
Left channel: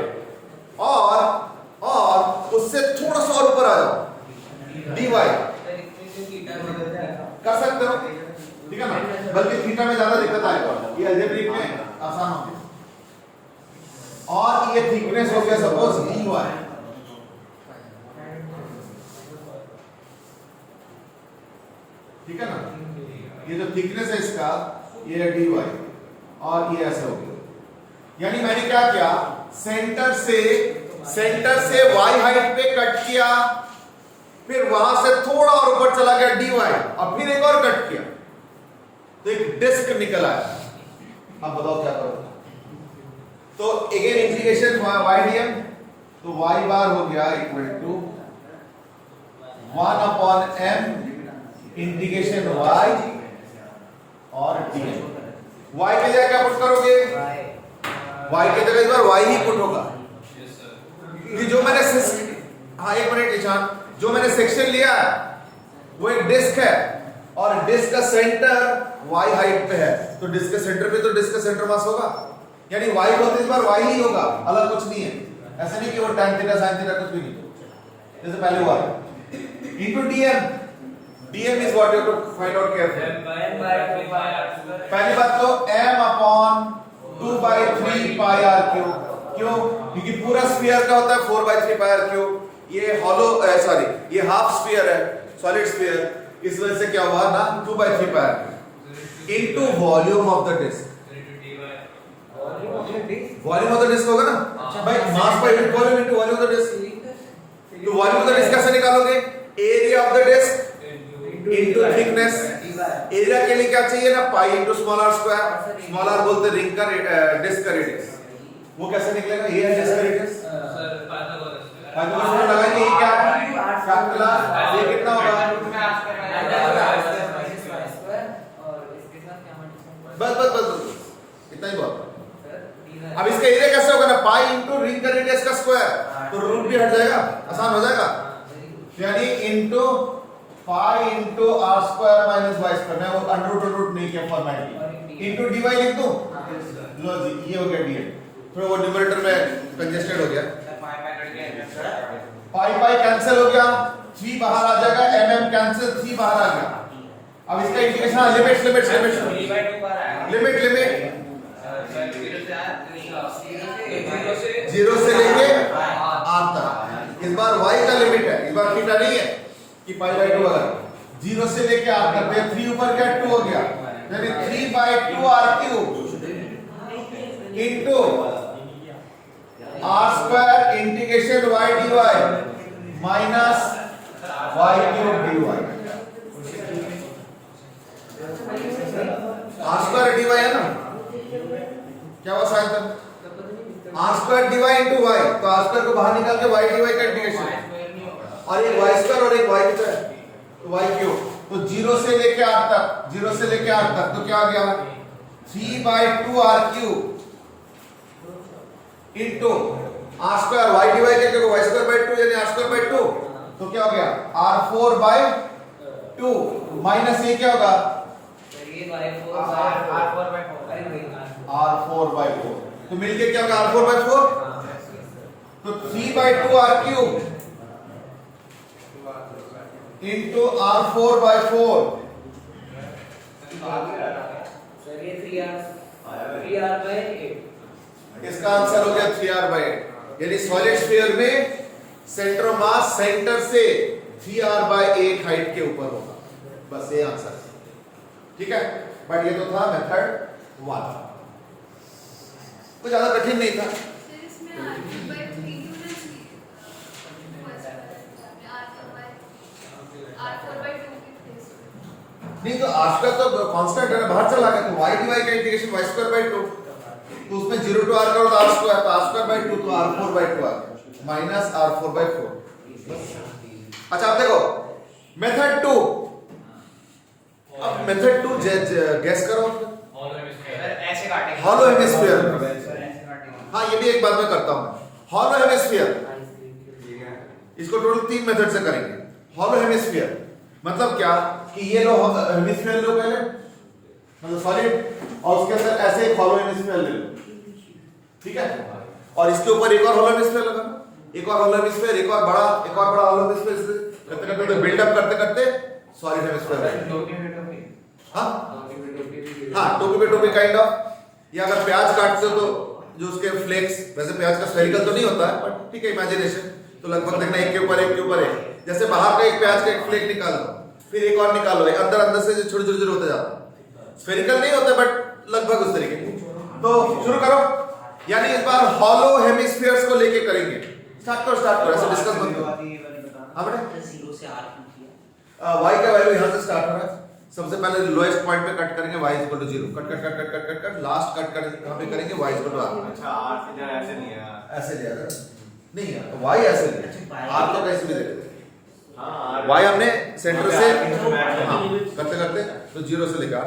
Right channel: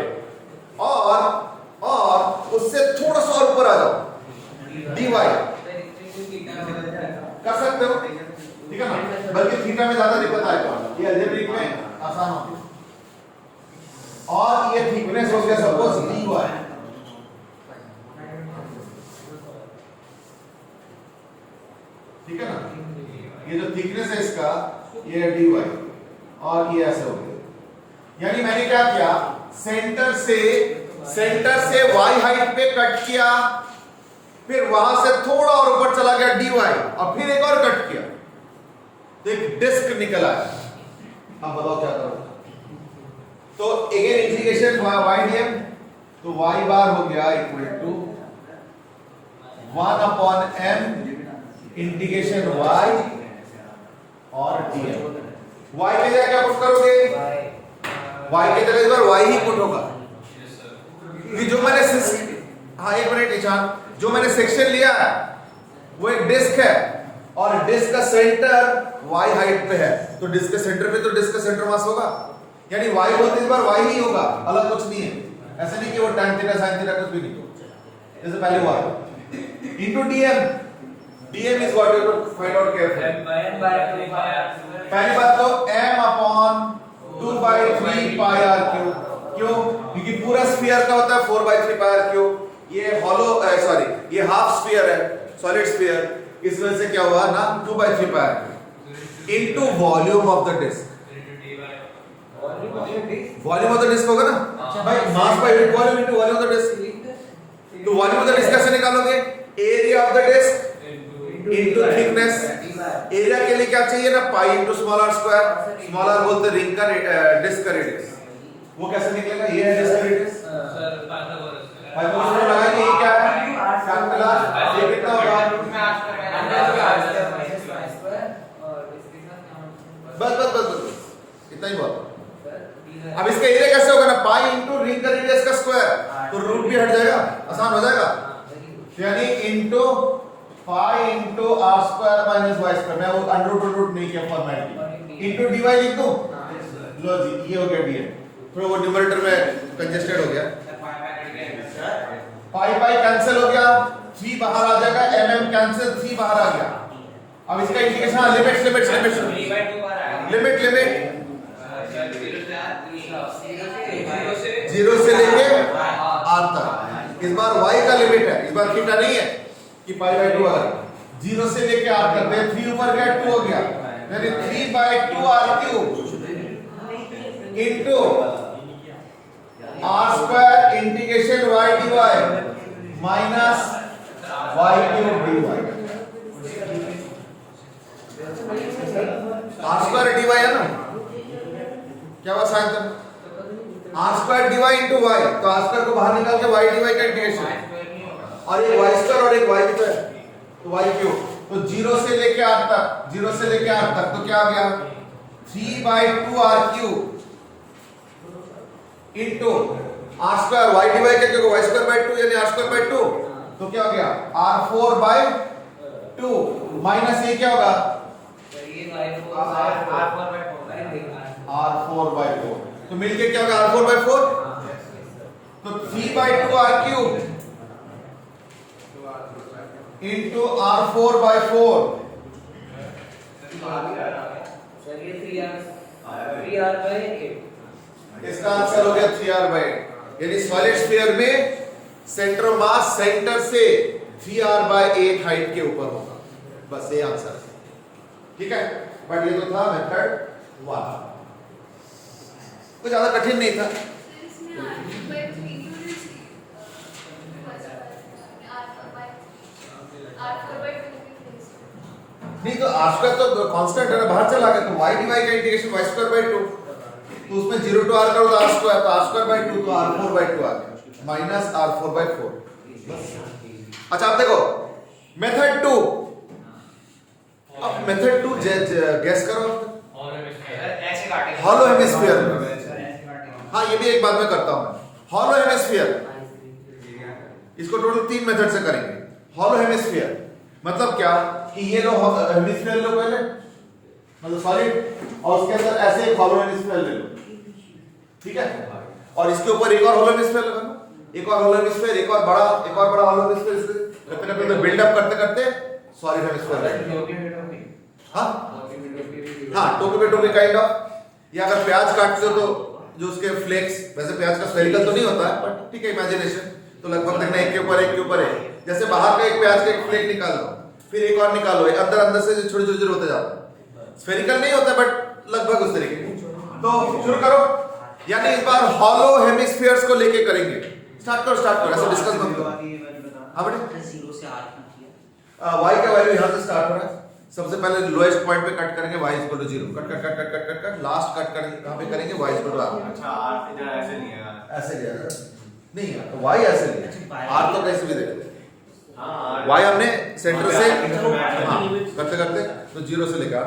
और उससे थोड़ा सा और ऊपर आ जाओ, dy कर सकते हो, ठीक है ना? बल्कि थीटा में ज्यादा दिक्कत आएगा, ये अलजेब्रिक में आसान होती है। और ये थिकनेस हो गया सपोज dy, ठीक है ना? ये जो थिकनेस है इसका, ये है dy, और ये ऐसे हो गया। यानी मैंने क्या किया, सेंटर से y हाइट पे कट किया, फिर वहां से थोड़ा और ऊपर चला गया dy, और फिर एक और कट किया तो एक डिस्क निकल आया। अब बताओ क्या करो? तो अगेन इंटीग्रेशन y dm, तो y बार हो गया equal to 1 upon m integration y और dm। y के जगह क्या पुट करोगे? y की जगह इस बार y ही पुट होगा। ये जो मैंने हाँ एक मिनट ईशान, जो मैंने सेक्शन लिया है वो एक डिस्क है, और डिस्क का सेंटर y हाइट पे है, तो डिस्क के सेंटर पे तो डिस्क का सेंटर मास होगा, यानी y होते इस बार y ही होगा, अलग कुछ नहीं है। ऐसे नहीं कि वो tan थीटा sin थीटा कुछ भी नहीं, जैसे पहले हुआ into dm। dm is what you find out careful. पहली बात तो m upon 2/3 pi r cube. क्यों? क्योंकि पूरा स्फीयर का होता है 4/3 पाई r क्यूब, ये हॉलो सॉरी ये हाफ स्फीयर है, सॉलिड स्फीयर, इस वजह से क्या हुआ ना 2/3 pi r into volume of the disc. Volume of the disc होगा ना भाई, mass by unit volume into volume of the disc. तो वॉल्यूम ऑफ द डिस्क कैसे निकालोगे? Area of the disc into thickness. Area के लिए क्या चाहिए ना, pi into small r square. Small r बोलते हैं रिंग का डिस्क का रेडियस। वो कैसे निकलेगा? ये है डिस्क का रेडियस, पाइथागोरस लगाएंगे, ये क्या है? फैक्टर। ये कितना होगा? बस बस बस इतना ही बहुत। अब इसका एरिया कैसे होगा ना, पाई इनटू रिंग का रेडियस का स्क्वायर, तो रूट भी हट जाएगा, आसान हो जाएगा। यानी इनटू पाई into r square minus y square, मैं वो अंडर रूट नहीं किया फॉर्मेलिटी, इनटू dy लिख दूं, लो जी ये हो गया dm। फिर वो न्यूमरेटर में कंजेस्टेड हो गया, पाई पाई कैंसिल हो गया, 3 बाहर आ जाएगा, mm कैंसिल, 3 बाहर आ गया। अब इसका integration limit limit limit limit 0 से लेके r तक। इस बार y का लिमिट है, इस बार थीटा नहीं है कि π/2 अगर 0 से लेके r तक, ये 3 ऊपर गया 2 हो गया, यानी 3/2 r³ into r square integration y dy minus y³ dy। r square dy है ना, क्या हुआ साथ में? r square dy into y, तो r स्क्वायर को बाहर निकाल के y dy का इंटीग्रेशन, और एक y स्क्वायर और एक y कितना है, तो y³। तो 0 से लेके r तक, 0 से लेके r तक, तो क्या आ गया 3/2 r³ into r square y dy के जगह y स्क्वायर 2 यानी r स्क्वायर 2, तो क्या हो गया r4/2 माइनस ये क्या होगा r4/4, तो मिलके क्या होगा r4/4, तो 3/2 r³ इनटू r4/4। सर ये 3r/8, इसका आंसर हो गया 3r/8। यानी सॉलिड स्फीयर में सेंटर ऑफ मास सेंटर से 3r/8 हाइट के ऊपर होगा, बस ये आंसर है, ठीक है। बट ये तो था मेथड 1, कुछ ज्यादा कठिन नहीं था। R4/2 आर स्क्वायर तो कांस्टेंट है, बाहर चला गया, तो वाई डी वाई का इंटीग्रेशन वाई स्क्वायर बाई 2, तो उसमें 0 टू आर करो तो आर स्क्वायर, तो आर स्क्वायर बाई 2, तो आर 4 बाई 2 आ गया माइनस आर 4 बाई 4। अच्छा अब देखो मेथड 2, अब मेथड 2 गैस करो, ऐसे काटेंगे हॉलो हेमिस्फीयर। हाँ ये भी एक बार में करता हूं मैं, हॉलो हेमिस्फीयर, इसको टोटल 3 मेथड से करेंगे। हॉलो हेमिस्फीयर मतलब क्या कि ये लो हेमिस्फीयर लो पहले, मतलब सॉलिड, और उसके अंदर ऐसे एक हॉलो हेमिस्फीयर ले लो, ठीक है, और इसके ऊपर एक और हॉलो हेमिस्फीयर लगा लो, एक और हॉलो हेमिस्फीयर, एक और बड़ा हॉलो हेमिस्फीयर, करते करते बिल्डअप करते करते सॉलिड हेमिस्फीयर। हाँ टोपी पे टोपी काइंड ऑफ, या अगर प्याज काटते हो तो जो उसके फ्लेक्स, वैसे प्याज का स्फेरिकल तो नहीं होता है बट ठीक है इमेजिनेशन, तो लगभग देखना एक के ऊपर एक के ऊपर एक, जैसे बाहर का एक प्याज का एक फ्लेक निकाल लो, फिर एक और निकालो, अंदर अंदर से छोटे छोटे होते जाते हैं, स्फेरिकल नहीं होता बट लगभग उस तरीके के। तो शुरू करो, यानी इस बार हॉलो हेमिस्फीयर्स को लेके करेंगे। स्टार्ट करो, ऐसे डिस्कस मत करो। हाँ बेटा 0 से r कीजिए, y का वैल्यू यहां से स्टार्ट हो रहा है, सबसे पहले लोएस्ट पॉइंट पे कट करेंगे y equal to 0, cut cut cut cut cut cut cut, last cut करेंगे कहां पे करेंगे y इक्वल टू r। अच्छा आप इधर ऐसे नहीं है ऐसे लिया था नहीं यार, y ऐसे लिया, r तो कैसे भी दे देते, हाँ y हमने सेंटर से हाँ करते करते तो 0 से लेकर r,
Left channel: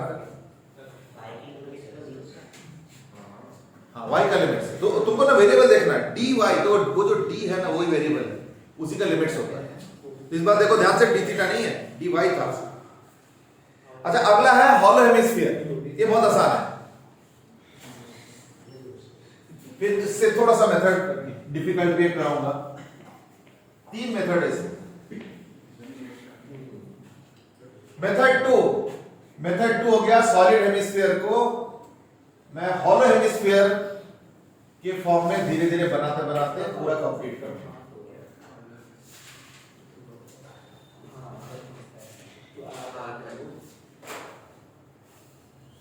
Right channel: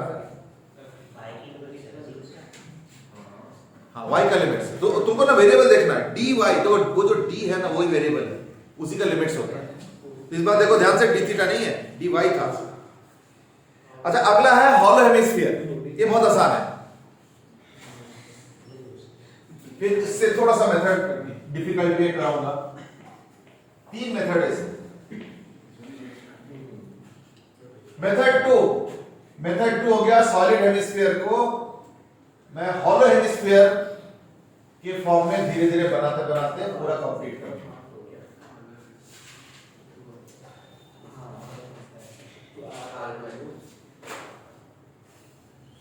हाँ y का लिमिट से, तो तुमको ना वेरिएबल देखना है dy, तो वो जो d है ना वही वेरिएबल है, उसी का लिमिट्स होता है। इस बार देखो ध्यान से, डी थीटा नहीं है, dy था। अच्छा अगला है हॉलो हेमिस्फीयर, ये बहुत आसान है, फिर इससे थोड़ा सा मेथड डिफिकल्ट भी कराऊंगा। 3 मेथड है इसमें। मेथड 2 हो गया सॉलिड हेमिस्फीयर को मैं हॉलो हेमिस्फीयर के फॉर्म में धीरे धीरे बनाते बनाते पूरा कंप्लीट करूंगा।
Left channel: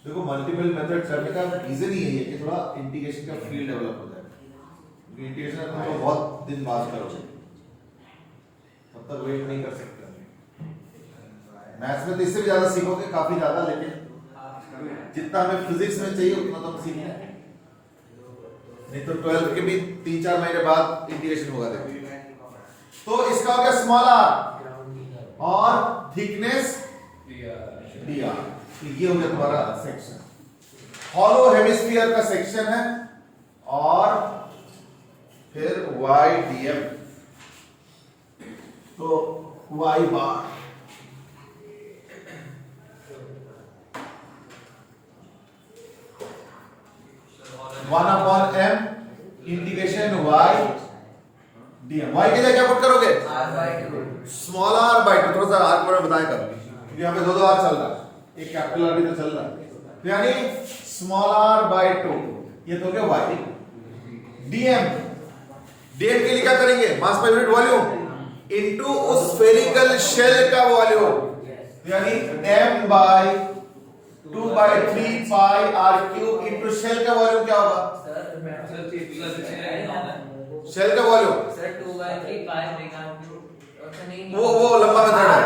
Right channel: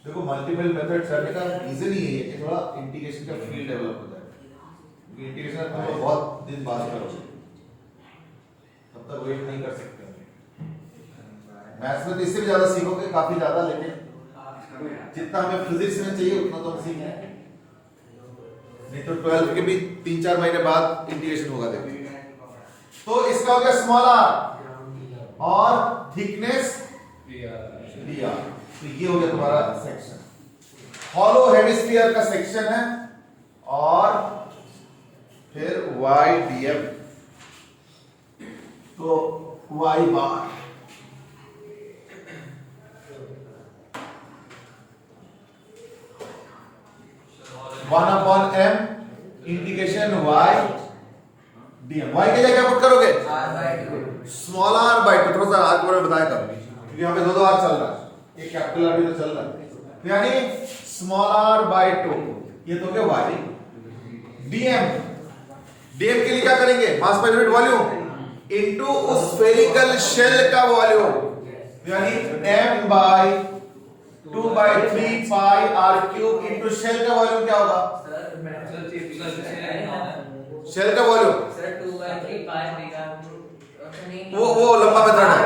देखो मल्टीपल मेथड करने का रीजन ही यही है कि थोड़ा इंटीग्रेशन का फील डेवलप हो जाए। इंटीग्रेशन तुम बहुत दिन बाद करोगे, तब तक वेट नहीं कर सकते। मैथ्स में तो इससे भी ज्यादा सीखोगे, काफी ज्यादा, लेकिन जितना हमें फिजिक्स में चाहिए उतना तो हम सीख लेंगे, नहीं तो 12 के भी 3-4 महीने बाद इंटीग्रेशन होगा। देखो तो इसका हो गया स्मॉल r और थिकनेस dr, तो ये हो गया तुम्हारा सेक्शन, हॉलो हेमिस्फीयर का सेक्शन है, और फिर y dm, तो y bar one upon m integration y dm। y के लिए क्या पुट करोगे, r/2, स्मॉल r बाई 2, थोड़ा सा आगे बढ़े बताया करो, यहाँ पे दो r चल रहा है, एक कैपिटल R भी तो चल रहा है, तो यानी स्मॉल r बाई 2, ये तो क्या y dm। dm के लिए क्या करेंगे, मास पर यूनिट वॉल्यूम इनटू उस स्फेरिकल शेल का वॉल्यूम, यानी m by 2/3 pi r cube into shell का वॉल्यूम क्या होगा, शेल का वॉल्यूम, सर 2/3 पाई देगा, वो लंबा मेथड है,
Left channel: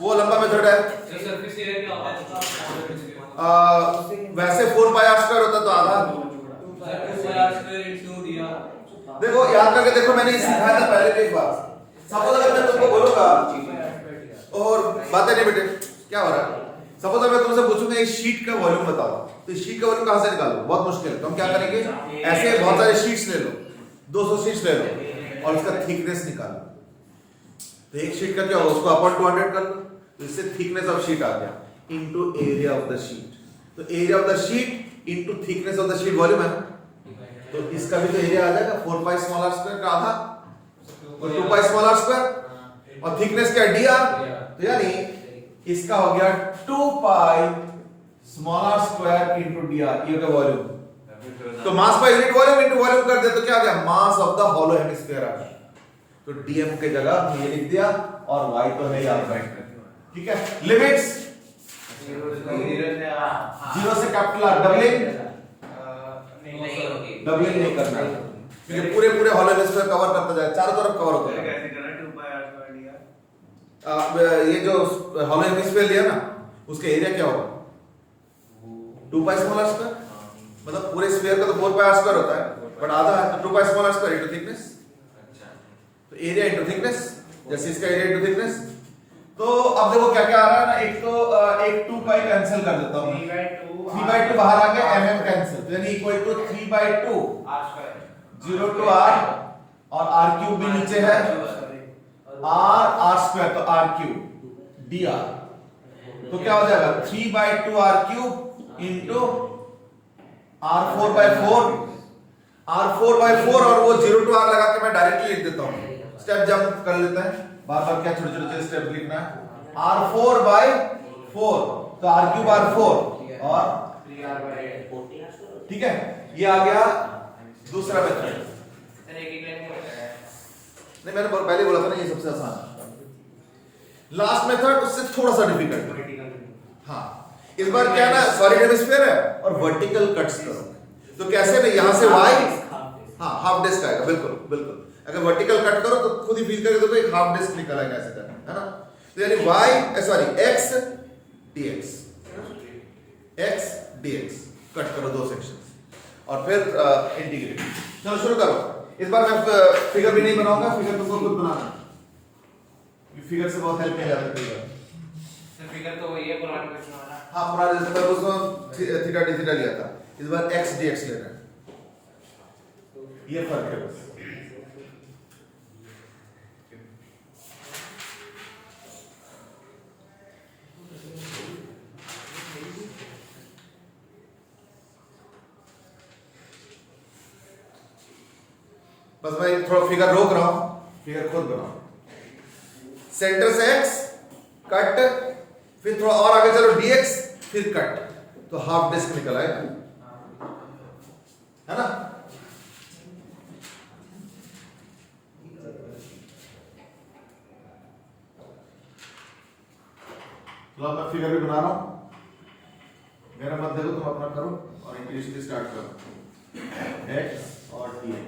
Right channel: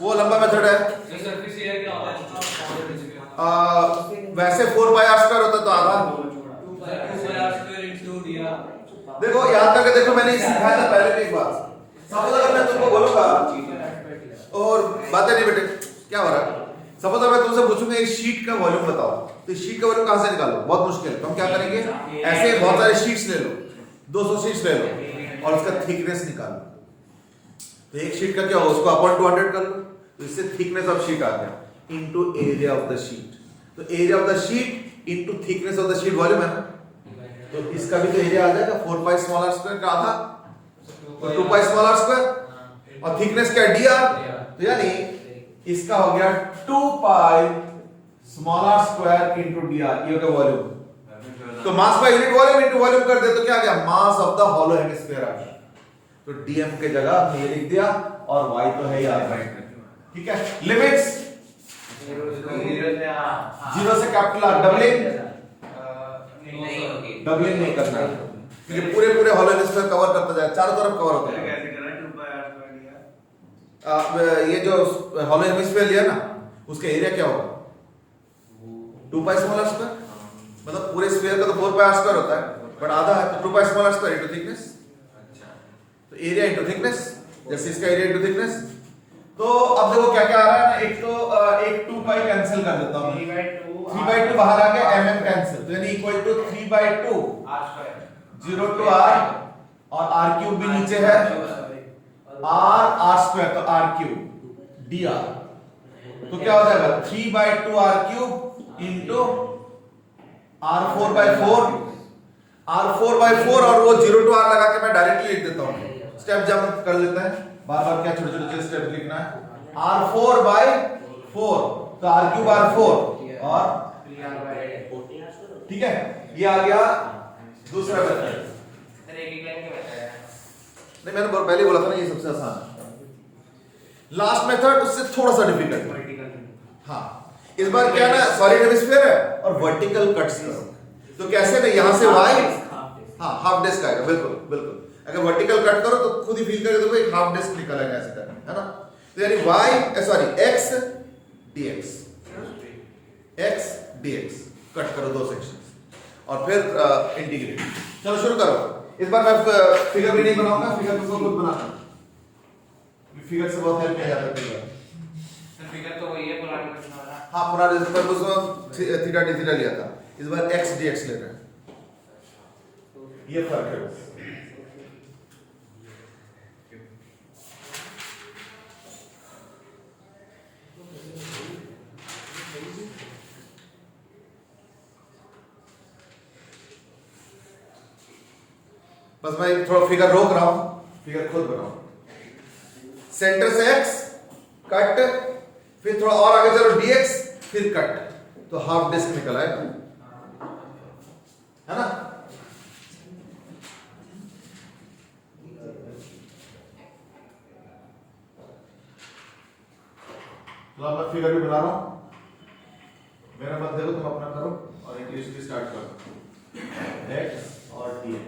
वो लंबा मेथड है। सरफेस एरिया क्या होता है? वैसे 4 पाई r स्क्वायर होता तो आधा। देखो याद करके देखो, मैंने ये सिखाया था पहले भी एक बार। सपोज अगर मैं तुमको बोलूंगा, और बातें नहीं बेटे क्या हो रहा है, सपोज अगर मैं तुमसे पूछूंगा इस शीट का वॉल्यूम बताओ, तो इस शीट का वॉल्यूम कहां से निकालो, बहुत मुश्किल है। तो हम क्या करेंगे, ऐसे बहुत सारे शीट्स ले लो, 200 शीट्स ले लो, और उसका थिकनेस निकालो। तो एक शीट का क्या होगा, उसको अपॉन 200 कर लो, तो इससे थिकनेस ऑफ शीट आ गया into area of the sheet. तो area of the sheet into thickness of the sheet volume है ना, तो इसका भी तो एरिया आ जाएगा 4 पाई स्मॉल r स्क्वायर का आधा, तो 2 पाई स्मॉल r स्क्वायर, और थिकनेस क्या है dr, तो यानी इसका हो गया 2 pi small r square into dr, ये होगा वॉल्यूम। तो mass by unit volume into volume कर दे तो क्या आ गया, mass of the hollow hemisphere आ गया। तो dm की जगह ये लिख दिया, और y तो है यार, ठीक है। लिमिट्स 0 से कैपिटल R, डबलिंग नहीं करना, ये पूरे पूरे हॉलो हेमिस्फीयर कवर करता जाए, चारों तरफ कवर होता है। ये जो हॉलो हेमिस्फीयर लिया ना, उसका एरिया क्या होगा 2 पाई स्मॉल आर स्क्वायर, मतलब पूरे स्फीयर का तो 4 पाई आर स्क्वायर होता है, बट आधा है तो 2 pi small r square into thickness. तो एरिया इनटू थिकनेस, जैसे इसका एरिया इनटू थिकनेस। तो अब देखो क्या क्या आ रहा है ना, एक 2 पाई कैंसिल कर देता हूं, 3/2 बाहर आ गया, mm कैंसिल, तो यानी equal to 3/2 r square 0 to r, और r क्यूब भी नीचे है, r स्क्वायर, तो r क्यूब dr, तो क्या हो जाएगा 3/2 r क्यूब इंटू r 4/4, और वो 0 to r लगा के मैं डायरेक्टली लिख देता हूं, स्टेप जंप कर लेते हैं, बार बार क्या छोटे छोटे स्टेप लिखना है। r 4/4, तो r क्यूब r4 और 3r/4, ठीक है, ये आ गया दूसरा मेथड। सर एक ही लाइन क्यों बताया? नहीं, मैंने पहले बोला था ना ये सबसे आसान। लास्ट मेथड उससे थोड़ा सा डिफिकल्ट। हाँ, इस बार क्या ना सॉलिड हेमिस्फीयर है और वर्टिकल कट्स करो, तो कैसे ना यहां से y, हाँ हाफ डिस्क आएगा, बिल्कुल बिल्कुल, अगर वर्टिकल कट करो तो खुद ही फील करके देखो एक हाफ डिस्क निकल आएगा ऐसे करना, है ना। तो यानी x dx कट करो 2 सेक्शन और फिर इंटीग्रेट। चलो शुरू करो। इस बार मैं फिगर भी नहीं बनाऊंगा, फिगर तुमको खुद बनाना है, फिगर से बहुत हेल्प किया जाता है कई बार। सर फिगर तो वही है पुराना क्वेश्चन वाला। हाँ, पूरा जैसे पर उसमें थीटा डी थीटा लिया था, इस बार x dx लेना है, ये फर्क है बस। बस मैं थोड़ा फिगर रोक रहा हूं, फिगर खुद बनाओ। सेंटर से x कट, फिर थोड़ा और आगे चलो dx, फिर कट, तो हाफ डिस्क निकल आएगा, है ना। चलो मैं फिगर भी बना रहा हूं, मेरा मत देखो, तुम अपना करो और इंटीग्रेशन स्टार्ट करो, x और dx।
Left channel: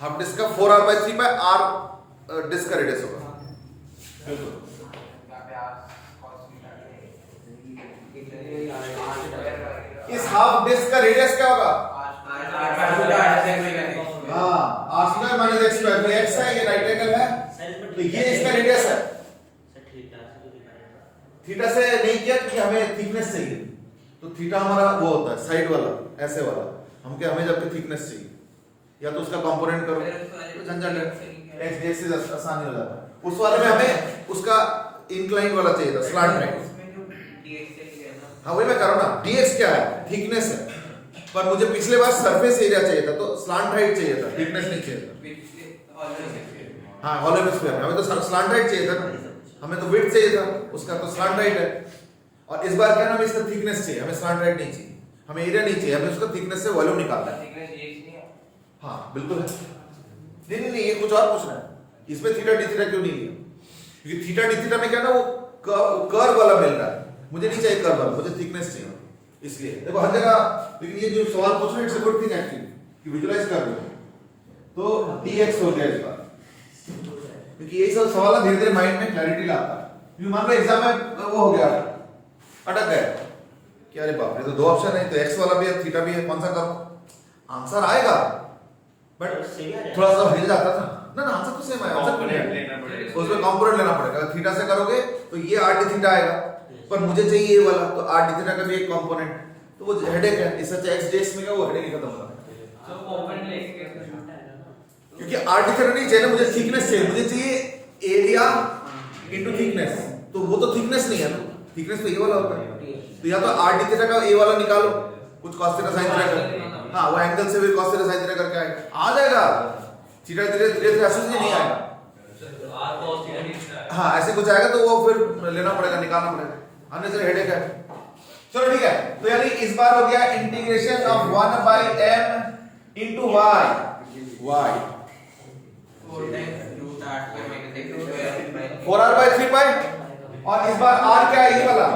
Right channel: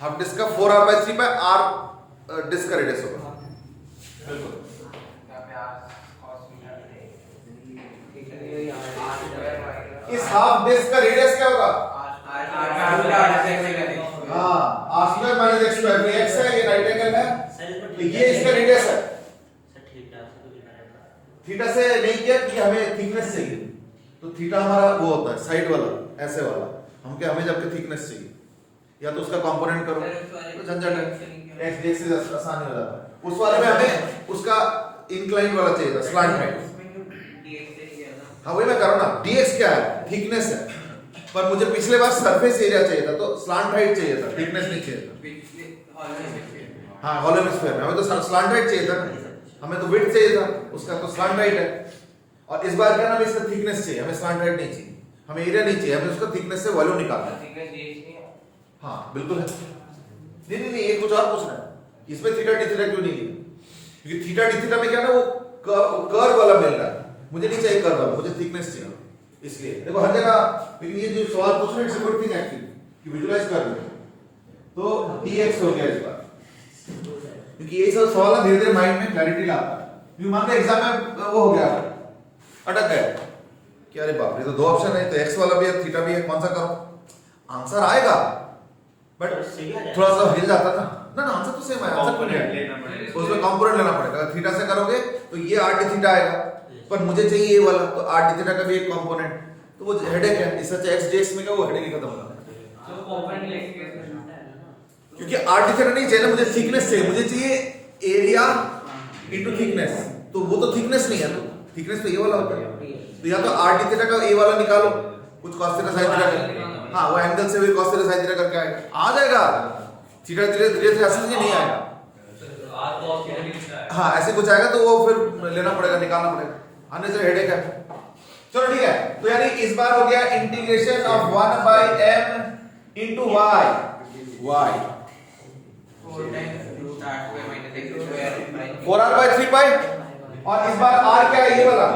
हाफ डिस्क का 4r/3 बाय r डिस्क का रेडियस होगा, बिल्कुल। यहाँ पे r cos इस हाफ डिस्क का रेडियस क्या होगा? मीटर हाँ, r square minus x square, ये x है, ये राइट एंगल है, तो ये इसका रेडियस है। थीटा से नहीं किया क्योंकि हमें थिकनेस चाहिए, तो थीटा हमारा वो होता है साइड वाला, ऐसे वाला, हमें जबकि थिकनेस चाहिए, या तो उसका कंपोनेंट करो, तो झंझट है, x dx से आसानी हो जाता है। उस वाले में हमें उसका इंक्लाइन वाला चाहिए था, स्लांट राइट। हाँ वही मैं कर रहा हूं ना, dx क्या है? थिकनेस है, पर मुझे पिछले बार सरफेस एरिया चाहिए था, तो स्लांट हाइट चाहिए था, थिकनेस नहीं चाहिए था। हाँ, हॉलो हेमिस्फीयर में हमें तो स्लांट हाइट चाहिए था ना, हमें तो विड्थ चाहिए था, उसका तो स्लांट हाइट है। और इस बार क्या ना, हमें इसका थिकनेस चाहिए, हमें स्लांट हाइट नहीं चाहिए, हमें एरिया नहीं चाहिए, हमें उसका थिकनेस से वॉल्यूम निकालना है। हाँ बिल्कुल है, नहीं ये कुछ और पूछना है, इसमें थीटा डी थीटा क्यों नहीं लिया? क्योंकि थीटा डी थीटा में क्या ना वो कर्व वाला मिल रहा है, मुझे नहीं चाहिए कर्व वाला, मुझे थिकनेस चाहिए, इसलिए देखो हर जगह। लेकिन ये जो सवाल पूछ रहे हैं it's a good thing actually कि विजुलाइज कर लो, तो dx हो गया इस बार, क्योंकि ये सब सवाल ना धीरे धीरे माइंड में क्लैरिटी लाता है। क्योंकि मान लो एग्जाम में वो हो गया, अटक गए कि अरे बाप रे, तो 2 ऑप्शन है, तो x वाला भी है थीटा भी है, कौन सा करो? आंसर आएगा बट थोड़ा सा हिल जाता था ना, आंसर तो सेम है, आंसर लेना पड़ेगा, उसमें कंपोनेंट लेना पड़ेगा। अगर थीटा से करोगे तो ये r d थीटा आएगा, पर मुझे चाहिए ये वाला, तो r d थीटा का भी एक कंपोनेंट, तो वो हेडेक है, इससे अच्छा x dx में का वो हेडेक ही खत्म होगा। क्योंकि r d थीटा नहीं चाहिए ना, मुझे थिकनेस चाहिए, मुझे चाहिए एरिया इनटू थिकनेस, तो वो तो थिकनेस नहीं है ना, थिकनेस तो ये वाला होता है, तो या तो r d थीटा का a वाला निकालो, कुछ cos थीटा sin थीटा करके, हाँ वो एंगल से भी cos थीटा sin थीटा करके आएगा, आ जाएगा, थीटा धीरे धीरे ऐसे नहीं आएगा, हाँ ऐसे कुछ आएगा, तो वो फिर लेना पड़ेगा, निकालना पड़ेगा, आने से हेडेक है। चलो ठीक है, तो यानी इस बार हो गया integration of 1/m into y 4r/3 by, और इस बार r क्या है? ये वाला,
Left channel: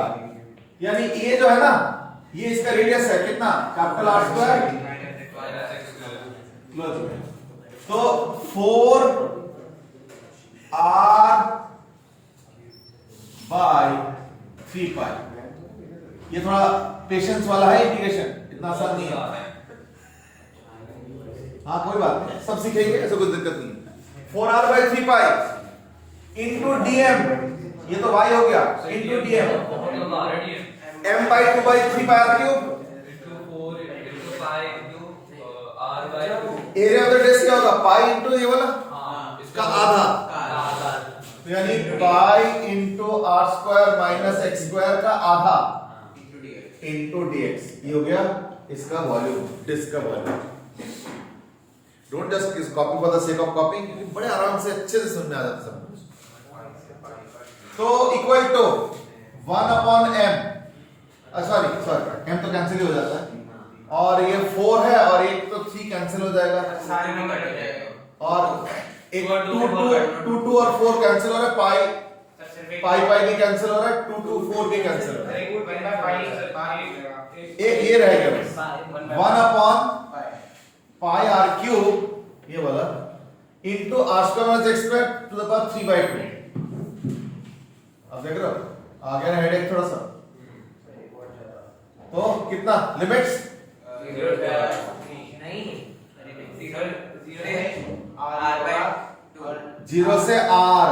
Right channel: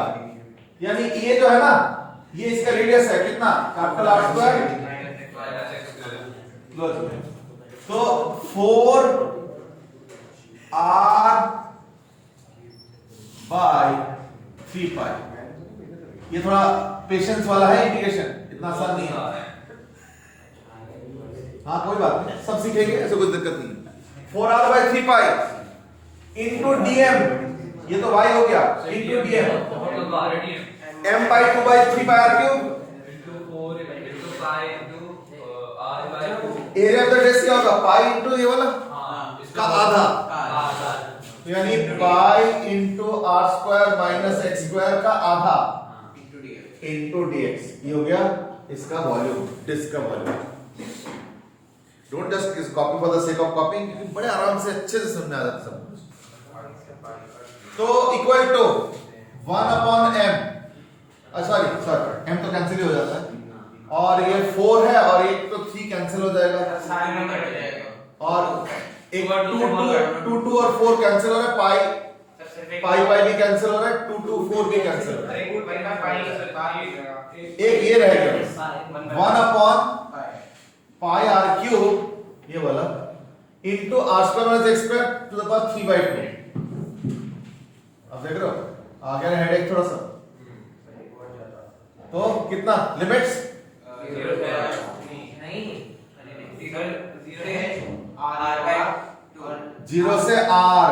यानी ये जो है ना, ये इसका रेडियस है कितना? कैपिटल R स्क्वायर, लो जी, तो 4 r बाय 3 पाई। ये थोड़ा पेशेंस वाला है इंटीग्रेशन, इतना आसान नहीं है। हाँ कोई बात नहीं, सब सीखेंगे, ऐसा कोई दिक्कत नहीं। 4r bye 3 pi into dm, ये तो y हो गया, into dm m by 2 by 3 pi r cube area of the disc क्या होगा, पाई इंटू ये वाला का आधा, तो यानी pi into r square minus x square का आधा इंटू dx। ये हो गया इसका वॉल्यूम, डिस्क का volume. Don't just copy for the sake of copying, क्योंकि बड़े आराम से अच्छे से समझ में आ जाता सब। तो equal to 1 upon m, sorry m तो कैंसिल हो जाता है, और ये 4 है और एक तो 3 कैंसिल हो जाएगा, और एक 2 और 4 कैंसिल हो रहा है, पाई भी कैंसिल हो रहा है, 2 4 भी कैंसिल हो रहा है, एक ये रह गया 1 अपॉन पाई आर क्यूब, ये वाला into r square minus x square to the power 3/2। अब देख रहे हो आ गया हेडेक थोड़ा सा। तो कितना लिमिट्स, जीरो से आर।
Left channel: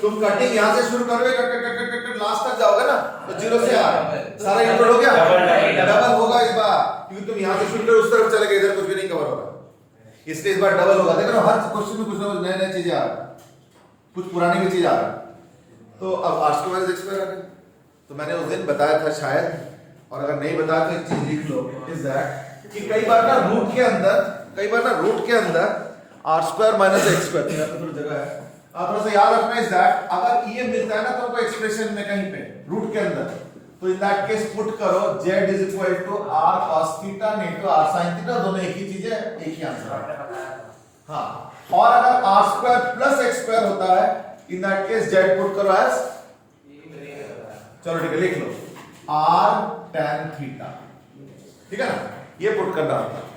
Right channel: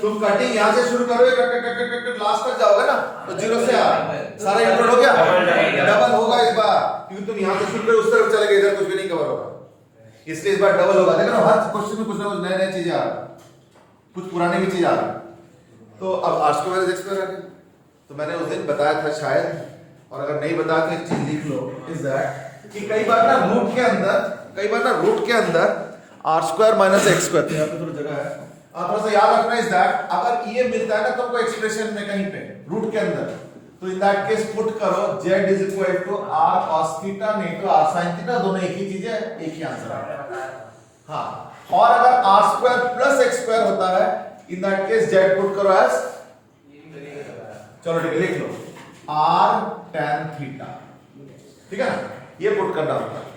तुम कटिंग यहां से शुरू करोगे, cut cut cut cut last तक जाओगे ना, तो जीरो से आर सारा इंक्लूड हो गया, डबल होगा इस बार, क्योंकि तुम यहां से शुरू करोगे उस तरफ चले गए, इधर कुछ भी नहीं कवर होगा, इसलिए इस बार डबल होगा। देखो ना हर क्वेश्चन में कुछ ना कुछ नए नए चीजें आ रहा है, कुछ पुराने भी चीज आ रहा है। तो अब r square minus x square, तो मैंने उस दिन बताया था शायद, और अगर नहीं बताया तो एक चीज लिख लो, इज दैट कि कई बार ना रूट के अंदर r square minus x square, यहाँ पे थोड़ी जगह है, थोड़ा सा याद रखना इज दैट अगर ये मिलता है ना तुमको एक्सप्रेशन में कहीं पे रूट के अंदर, तो इन दैट केस पुट करो z is equal to r cos theta नहीं तो r sin थीटा, दोनों एक ही चीज है, एक ही आंसर है। हाँ, और अगर r square plus x square होता है, इन दैट केस z पुट करो एज, चलो ठीक है लिख लो r tan थीटा, ठीक है ना, ये पुट करना होता है।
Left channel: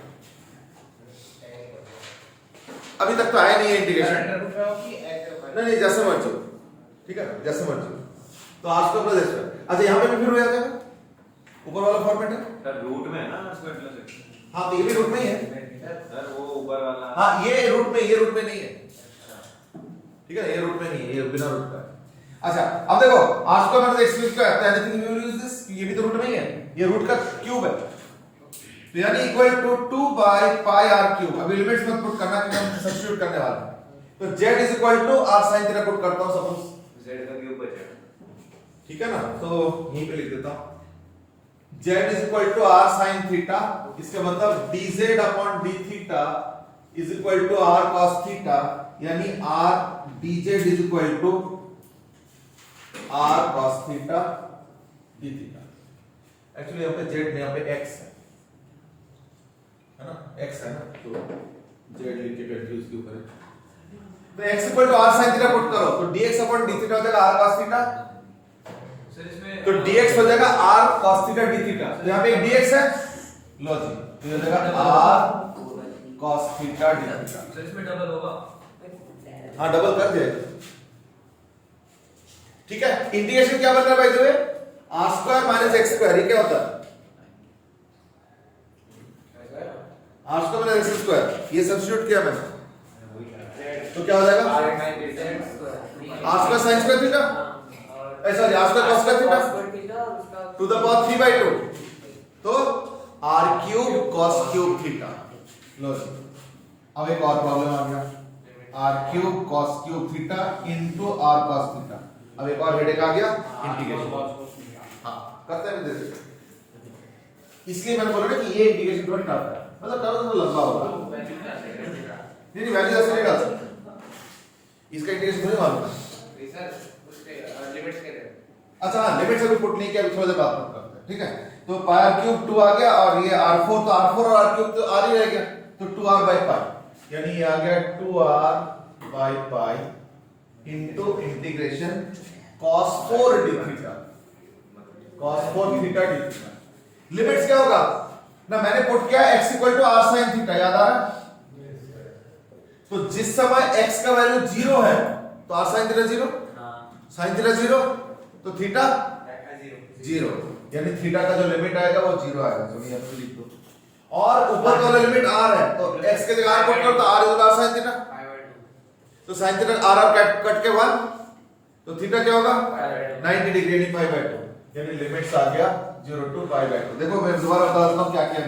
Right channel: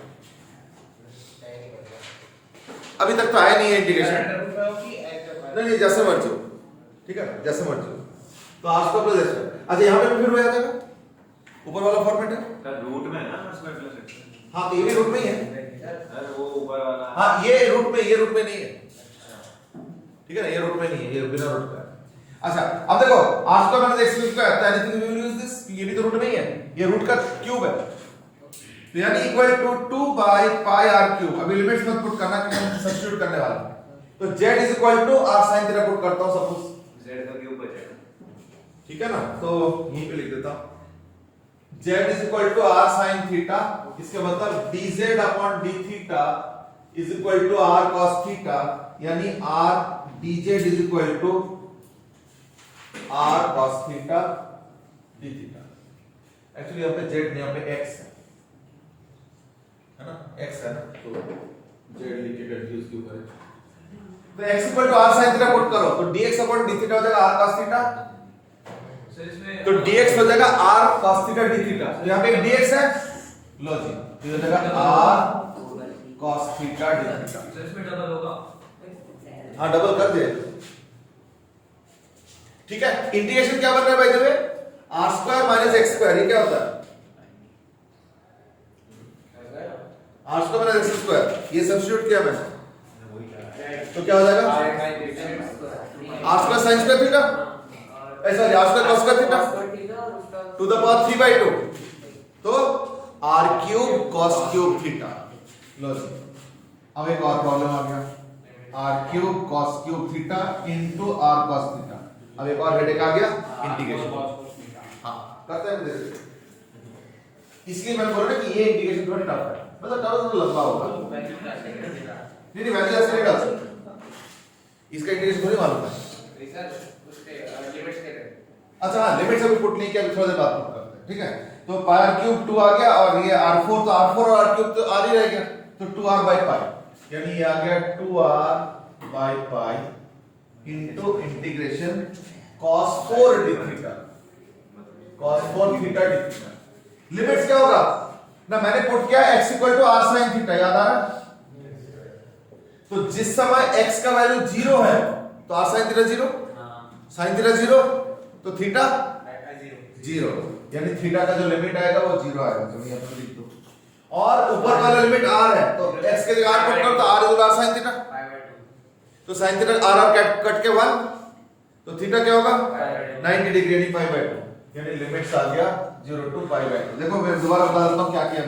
अभी तक तो आया नहीं है इंटीग्रेशन, नहीं जैसे मर्जी, ठीक है जैसे मर्जी। तो आज को प्लस एक्स, अच्छा यहाँ पे भी फिर हो जाएगा, ऊपर वाला फॉर्मेट है सर रूट में है ना स्क्वायर प्लस एक्स। हाँ तो ये भी रूट में ही है सर वो ऊपर वाला, हाँ ये रूट में नहीं है, ठीक है ना, ये रूट में नहीं है, ये बिना रूट का है। अच्छा अब देखो r square minus x square है, anything we will use this, ये भी तो रूट में ही है, ये रूट का क्यूब है, तो यानी equal to 2 by pi r cube. अभी लिमिट्स मत पुट करना क्योंकि हम सब्स्टिट्यूट करने वाले हैं, तो z is equal to r sin theta put करता हूं सपोज, z का क्यूब बचेगा, ठीक है ना, तो यहीं पे लिख देता हूं z is equal to r sin theta, इसका मतलब dz upon d theta is equal to r cos theta, यानी r dz is equal to r cos theta d theta. Actually यहाँ पे z नहीं, यहाँ पे x है ना, x है ना, तो z लिख के कंफ्यूज क्यों करें। तो x equal to r sin theta put करो, तो dx अपॉन d थीटा हो जाएगा r cos थीटा, तो dx हो जाएगा r cos theta d theta, तो यहाँ पे dx है, लो जी तो हो जाएगा r cos theta d theta. इसमें डबल होगा, हाँ डबल कर दे, ठीक है। इंटीग्रेशन क्या बन रहा है भाई, जो है r square minus x square, ये क्या होता है r square minus x square, ये सब्स्टिट्यूट किया मैंने, तो क्या हो जाएगा r square sin square theta, sorry r square cos square theta to the power 3/2, तो r cube cos cube theta. लो अब एक और प्रॉब्लम आ गया, r cube cos cube theta into r cos theta. अब एक और हेडेक आ गया, इंटीग्रेशन। हाँ करते हैं जैसे, इसलिए मैंने बोला ना कि ये इंटीग्रेशन थोड़ा टफ है, मतलब टफ तो लंबा होगा, नहीं वैल्यू ऐसे नहीं डाल सकते, इसका इंटीग्रेशन मुझे मालूम है। अच्छा हाँ लिमिट्स अभी पुट नहीं किया, अभी थोड़ी देर बाद पुट करते हैं, ठीक है। तो पाई r क्यूब 2 आ गया, और ये r4, तो r4 और r क्यूब तो r ही रह गया, तो 2r बाय पाई, यानी ये आ गया 2r by pi into integration cos 4 d theta, cos 4 theta d theta. Limits क्या होगा ना, मैंने पुट किया x equal to r sin theta, याद आ रहा है, तो जिस समय x का वैल्यू 0 है तो r sin theta 0, sin theta 0 तो थीटा 0, यानी थीटा का जो लिमिट आएगा वो 0 आएगा। तो ये अपने लिख दो। और ऊपर वाला लिमिट r है तो x के जगह r पुट करो तो r equal r sin theta, तो sin थीटा r कट के 1 तो थीटा क्या होगा 90 डिग्री यानी पाई बाय 2, यानी लिमिट्स आ गया 0 टू पाई बाय 2। देखो मैं दोबारा बता देता हूं क्या किया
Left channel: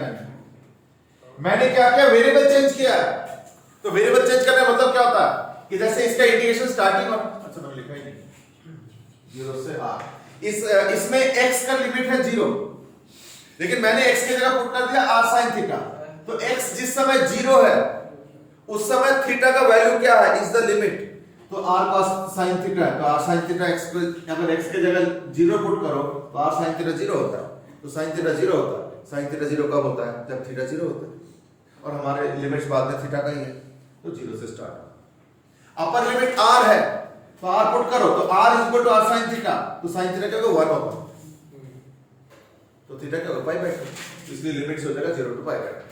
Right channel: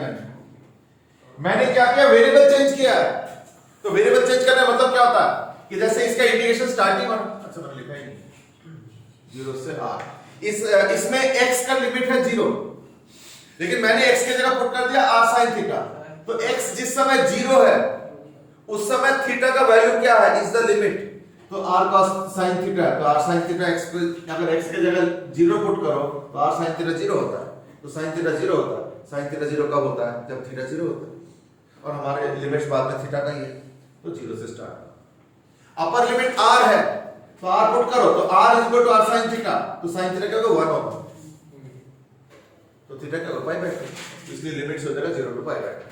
मैंने क्या किया, वेरिएबल चेंज किया है। तो वेरिएबल चेंज करने का मतलब क्या होता है कि जैसे इसका इंटीग्रेशन स्टार्टिंग और अच्छा मैंने लिखा ही नहीं 0 से r, इसमें x का लिमिट है 0, लेकिन मैंने x की जगह पुट कर दिया r sin थीटा। तो x जिस समय 0 है उस समय थीटा का वैल्यू क्या है, इज द लिमिट, तो r cos sin थीटा है, तो r sin थीटा x को अगर x की जगह 0 पुट करो तो r sin थीटा 0 होता है, तो sin थीटा 0 होता है। sin थीटा 0 कब होता है, जब थीटा 0 होता है, और हमारे लिमिट्स बाद में थीटा का ही है, तो 0 से स्टार्ट। अपर लिमिट r है तो r पुट करो तो r equal to r sin theta, तो sin थीटा क्या होगा 1 होगा, तो थीटा क्या होगा पाई बाय 2, इसलिए लिमिट्स हो जाएगा 0 टू पाई बाय 2,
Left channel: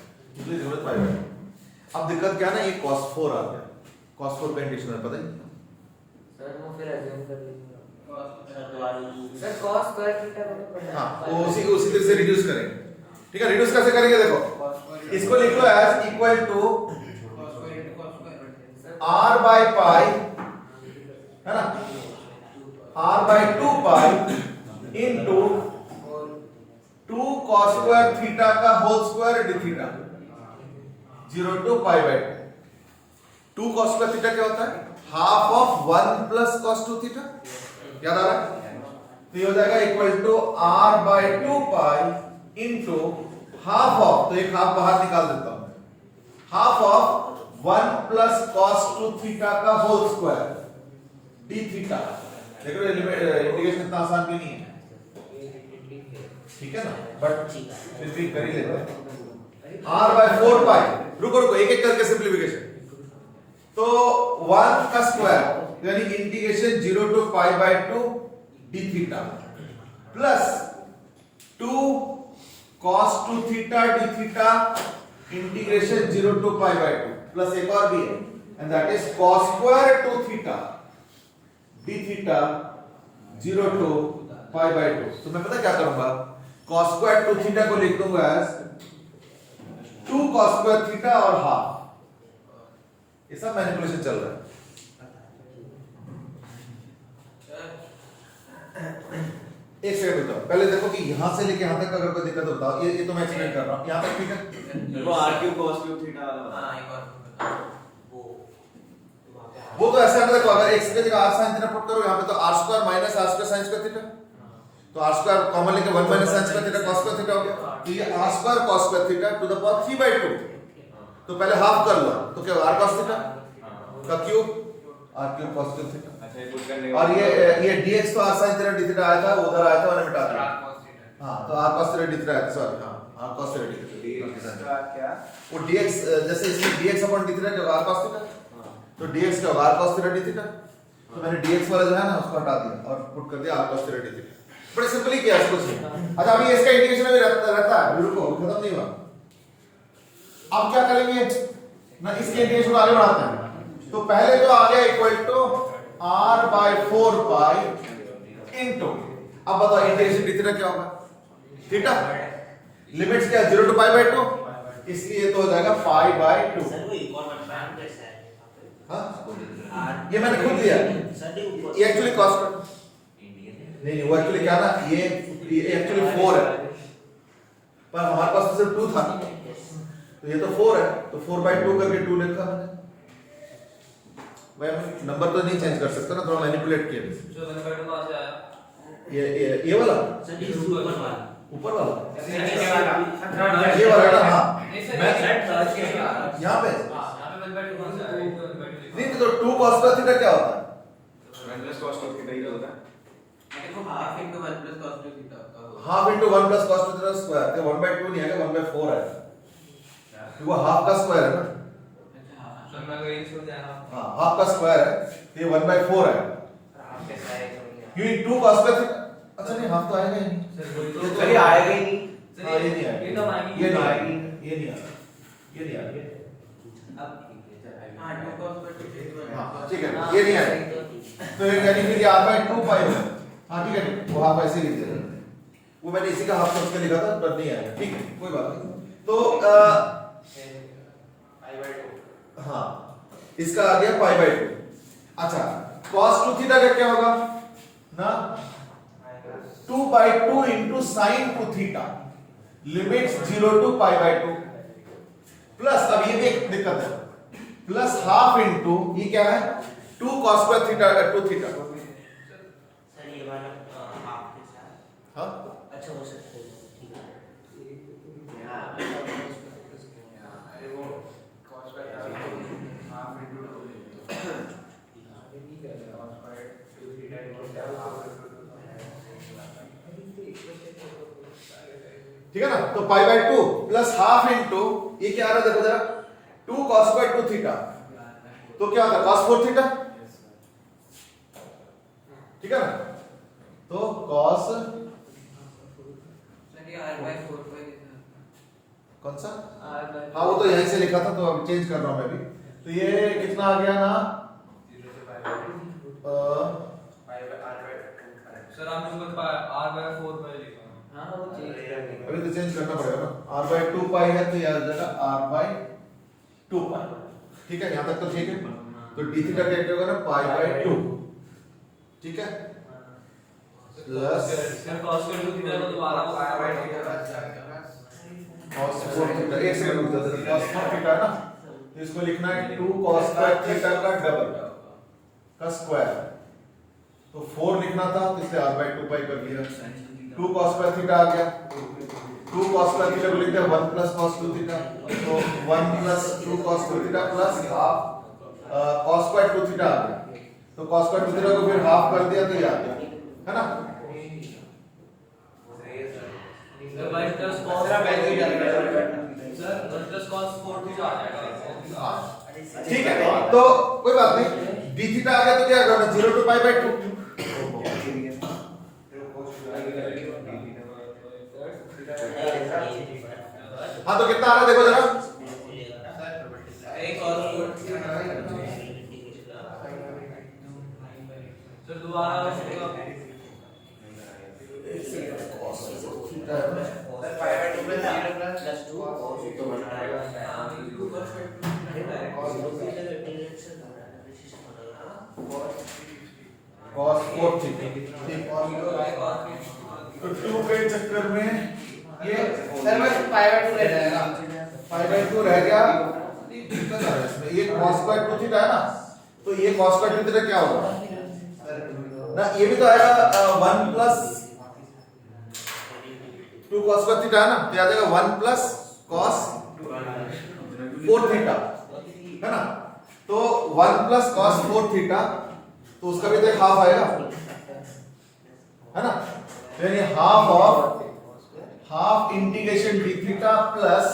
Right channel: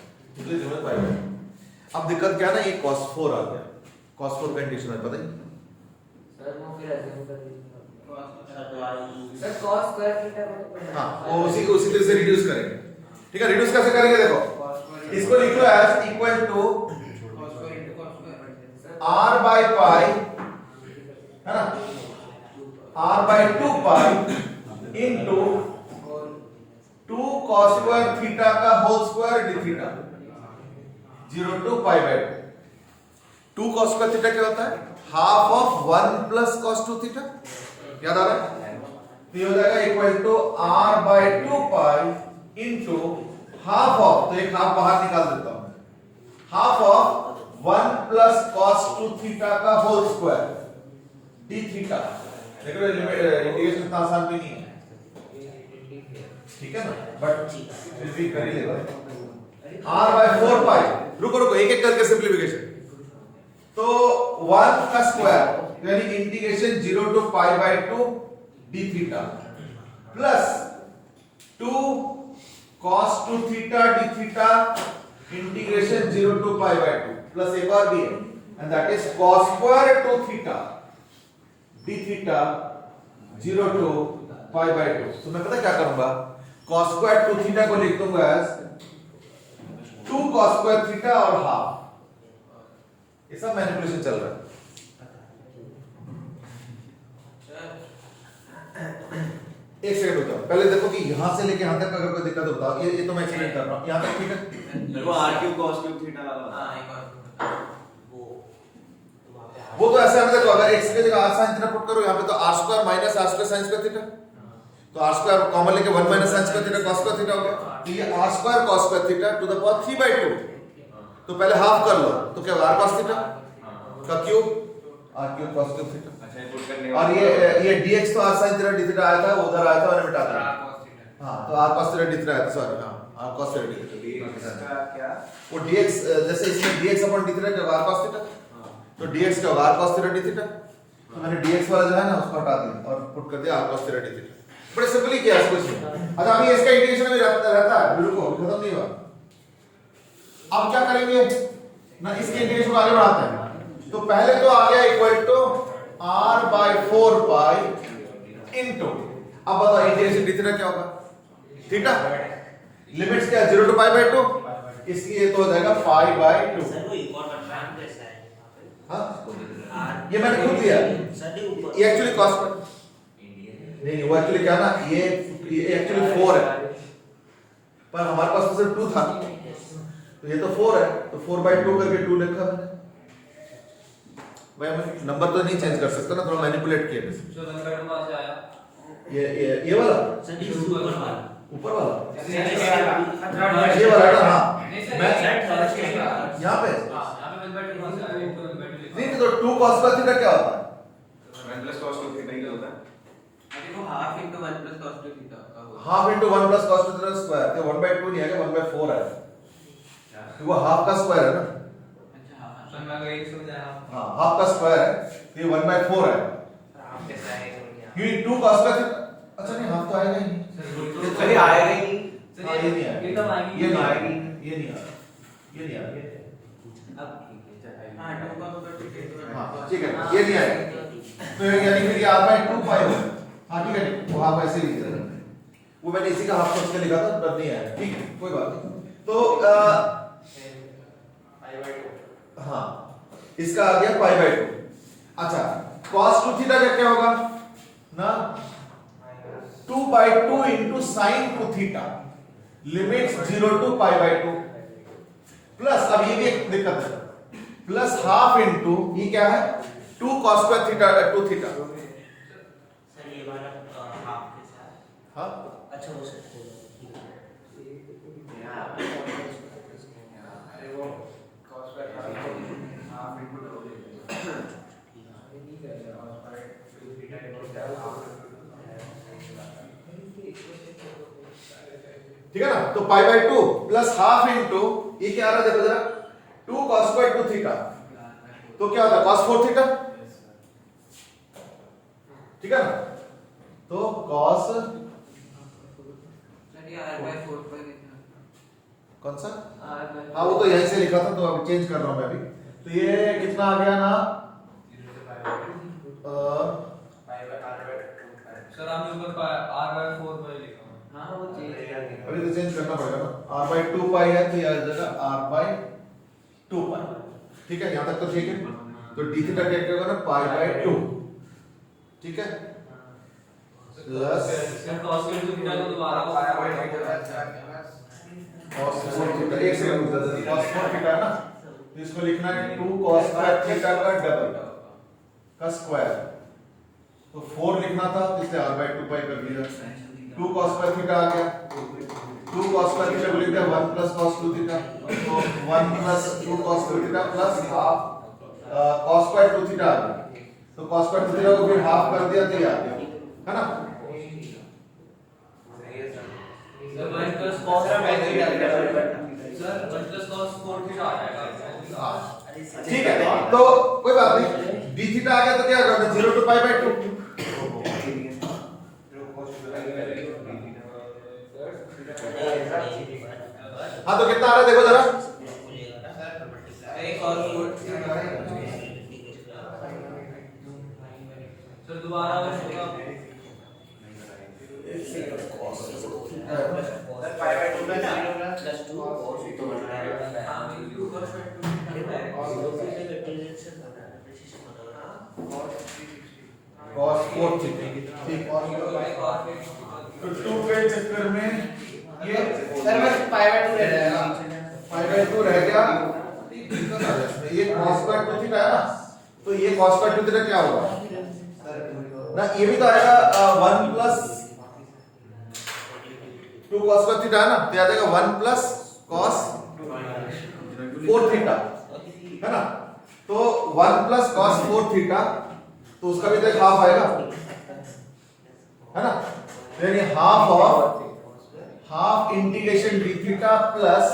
इसलिए 0 टू पाई बाय 2। अब दिक्कत क्या ना, ये cos 4 आ गया, cos 4 का इंटीग्रेशन है पता ही सर वो फिर अज्यूम कर लीजिए सर cos स्क्वायर थीटा हां, वो उसी तरह से रिड्यूस करेंगे। ठीक है, रिड्यूस कैसे करेंगे, देखो इसको लिख लो as equal to r by pi, है ना, r by 2 pi into 2 cos square theta का whole square d theta 0 to pi by 2 cos square theta क्या होता है, half of 1 plus cos 2 theta, याद आ रहा है, तो ये हो जाएगा equal to r by 2 pi into half of, तो एक हाफ बाहर निकाल देता हूं मैं, half of 1 plus cos 2 theta का होल स्क्वायर डी थीटा। देखो इंटीग्रेशन इतना आसान भी नहीं है, ठीक है ना, बट फिर भी कर ही लेते हैं। r by 4 पाई, रुको एक एक करके सिंप्लीफिकेशन, तो 1 का स्क्वायर यानी integration 0 to pi by 2 d theta plus 2 cos 2 theta d theta integration 0 to pi by 2 plus एक और भी है and that is cos square 2 theta d theta 0 to pi by 2। तो मैं पता क्या करूंगा, cos स्क्वायर 2 थीटा को लिख दूंगा एज 2 cos स्क्वायर थीटा और हाफ, ये सब मैनिपुलेशन चल रहा है। एक सेकंड रुको, पहले देखो कि यहां से लेके यहां तक अगर कोई दिक्कत हो बताओ, ये तो मैं एक्सप्लेन कर रहा हूं, यहां तक ठीक है। देखो r cube cos cube theta, हां एक और वो तो ऐसा है, देखो अगर x की जगह r sin थीटा पुट करो यहां पे तो r square minus r square sin square theta, तो r स्क्वायर कॉमन लेके 1 minus sin square theta cos square theta हो गया, तो ये r square cos square theta to the power 3 by 2, तो पहले हाफ कर लो तो क्या r cos थीटा का cube r cube cos cube theta, अच्छा ये पुट करने और ये dx तो r sin theta d theta आया था, वो उधर आया था मैंने मिटा दिया। हां, तो r cos theta d theta आया था, सॉरी हां r cos theta d theta का क्या, वो dx जैसे इसमें dx अपॉन d थीटा क्या r cos थीटा, तो dx क्या r cos theta d theta, तो मैंने dx वाला जो है ना उसको हटा दिया और पुट कर दिया r cos theta d theta, बड़े सिंपली किया इसको। अच्छा अभी इसका इंटीग्रेशन भी रहता है, रुको खत्म नहीं हुआ, अब क्या करेंगे ना, इसके इंटीग्रेशन को आगे बढ़ाते हैं। तो पहले तो आ गया equal to r by 4 pi into, अब बताओ इंटीग्रेशन d थीटा क्या होगा, थीटा लिमिट्स क्या है 0 टू पाई बाय 2, इसलिए तो हो जाएगा पाई बाय 2। हाँ ये मैंने खुद लिया, ये एक्चुअली कॉस्ट नहीं वो एक्चुअली क्या ना, ये एक्चुअली 4 है पर हमारे पास तो सिर्फ 2 था, तो ये तो 4 है, तो 4 by 2 करके 2 लिखा मैंने, भाई मैं नंबर तो नहीं चेंज कर सकता ना, थोड़ा मैनिपुलेट किया जो नंबर कहाँ से आया, ये वाला ऊपर वाला ये वाला ना, हाँ मैं यहाँ पे नहीं, तो 2 cos स्क्वायर थीटा क्या होता है, 1 प्लस cos क्यूब थीटा ही होता है, देखो half into 1 plus cos 2 theta होता है, half into 1 plus cos theta square, तो 1 by 2 नहीं आएगा 1 by 4 आएगा, तो वो हाफ का स्क्वायर है ना, तो मैं वही समझ आया, हाँ हाफ का स्क्वायर है, तो ये 1 by 4 है, हाफ कैसे आएगा, क्योंकि 2 cos स्क्वायर थीटा, अच्छा नहीं हाफ तो आएगा ही नहीं, ये तो आएगा ही नहीं, हाँ ये नहीं आएगा, एकदम आएगी, ये नहीं आएगी, ये नहीं आएगा, ये नहीं आएगा, अब ठीक है चल हाँ 2 cos square theta is 1 हाँ plus ठीक है, ये नहीं आएगा। तो यानी फिर ये r by 2 pi होगा। हाँ ठीक है, वो हाफ ऐसे ही लिख देना। वो मैंने इसी का हाफ सोच के लिखा था, पर नहीं आया। ठीक है, कोई बात नहीं। तो हाँ, इसका आ गया पाई बाय 2। अच्छा, cos 2 थीटा का क्या होगा ना, 2 by 2 into sin 2 theta, limits 0 to pi by 2 plus, अब ये भी एक दिक्कत है, प्लस हाफ इनटू ये क्या है 2 cos square theta 2 theta. Sir ये वाला हाफ के साथ हाँ अच्छा हो सकता है, ठीक है। अरे वो cos square half into double ठीक है ना, तो पाई बाय 2 प्लस हाफ इनटू ये क्या आ रहा है देखो जरा, 2 cos स्क्वायर 2 थीटा, तो क्या होता है cos 4 थीटा, ठीक है ना। तो cos सर ये r by 4 pi लिखना कौन सा, r by हाँ वो तो यहीं से लिखा था, तो अब चेंज कर रहा हूं मैं भी। तो ये कितना आ गया ना, सर हम लोग का r by 4 by लिखा हूं। हाँ वो चेंज कर देंगे। अभी तो चेंज करना पड़ेगा ना, r by 2 पाई है तो ये आ जाएगा r by 2 पाई, ठीक है, यहां तक तो ठीक है। तो d थीटा क्या होगा ना, पाई बाय 2, ठीक है, प्लस सर cos के थीटा को दोबारा cos 4 थीटा, एक सेकंड रुक जाओ, cos 4 थीटा है ना, तो इसको लिखना है 2 cos स्क्वायर थीटा का डबल का स्क्वायर, तो 4 लिखना था तो इसे r by 2 पाई कर दिया, 2 cos स्क्वायर थीटा आ गया, 2 cos स्क्वायर थीटा को लिख दिया 1 plus cos 2 थीटा, तो 1 plus 2 cos 2 theta plus half cos square 2 theta आ गया, तो cos स्क्वायर 2 थीटा को फिर हाफ कर दिया तो ये आ गया, है ना। Sir 1 plus cos sir value ही डाल दिया सर 1 plus cos 4 थीटा आ जाएगा। हाँ ठीक है, तो कोई बात नहीं, d थीटा आ गया तो क्या होगा 0 to पाई बाय 2, हाँ तो कितना आ रहा है देखो जरा, एक और सर दोबारा होगा sir pi by 2 plus 0 plus plus 2 तो बनता है हाँ 2 cos square और इंटीग्रेशन cos 4 थीटा, ठीक, तो 2 के चक्कर में ये सर बस pi by 2 रह जाएगा, पाई बाय 2 रह गया, दिक्कत आ रही है इसमें, ये cos स्क्वायर 2 थीटा है ना, तो ये cos स्क्वायर 2 थीटा क्या होगा ना, ये भी तो आएगा 1 plus 2 cos स्क्वायर थीटा है ना, तो आ जाएगा 1 plus cos 4 थीटा, है ना, तो 1 plus cos 4 थीटा, तो उसका भी तो एक हाफ आएगा, है ना, यानी half of half integration d theta plus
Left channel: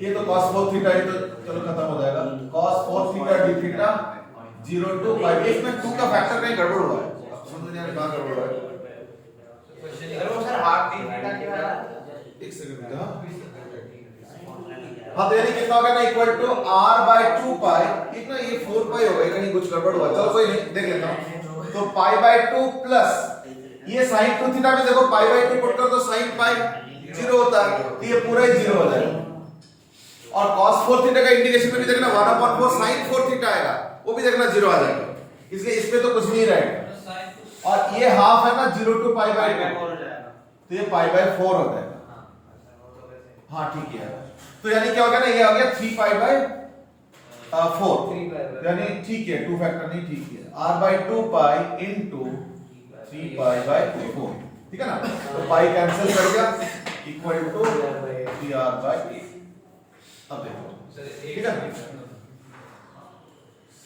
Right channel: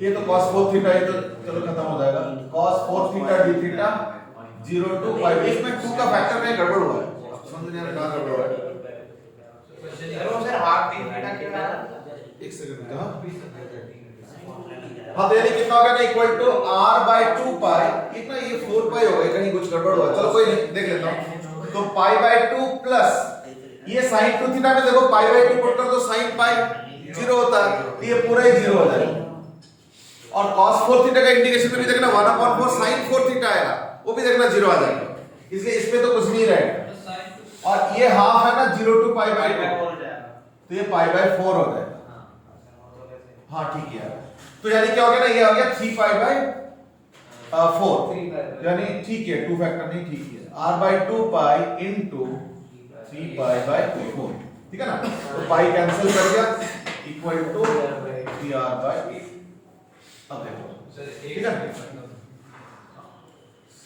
ये तो cos 4 थीटा, ये तो चलो खत्म हो जाएगा, cos 4 theta d theta 0 to पाई, इसमें 2 का फैक्टर कहीं गड़बड़ हुआ है, समझ नहीं आ रहा कहां गड़बड़ हुआ है, सर हाफ d थीटा क्या है, एक सेकंड हाँ हाँ, तो यानी कितना होगा ना, इक्वल टू r by 2 पाई, इतना ये 4 पाई हो गया, कहीं कुछ गड़बड़ हुआ है, चलो कोई नहीं, देख लेता हूं, तो पाई बाय 2 प्लस ये sin 2 थीटा में देखो पाई बाय 2 पुट कर दो, sin पाई 0 होता है, तो ये पूरा ही 0 हो जाएगा, और cos 4 थीटा का इंटीग्रेशन में भी देखना 1/4 sin 4 थीटा आएगा, वो भी देखना 0 आ जाएगा, इसलिए इस पे तो कुछ नहीं रहेगा, और ये हाफ है ना 0 to पाई बाय 2, तो ये पाई बाय 4 हो जाएगा, हाँ ठीक है, तो यानी क्या होगा ना, ये आ गया 3 पाई बाय 4, यानी ठीक है, 2 फैक्टर नहीं, ठीक है, r by 2 pi into 3 pi by 4, ठीक है ना, तो पाई कैंसिल कर गया, इक्वल टू 3r बाय 8, अब देखो ठीक है,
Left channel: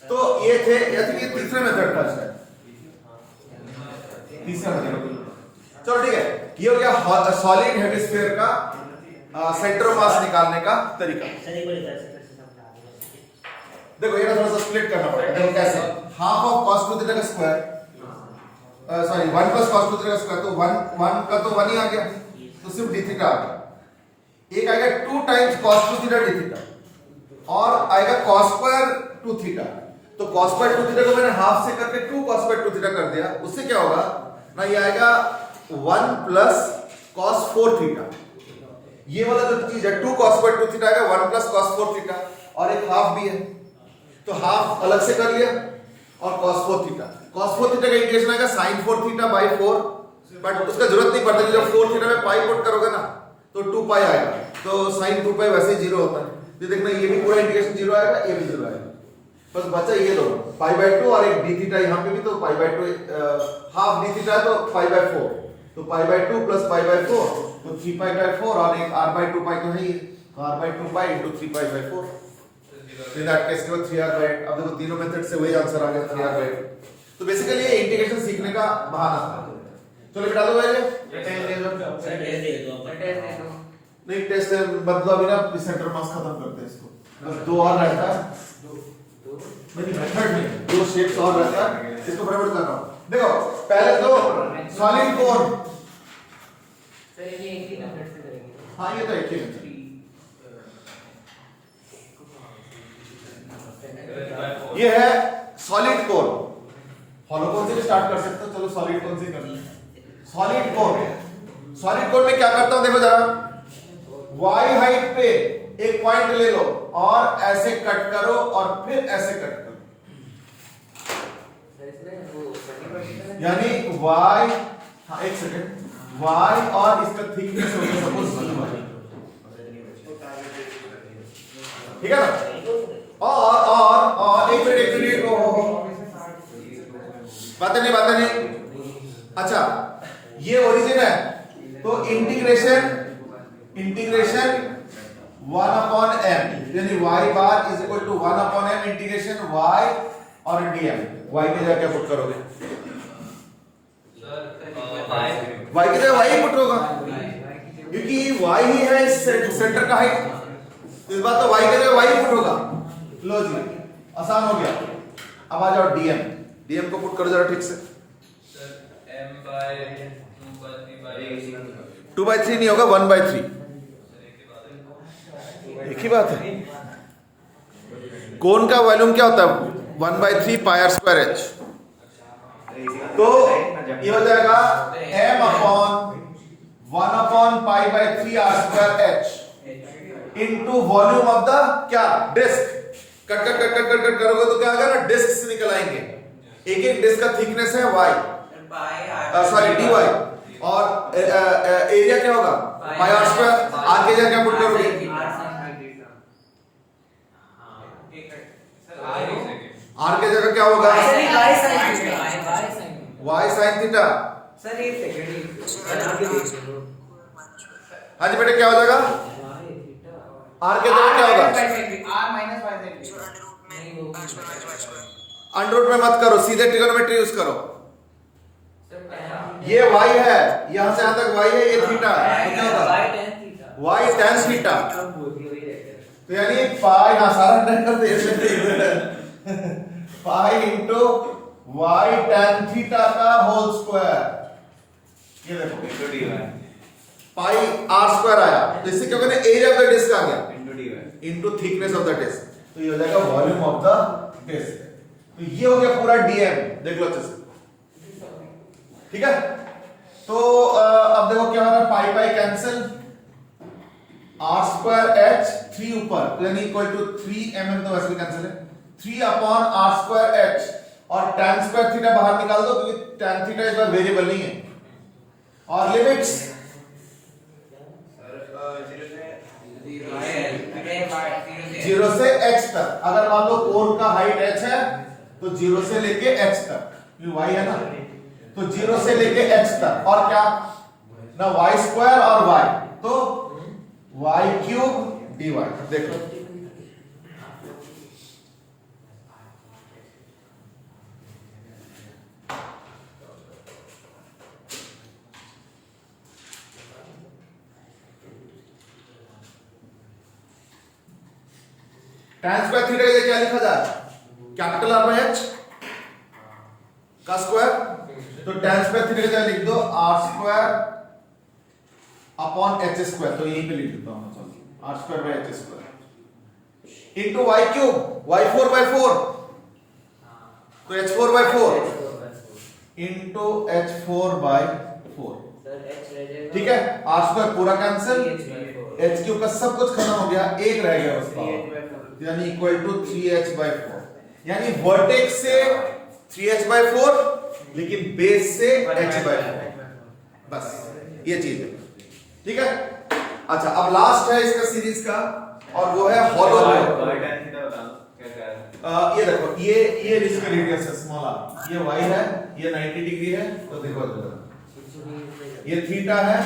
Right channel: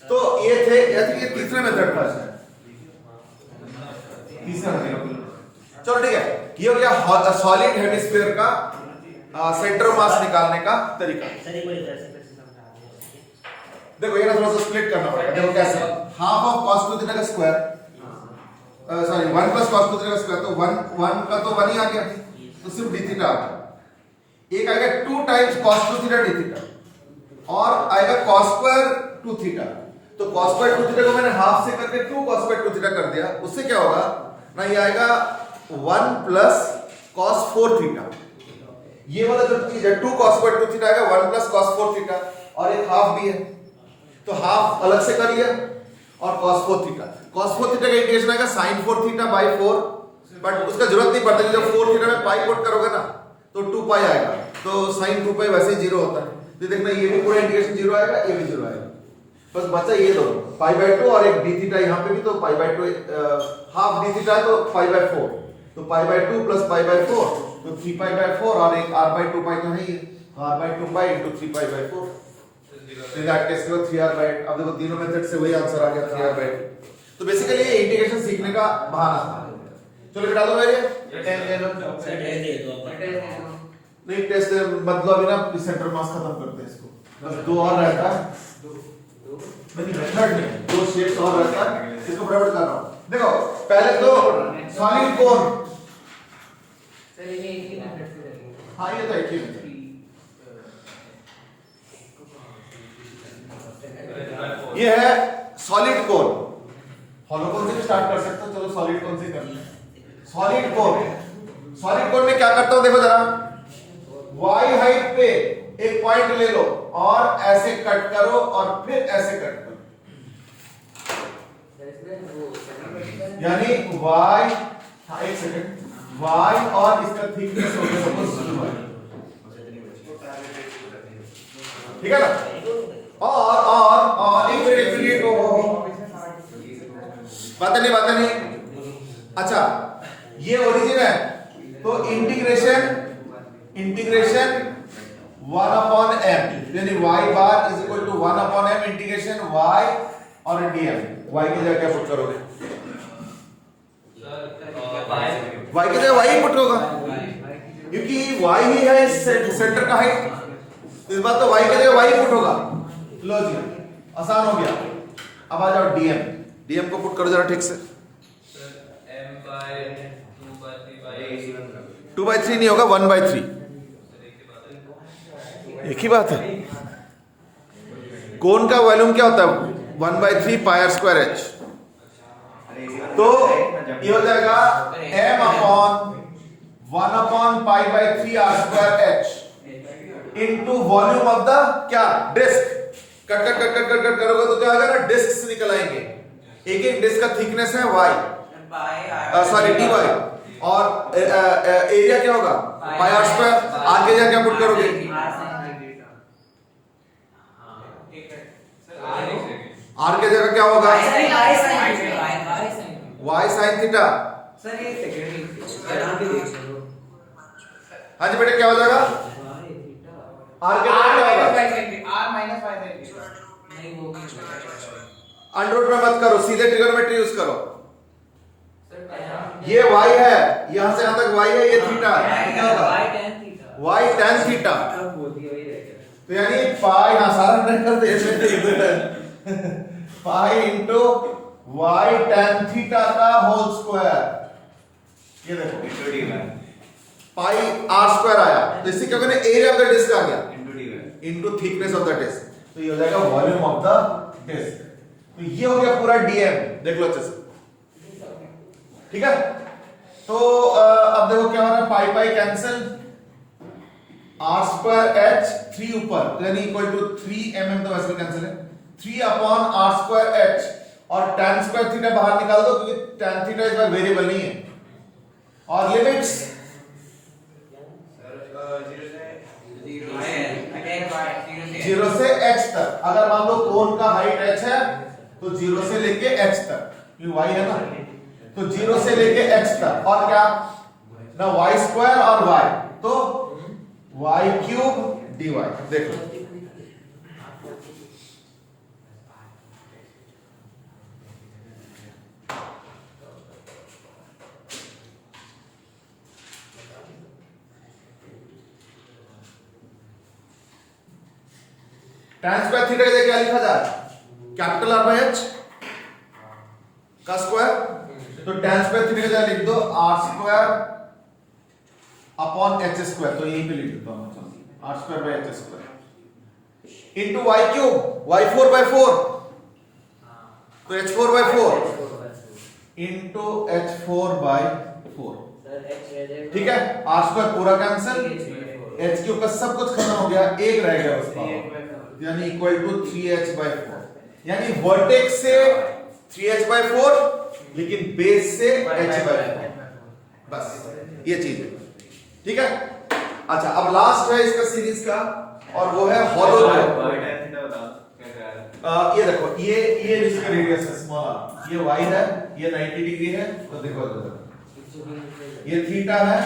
तो ये थे, ये तीसरे मेथड का है, तीसरा मेथड, चलो ठीक है, ये हो गया सॉलिड हेमिस्फीयर का सेंटर ऑफ मास निकालने का तरीका। सर एक बार ऐसे कैसे समझा दें, देखो ये ना थोड़ा सा स्प्लिट करना पड़ेगा, देखो कैसे, हाफ ऑफ cos 2 थीटा का square, sorry 1 plus cos 2 theta का स्क्वायर, तो 1 का तो 1 ही आ गया, तो सिर्फ d थीटा आ गया, एक आएगा 2 times cos 2 theta d theta और आएगा cos स्क्वायर 2 थीटा। तो cos स्क्वायर 2 थीटा को मैंने हाफ से करके 2 cos स्क्वायर 2 थीटा कर दिया। उससे क्या होगा ना, ये आएगा 1 प्लस cos 4 थीटा। ये वाला जो चीज है 2 cos स्क्वायर 2 थीटा आएगा 1 प्लस cos 4 थीटा और एक हाफ भी है, तो हाफ अलग से करिए और cos 4 थीटा। cos 4 थीटा का इंटीग्रेशन आएगा sin 4 थीटा बाय 4, बट उसका जरूरत नहीं पड़ता कि जब 4 थीटा में पाई पुट करोगे ना तो 2 पाई आएगा, तो sin 2 पाई वैसे ही 0 होता है। तो देखना ये भी पूरा इंटीग्रेशन 0 आएगा, ये भी 0 आएगा, बस बचा ये दोनों पाई बाय 2 और एक d थीटा यहाँ पे भी, तो पाई बाय 2 हाफ d थीटा है तो पाई बाय 4, तो पाई बाय 2 प्लस पाई बाय 4 तो 3 पाई बाय 4 और एक r बाय 2 पाई तो है ही, r by 2 pi into 3 pi by 4। तो दैट केस को 3r बाय 8। अब देखो तीनों मेथड से वही आंसर आ गया 3r बाय 8। तो बेसिकली ये इंटीग्रेशन सीखने का बहाना था। चलो बिठा दो भाई, ये 10 दे दो। सर टेस्ट दे दो अपन। टेस्ट दे दो। नहीं टेस्ट मतलब अभी ना सेंटर मास खत्म करते हैं इसको, बस 2 और रहता है, नहीं मेथड नहीं, 2 शेप्स और रहता है, इसको फटाफट कर रहा हूं। देखो पहले तो सॉलिड कोन, सर ये एक ही मेथड से करेंगे। हाँ ये तो एक ही है। ये है सॉलिड कोन, हॉलो कोन से भी स्टार्ट कर सकते हो, चलो सॉलिड कोन से कर लें। सॉलिड कोन, सॉलिड कोन में क्या करता हूं देखो जरा, y हाइट पे एक पॉइंट ले लो और ऐसे कट करो और फिर ऐसे कट करो, सर इसमें वो सेकंड पर्टिकुलर यानी y, हाँ एक सेकंड, y और इसका थिकनेस हो गया सपोज ठीक है ना। और एक मिनट बातें नहीं। अच्छा ये ओरिजिन है, तो इंटीग्रेशन 1 अपॉन m, यानी y bar is equal to 1 upon m integration y और dm। y की जगह क्या पुट करोगे? y की जगह y पुट होगा, क्योंकि y ही है सेंटर का हाइट, इस बात तो y की जगह y पुट होगा। लो जी आसान हो गया। अब आ जाओ dm को पुट करो जरा ठीक से। m by 2 by 3 by 2 by 3 नहीं होगा, 1 by 3, एक ही बात है। कोन का वॉल्यूम क्या होता है? 1 by 3 pi r square h, तो ये हो जाएगा m upon 1 upon pi by 3 r square h into volume of the क्या disc. Cut cut cut cut cut cut करोगे तो क्या आ जाएगा, डिस्क से निकल आएंगे। एक एक डिस्क का थिकनेस है y, सॉरी dy, और एरिया क्या होगा पाई r स्क्वायर। r के जगह क्या पुट करोगे? r के जगह क्या होगा? y sin theta. सर ये सेकंड हाँ जी बेटे क्या हो जाएगा? r के जगह क्या होगा? r minus y sin theta। नहीं वो अंडर में मत करो, सीधे ट्रिगोनोमेट्री यूज करो। सर ये y है, यहां से यहां तक y है, ये थीटा है, क्या होगा? y tan theta. तो यानी पाई, हाँ सारा ट्रेन कर दे, pi into y tan theta का होल स्क्वायर। ये देखो पाई r स्क्वायर आया, तो इससे क्या होगा, एरिया ऑफ द डिस्क आ गया into thickness of the disc, तो ये हो जाएगा वॉल्यूम ऑफ द डिस्क। तो ये हो गया पूरा dm, देख लो अच्छे से, ठीक है। तो अब देखो क्या हो रहा है, pi pi cancel, r square h 3 ऊपर, तो यानी इक्वल टू 3 mm, तो वैसे कैंसिल है, 3 अपॉन r स्क्वायर h, और tan स्क्वायर थीटा बाहर निकाल दो क्योंकि tan थीटा इस बार वेरिएबल नहीं है। और लिमिट्स 0 से h तक, अगर मान लो कोन का हाइट h है तो 0 से लेके h तक, ये y है ना, तो 0 से लेके h तक, और क्या ना y स्क्वायर और y, तो y क्यूब dy। देखो tan स्क्वायर थीटा ये क्या लिखा जाए, कैपिटल R बाय h का स्क्वायर, तो tan स्क्वायर थीटा क्या लिख दो, r square upon h square, तो यहीं पे लिख देता हूं। r square by h square into y cube y4 by 4 तो h4 by 4 into h4 by 4 sir h रह जाएगा ठीक है r square पूरा कैंसिल 3h/4 h क्यूब का सब कुछ खत्म हो गया एक रह गया उसका यानी इक्वल टू 3h by 4 यानी वर्टेक्स से 3h by 4 लेकिन बेस से h by 4 बस ये चीज है ठीक है अच्छा अब लास्ट है इसका सीरीज का और वो है हॉलो y tan थीटा बता दो क्या है ये देखो ये इसका रेडियस है स्मॉल r ये y है ये 90 डिग्री है तो देखो ये थीटा है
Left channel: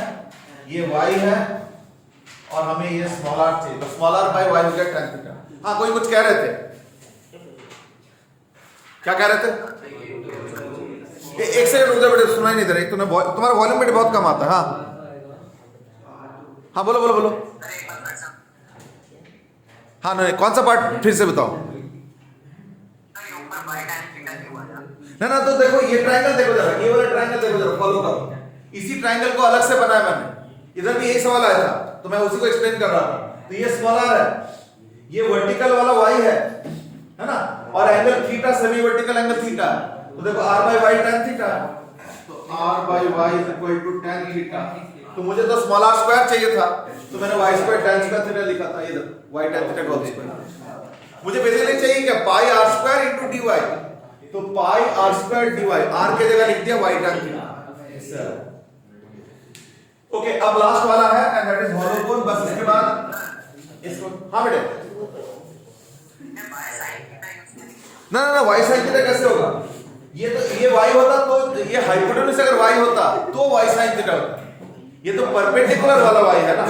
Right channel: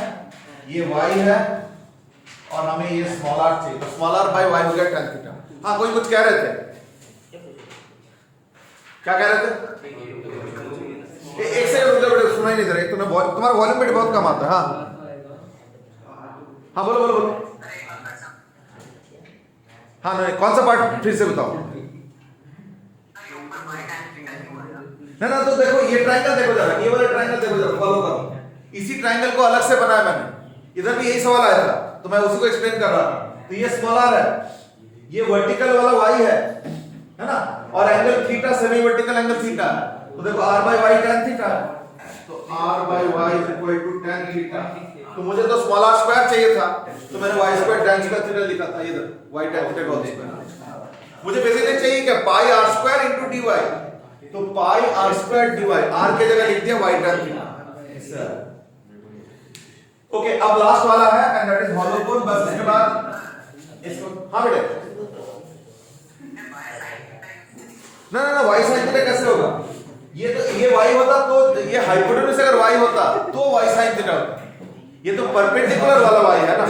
ये y है और हमें ये स्मॉल r चाहिए तो स्मॉल r बाय y हो गया tan थीटा हाँ कोई कुछ कह रहे थे क्या कह रहे थे एक सेकंड रुक जाओ बेटे सुनाई नहीं दे रहा तुम्हारा वॉल्यूम बेटे बहुत कम आता है हाँ बोलो बोलो बोलो हाँ नहीं कौन सा पार्ट फिर से बताओ ना तो देखो ये ट्रायंगल देखो जरा ये वाला ट्रायंगल देखो जरा फॉलो करो इसी ट्रायंगल को अलग से बनाया मैंने इधर भी यही सवाल आया था तो मैं उसी को एक्सप्लेन कर रहा था तो ये स्मॉल r है ये वर्टिकल वाला y है ना और angle theta semi vertical angle theta तो देखो r by y tan theta तो r by y is equal to tan theta तो मुझे तो स्मॉल r स्क्वायर चाहिए था तो मैंने y square tan square theta लिखा था इधर y tan theta whole square मुझे बेसिकली चाहिए क्या pi r square into dy तो pi r square dy r के जगह लिख दिया y tan थीटा ओके अब लास्ट वाला है and that is hollow cone बस इसके बाद इसको हां बेटे ना y sin थीटा कैसे होगा ये तो ये y होता तो ये हाइपोटेन्यूज अगर y होता तो y sin थीटा होता ये तो परपेंडिकुलर वाला y है ना